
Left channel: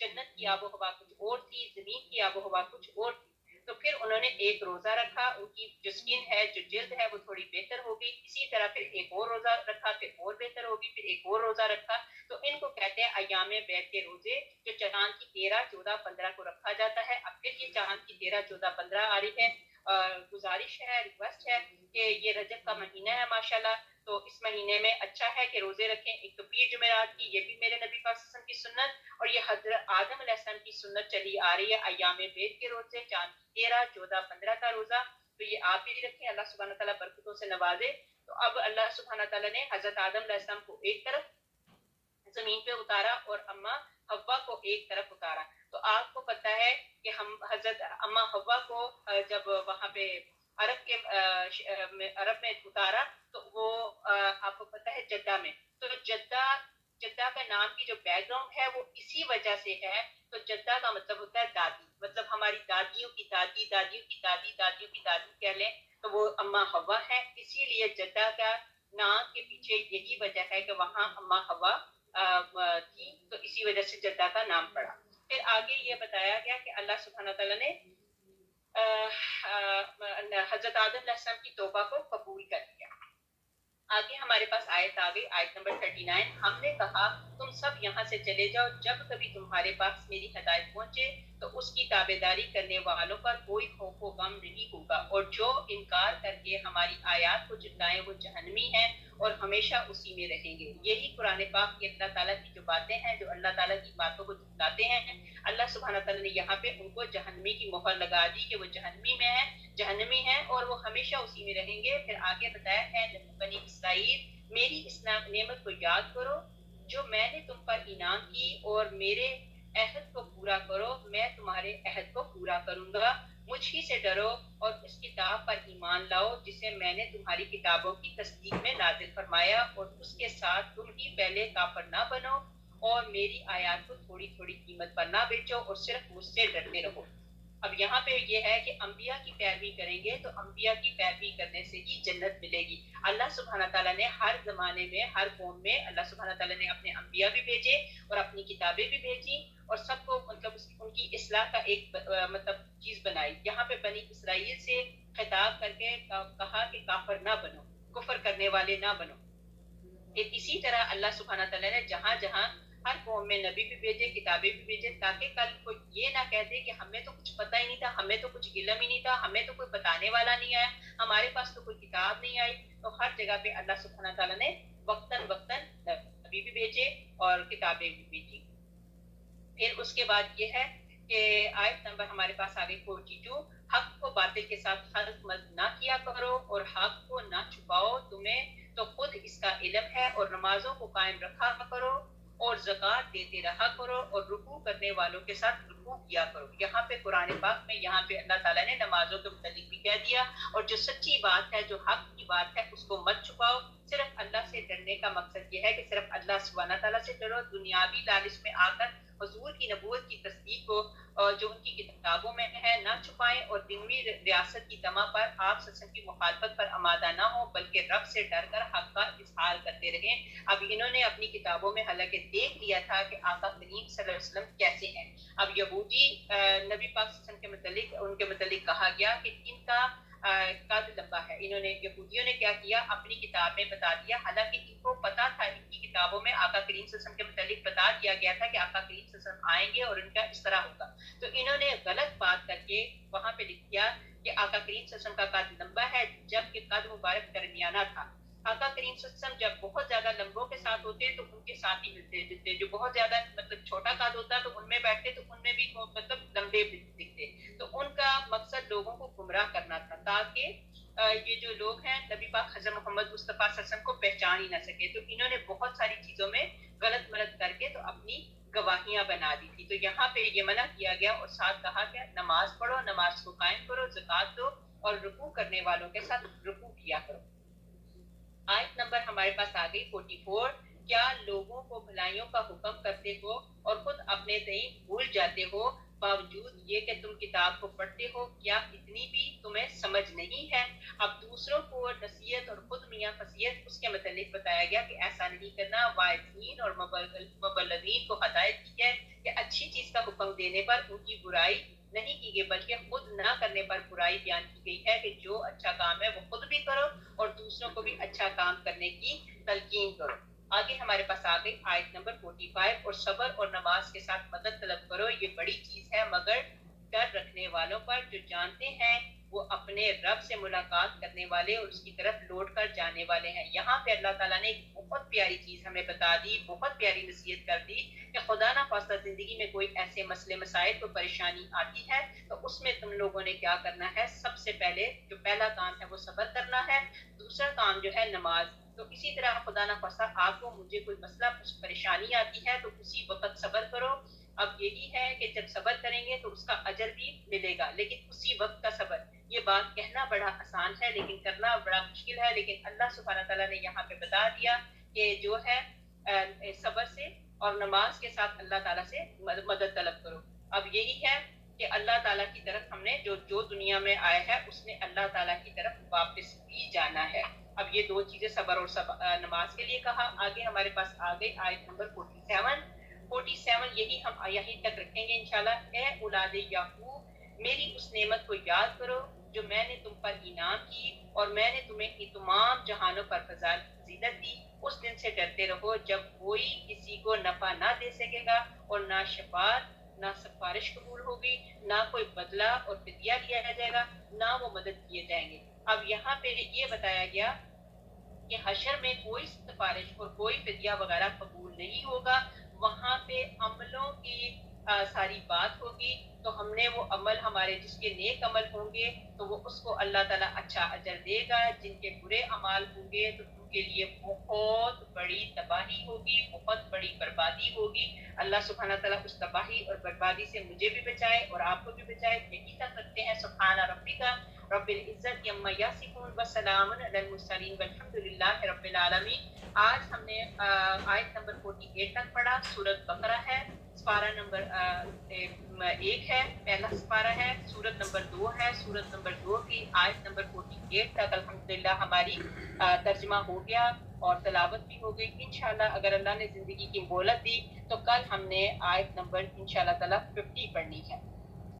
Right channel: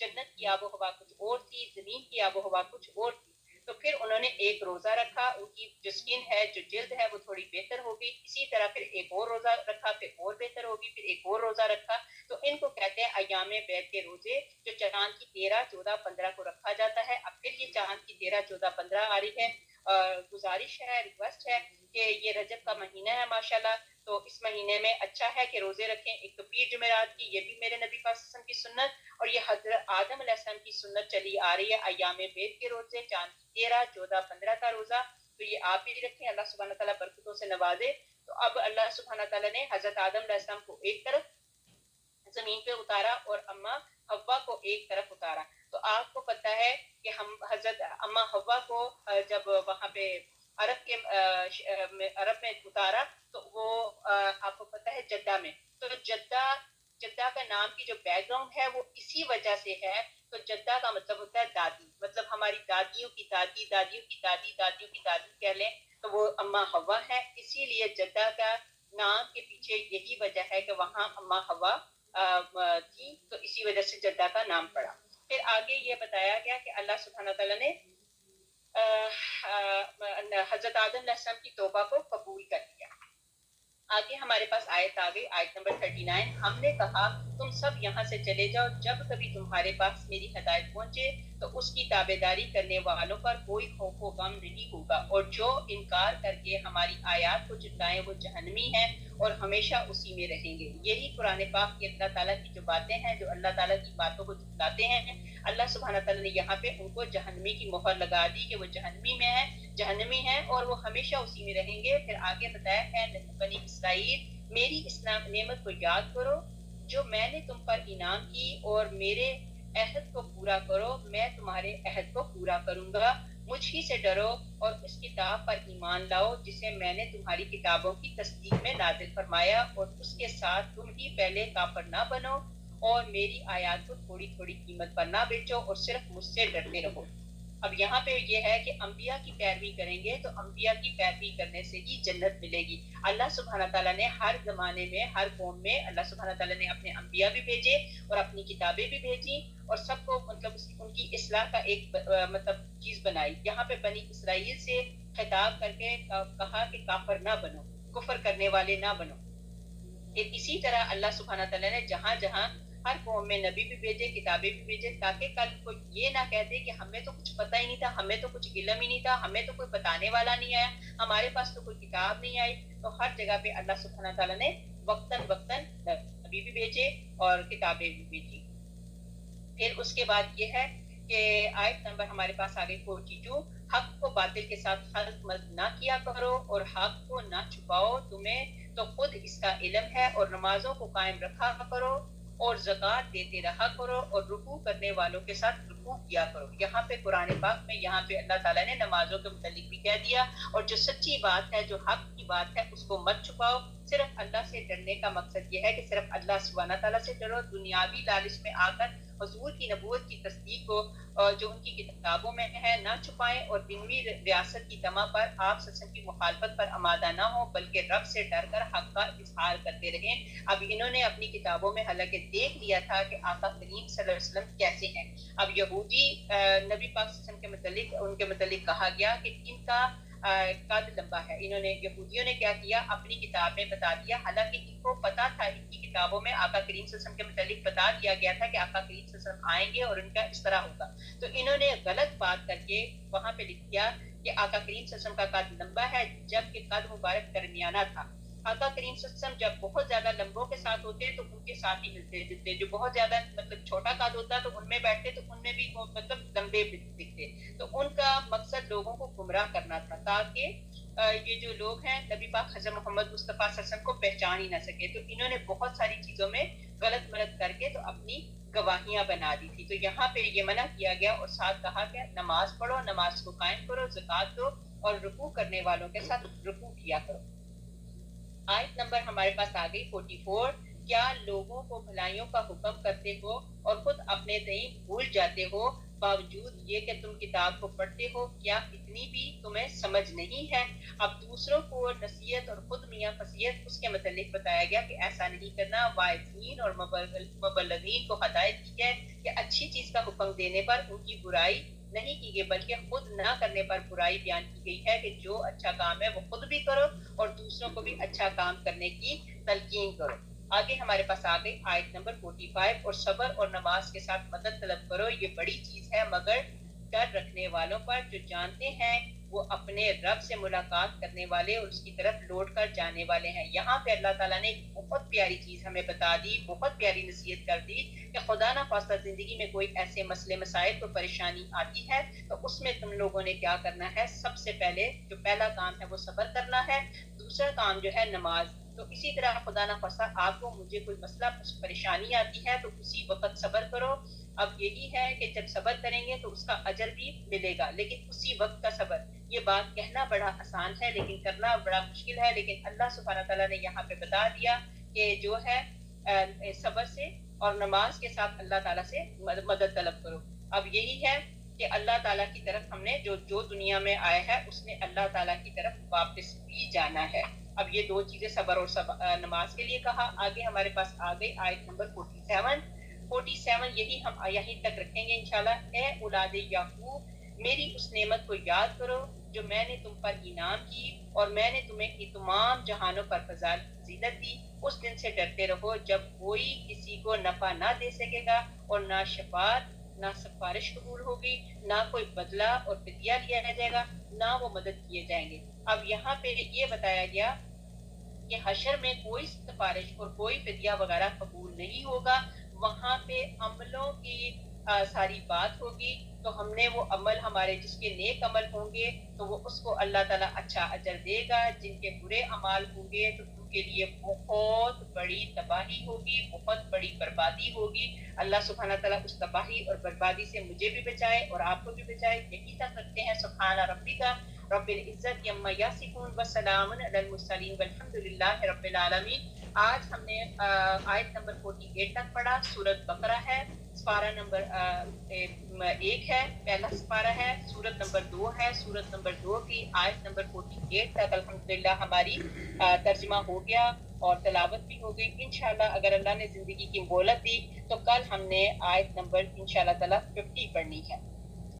جنت کی آب و ہوا کچھ اور تھی، زمین کی آب و ہوا کچھ اور تھی۔ تو پھر انہوں نے ایک روزہ رکھا، ان کی جو اسکن ہے، جو جلد ہے، وہ تھوڑی بہتر ہو گئی۔ اسی طرح پھر ایک اور روزہ رکھا، پھر اور بہتر ہوگی، پھر ایک اور روزہ رکھا۔ تو ان کو کہتے ہیں ایام بیت کے روزے، جو چاند کی 13، 14، 15 کو رکھا جاتا ہے۔ اب پھر یہ چاند کی 13، 14، 15 آ رہی ہے، گزارش ہے، ریکویسٹ ہے کہ یہ رجب کا مہینہ ہے ماشاءاللہ، تو اس مہینے میں اچھا ہے کہ روزے رکھیں۔ ایک تو پیر جمعرات کی، یہ بھی میرے نبی پاک صلی اللہ علیہ وسلم کی سنت، اور یہ حضرت آدم علیہ السلام کی سنت چلی آ رہی ہے، ایام بیت کے روزے، چاند کی 13، 14، 15 کا روزہ۔ تو یہ آپ بھی رکھیں, اللہ سبحانہ تعالیٰ برکتوں سے نوازے. تو اب اللہ سبحانہ تعالیٰ نے حضرت آدم علیہ السلام کو ایک طرف زمین پہ اتارا اور اما حوا کو ایک طرف اتارا. تو آپ کو پتہ ہے کہ ہم حضرت اما حوا کو جب وہاں پہ عرب میں اتارا تو وہ آپ کو پتہ ہے جدہ میں. تو جدہ کا نام کی جو بیک گراؤنڈ ہے وہ اسی وجہ سے ہے. تو جدہ کا مطلب ہوتا ہے دادی, مطلب ہماری دادیوں کی دادی, دادیوں کی دادی, دادیوں کی دادی کہہ لیں تو وہ اما حوا ہے. اسی لیے جدہ کا نام کے پیچھے یہی وجہ ہے کہ وہاں اما حوا تھی, تو اسی وجہ سے جدہ کا نام پڑا. پھر آگے یہ بتایا گیا کہ اللہ سبحانہ تعالیٰ نے حضرت آدم علیہ السلام کی توبہ کو قبول کر لیا. آگے ہمارے پاس آیت آ گئی, آیت نمبر 39. ہم نے کہا تم سب یہاں سے چلے جاؤ, جب کبھی تمہارے پاس میری ہدایت پہنچے تو اس کی تابعداری کرنے والوں پر کوئی خوف و غم نہیں ہوگا, اور جو انکار کر کے ہماری آیات کو جھٹلائیں وہ جہنمی ہیں اور ہمیشہ اسی میں رہیں گے. یہی قرآن پاک کی اللہ تعالیٰ کی جو باتیں ہیں, جو اللہ تعالیٰ کی باتوں کو جھٹلاتے ہیں, اللہ سبحانہ تعالیٰ نے یہاں پہ ان کو جہنمی کی مہر لگا دی کہ وہ جہنمی ہیں اور وہ ہمیشہ اسی میں رہیں گے. پھر آگے بتایا ہے بنی اسرائیل, میری اس نعمت کو یاد کرو جو میں نے تم پر انعام کی, اور میرے عہد کو پورا کرو, میں تمہارے عہد کو پورا کروں گا. مجھ ہی سے ڈرو اور اس کتاب پر ایمان لاؤ جسے میں نے تمہاری کتابوں کی تصدیق میں نازل فرمایا, اور اس کے ساتھ تم ہی پہلے کافر نہ بنو اور میری آیات کو تھوڑی تھوڑی قیمت پر نہ بیچو اور صرف مجھ سے ڈرتے رہو. اب یہاں پہ یہ ہے کہ انبیاء کی پیروی کریں گے تو انبیاء کی پیروی کرنے سے ہی جنت ملے گی. اللہ سبحانہ تعالیٰ نے ہر زمانے میں, ہر قوم میں اللہ سبحانہ تعالیٰ نے اپنے انبیاء بھی بھیجے اور اپنی کتابیں بھی بھیجی, اور سب کو مطلب ان کی اصلاح کا ایک مطلب چیز بنائی. یہاں پہ بنی اسرائیل سے خطاب کر کے کہا کہ کافر نہ بنو, کفر کرنے والے نہ بنو. اسی طرح اللہ سبحانہ تعالیٰ نے جہاں جہاں ہر قوم میں نبی بھی بھیجے, کتابیں بھی بھیجے, تاکہ کل کوئی یہ نہ کہتے کہ ہمیں تو کچھ پتہ ہی نہیں تھا, ہمیں تو کچھ علم ہی نہیں تھا, ہمیں تو کوئی بتانے والا نہیں آیا, ہمارے پاس تو کوئی کتاب نہیں آئی. تو ہر جگہ پہ اللہ سبحانہ تعالیٰ نے وقتاً نبی بھی بھیجے اور کتابیں بھی بھیجی. پھر اس کے بعد یہ ہے کہ آیت نمبر ہمارے پاس آگے 42, حق کو باطل کے ساتھ خلط ملط نہ کیا کرو اور حق کو نہ چھپاؤ, تمہیں تو خود اس کا علم ہے, اور نمازوں کو قائم رکھا کرو اور زکوٰۃ دیتے رہا کرو اور رکوع کرنے والوں کے ساتھ رکوع کیا کرو. یہاں پہ قرآن پاک میں یہاں پہ اللہ تعالیٰ نے نمازوں کے متعلق بھی کہہ دیا, اور جو سچی بات ہے, جو حق کی بات ہے, اس کو مت چھپاؤ. صرف اللہ سے ڈرنے کا مقصد یہ ہے کہ صرف اللہ سبحانہ تعالیٰ سے ڈرو. دنیاوی لالچ میں آ کر حضور کی نبوت کی تصدیق کو جو ان کی کتابوں میں ہے نہ چھپائیں, اور دنوی ریاست کی طمع پر آپ سسن کی مخالفت پر آمادہ نہ ہو, بلکہ رب سے ڈر کر حق کا اظہار کرتے رہیں. اب انہوں نے اپنی کتابوں میں حالانکہ دیکھ لیا تھا کہ آقا کریم صلی اللہ علیہ وسلم کیسے ہیں. اب یہودی نبی پاک صلی اللہ علیہ وسلم کے متعلق, ان کے متعلق کہا گیا کہ ان کا قد لمبا ہے. انہوں نے, یہودیوں نے کیا کیا, اپنی کتاب میں بتا دیا, حالانکہ ان کو پتا تھا, ان کی کتابوں میں آقا کریم صلی اللہ علیہ وسلم کے متعلق بتا دیا گیا تھا کہ آقا کریم صلی اللہ علیہ وسلم آئیں گے اور ان کا اس طرح ہوگا. تو انہوں نے غلط بات کر کے وہاں پہ لکھ دیا کہ آقا کریم صلی اللہ علیہ وسلم کا قد لمبا ہے, جبکہ قد مبارک درمیانہ تھا. آقا کریم صلی اللہ علیہ وسلم جب بہت زیادہ لمبوں کے ساتھ ہوتے تو ان کے ساتھ ہی ملتے جلتے, جو بہت زیادہ مطلب چھوٹا قد ہوتا تو ان میں بیٹھتے تو ان میں بھی مطلب لمبے دکھتے. تو ان کا مقصد لوگوں کو گمراہ کرنا تھا, تاکہ یہ جو لوگ ہیں نبی پاک حضرت محمد مصطفیٰ صلی اللہ علیہ وسلم کو پہچان ہی نہ سکے. تو انہوں نے بہت ساری چیزوں میں غلط ملت کر کے تو اپنی گواہیاں بنا دی تھی. تو یہاں پہ یہ منع کیا گیا, اور ساتھ کہا کہ نماز پڑھو, نماز کو قائم کرو, زکوٰۃ دو اور رکوع کرنے والوں کے ساتھ رکوع کیا کرو. آیت نمبر ہمارے پاس آ گئی 44, کیا لوگوں کو بھلائیوں کا حکم کرتے ہو اور خود اپنے تئیں بھول جاتے ہو, باوجود یہ کہ تم کتاب کو پڑھتے ہو, کیا اتنی بھی تمہیں سمجھ نہیں ہے؟ اب دوسروں کو نصیحت اور خود میاں فصیحت اس کے متعلق بتایا گیا کہ ایسا نہیں کرنا. واعظین اور مبلغین کو ہدایت کی ہے کہ اچھی چیز کا حکم دینے پر ان کی برائی نہیں کی گئی, بلکہ خود نہ کرنے پر برائی بیان کی گئی ہے کہ جو اچھا کام ہے وہ خود بھی کرو اور دوسروں کو بھی اچھا کام کرنے کی تلقین کرو. آگے ہمارے پاس آ گئی آیت نمبر 45, اور صبر اور نماز کے ساتھ مدد طلب کرو, یہ بڑی چیز ہے مگر ڈر رکھنے والوں پر جو جانتے ہیں وہ اپنے رب سے ملاقات کرنے والے اور اس کی طرف لوٹ کر جانے والے ہیں. یہاں پہ اللہ تعالیٰ نے ایک بہت پیاری چیز ہمیں بتا دی, بہت پیاری نصیحت کر دی کہ خدا نہ خواستہ زندگی میں کوئی ایسے مسئلے مسائل کو پریشانی آتی ہے تو اس میں تم لوگوں نے کیا کرنا ہے, سب سے پہلے جو پہلا کام ہے وہ صبر کرنا ہے, دوسرا کام جو ہے نماز. تو اسی طرح خدا نہ خواستہ آپ کو مجھے کوئی مسئلہ پریشانی آتی ہے تو اسی وقت صبر کرو. اب یہی ہے کہ جب صبر کریں گے تو اس کا اجر بھی ملے گا, لیکن اسی وقت کا صبر. یہ بات کہنا بڑا آسان ہے لیکن کرنا بڑا مشکل ہے, لیکن اللہ سبحانہ تعالیٰ نے یہاں پہ بتا دیا کہ جو ہے صبر سے اور نماز کے ساتھ اللہ تعالیٰ سے مدد طلب کرو. اب یہی ہے کہ اللہ تعالیٰ کی طرف ہم نے جو دنیا میں آیا ہے اس نے اللہ تعالیٰ کی طرف واپس بھی جانا ہے. اب یہ دو چیزیں صبر اور نماز کے لیے کہا. آگے ہمارے پاس آ گئی آیت نمبر 47. یہی ہم یہیں تک رکھیں گے انشاءاللہ. اے اولاد یعقوب, میری اس نعمت کو یاد کرو جو میں نے تم پر انعام کی اور میں نے تمہیں تمام جہانوں پر فضیلت دی. اس دن سے ڈرتے رہو جب کوئی کسی کو نفع نہ دے سکے گا اور نہ شفاعت نہ سفارش قبول ہوگی, نہ کوئی بدلہ اور فدیہ لیا جائے گا, نہ وہ مدد کیے جائیں گے. اب یہاں پہ یہ بتایا گیا کہ حشر میں کوئی سفارش اور کوئی فدیہ وغیرہ قبول نہیں ہوگا. وہاں پہ عملوں کی ساری بات ہوگی, تو ہم نے وہ عمل ہمارے جس کے نیک عمل ہوں گے تو وہ اس کو اللہ تعالیٰ اچھا اجر دے گا. جن کے برے اعمال ہوں گے تو ان کے لیے بہت بڑی تباہی ہوگی, بہت بڑی بربادی ہوگی. اللہ سبحانہ تعالیٰ اس تباہی اور بربادی سے مجھے بھی بچائے اور آپ کو بھی بچائے. یہی تک رکھتے ہیں. سبحان ربک رب العزت عما یصفون وسلام علی المرسلین والحمد للہ رب العالمین. آج ہم نے آیت نمبر 48 تک پڑھا. سورۃ بقرہ ہے, سپارہ نمبر 1 ہے, پہلا سپارہ ہے. سورت نمبر 2 ہے. سورت نمبر 2 کی آیت نمبر 48 تک الحمدللہ ہماری ترجمہ ہو گیا اور تلاوت بھی ہو گئی. انشاءاللہ اگر اللہ نے زندگی کی مہلت دی تو کل ہم نے آیت نمبر انشاءاللہ تعالی 50 پڑھنی ہے.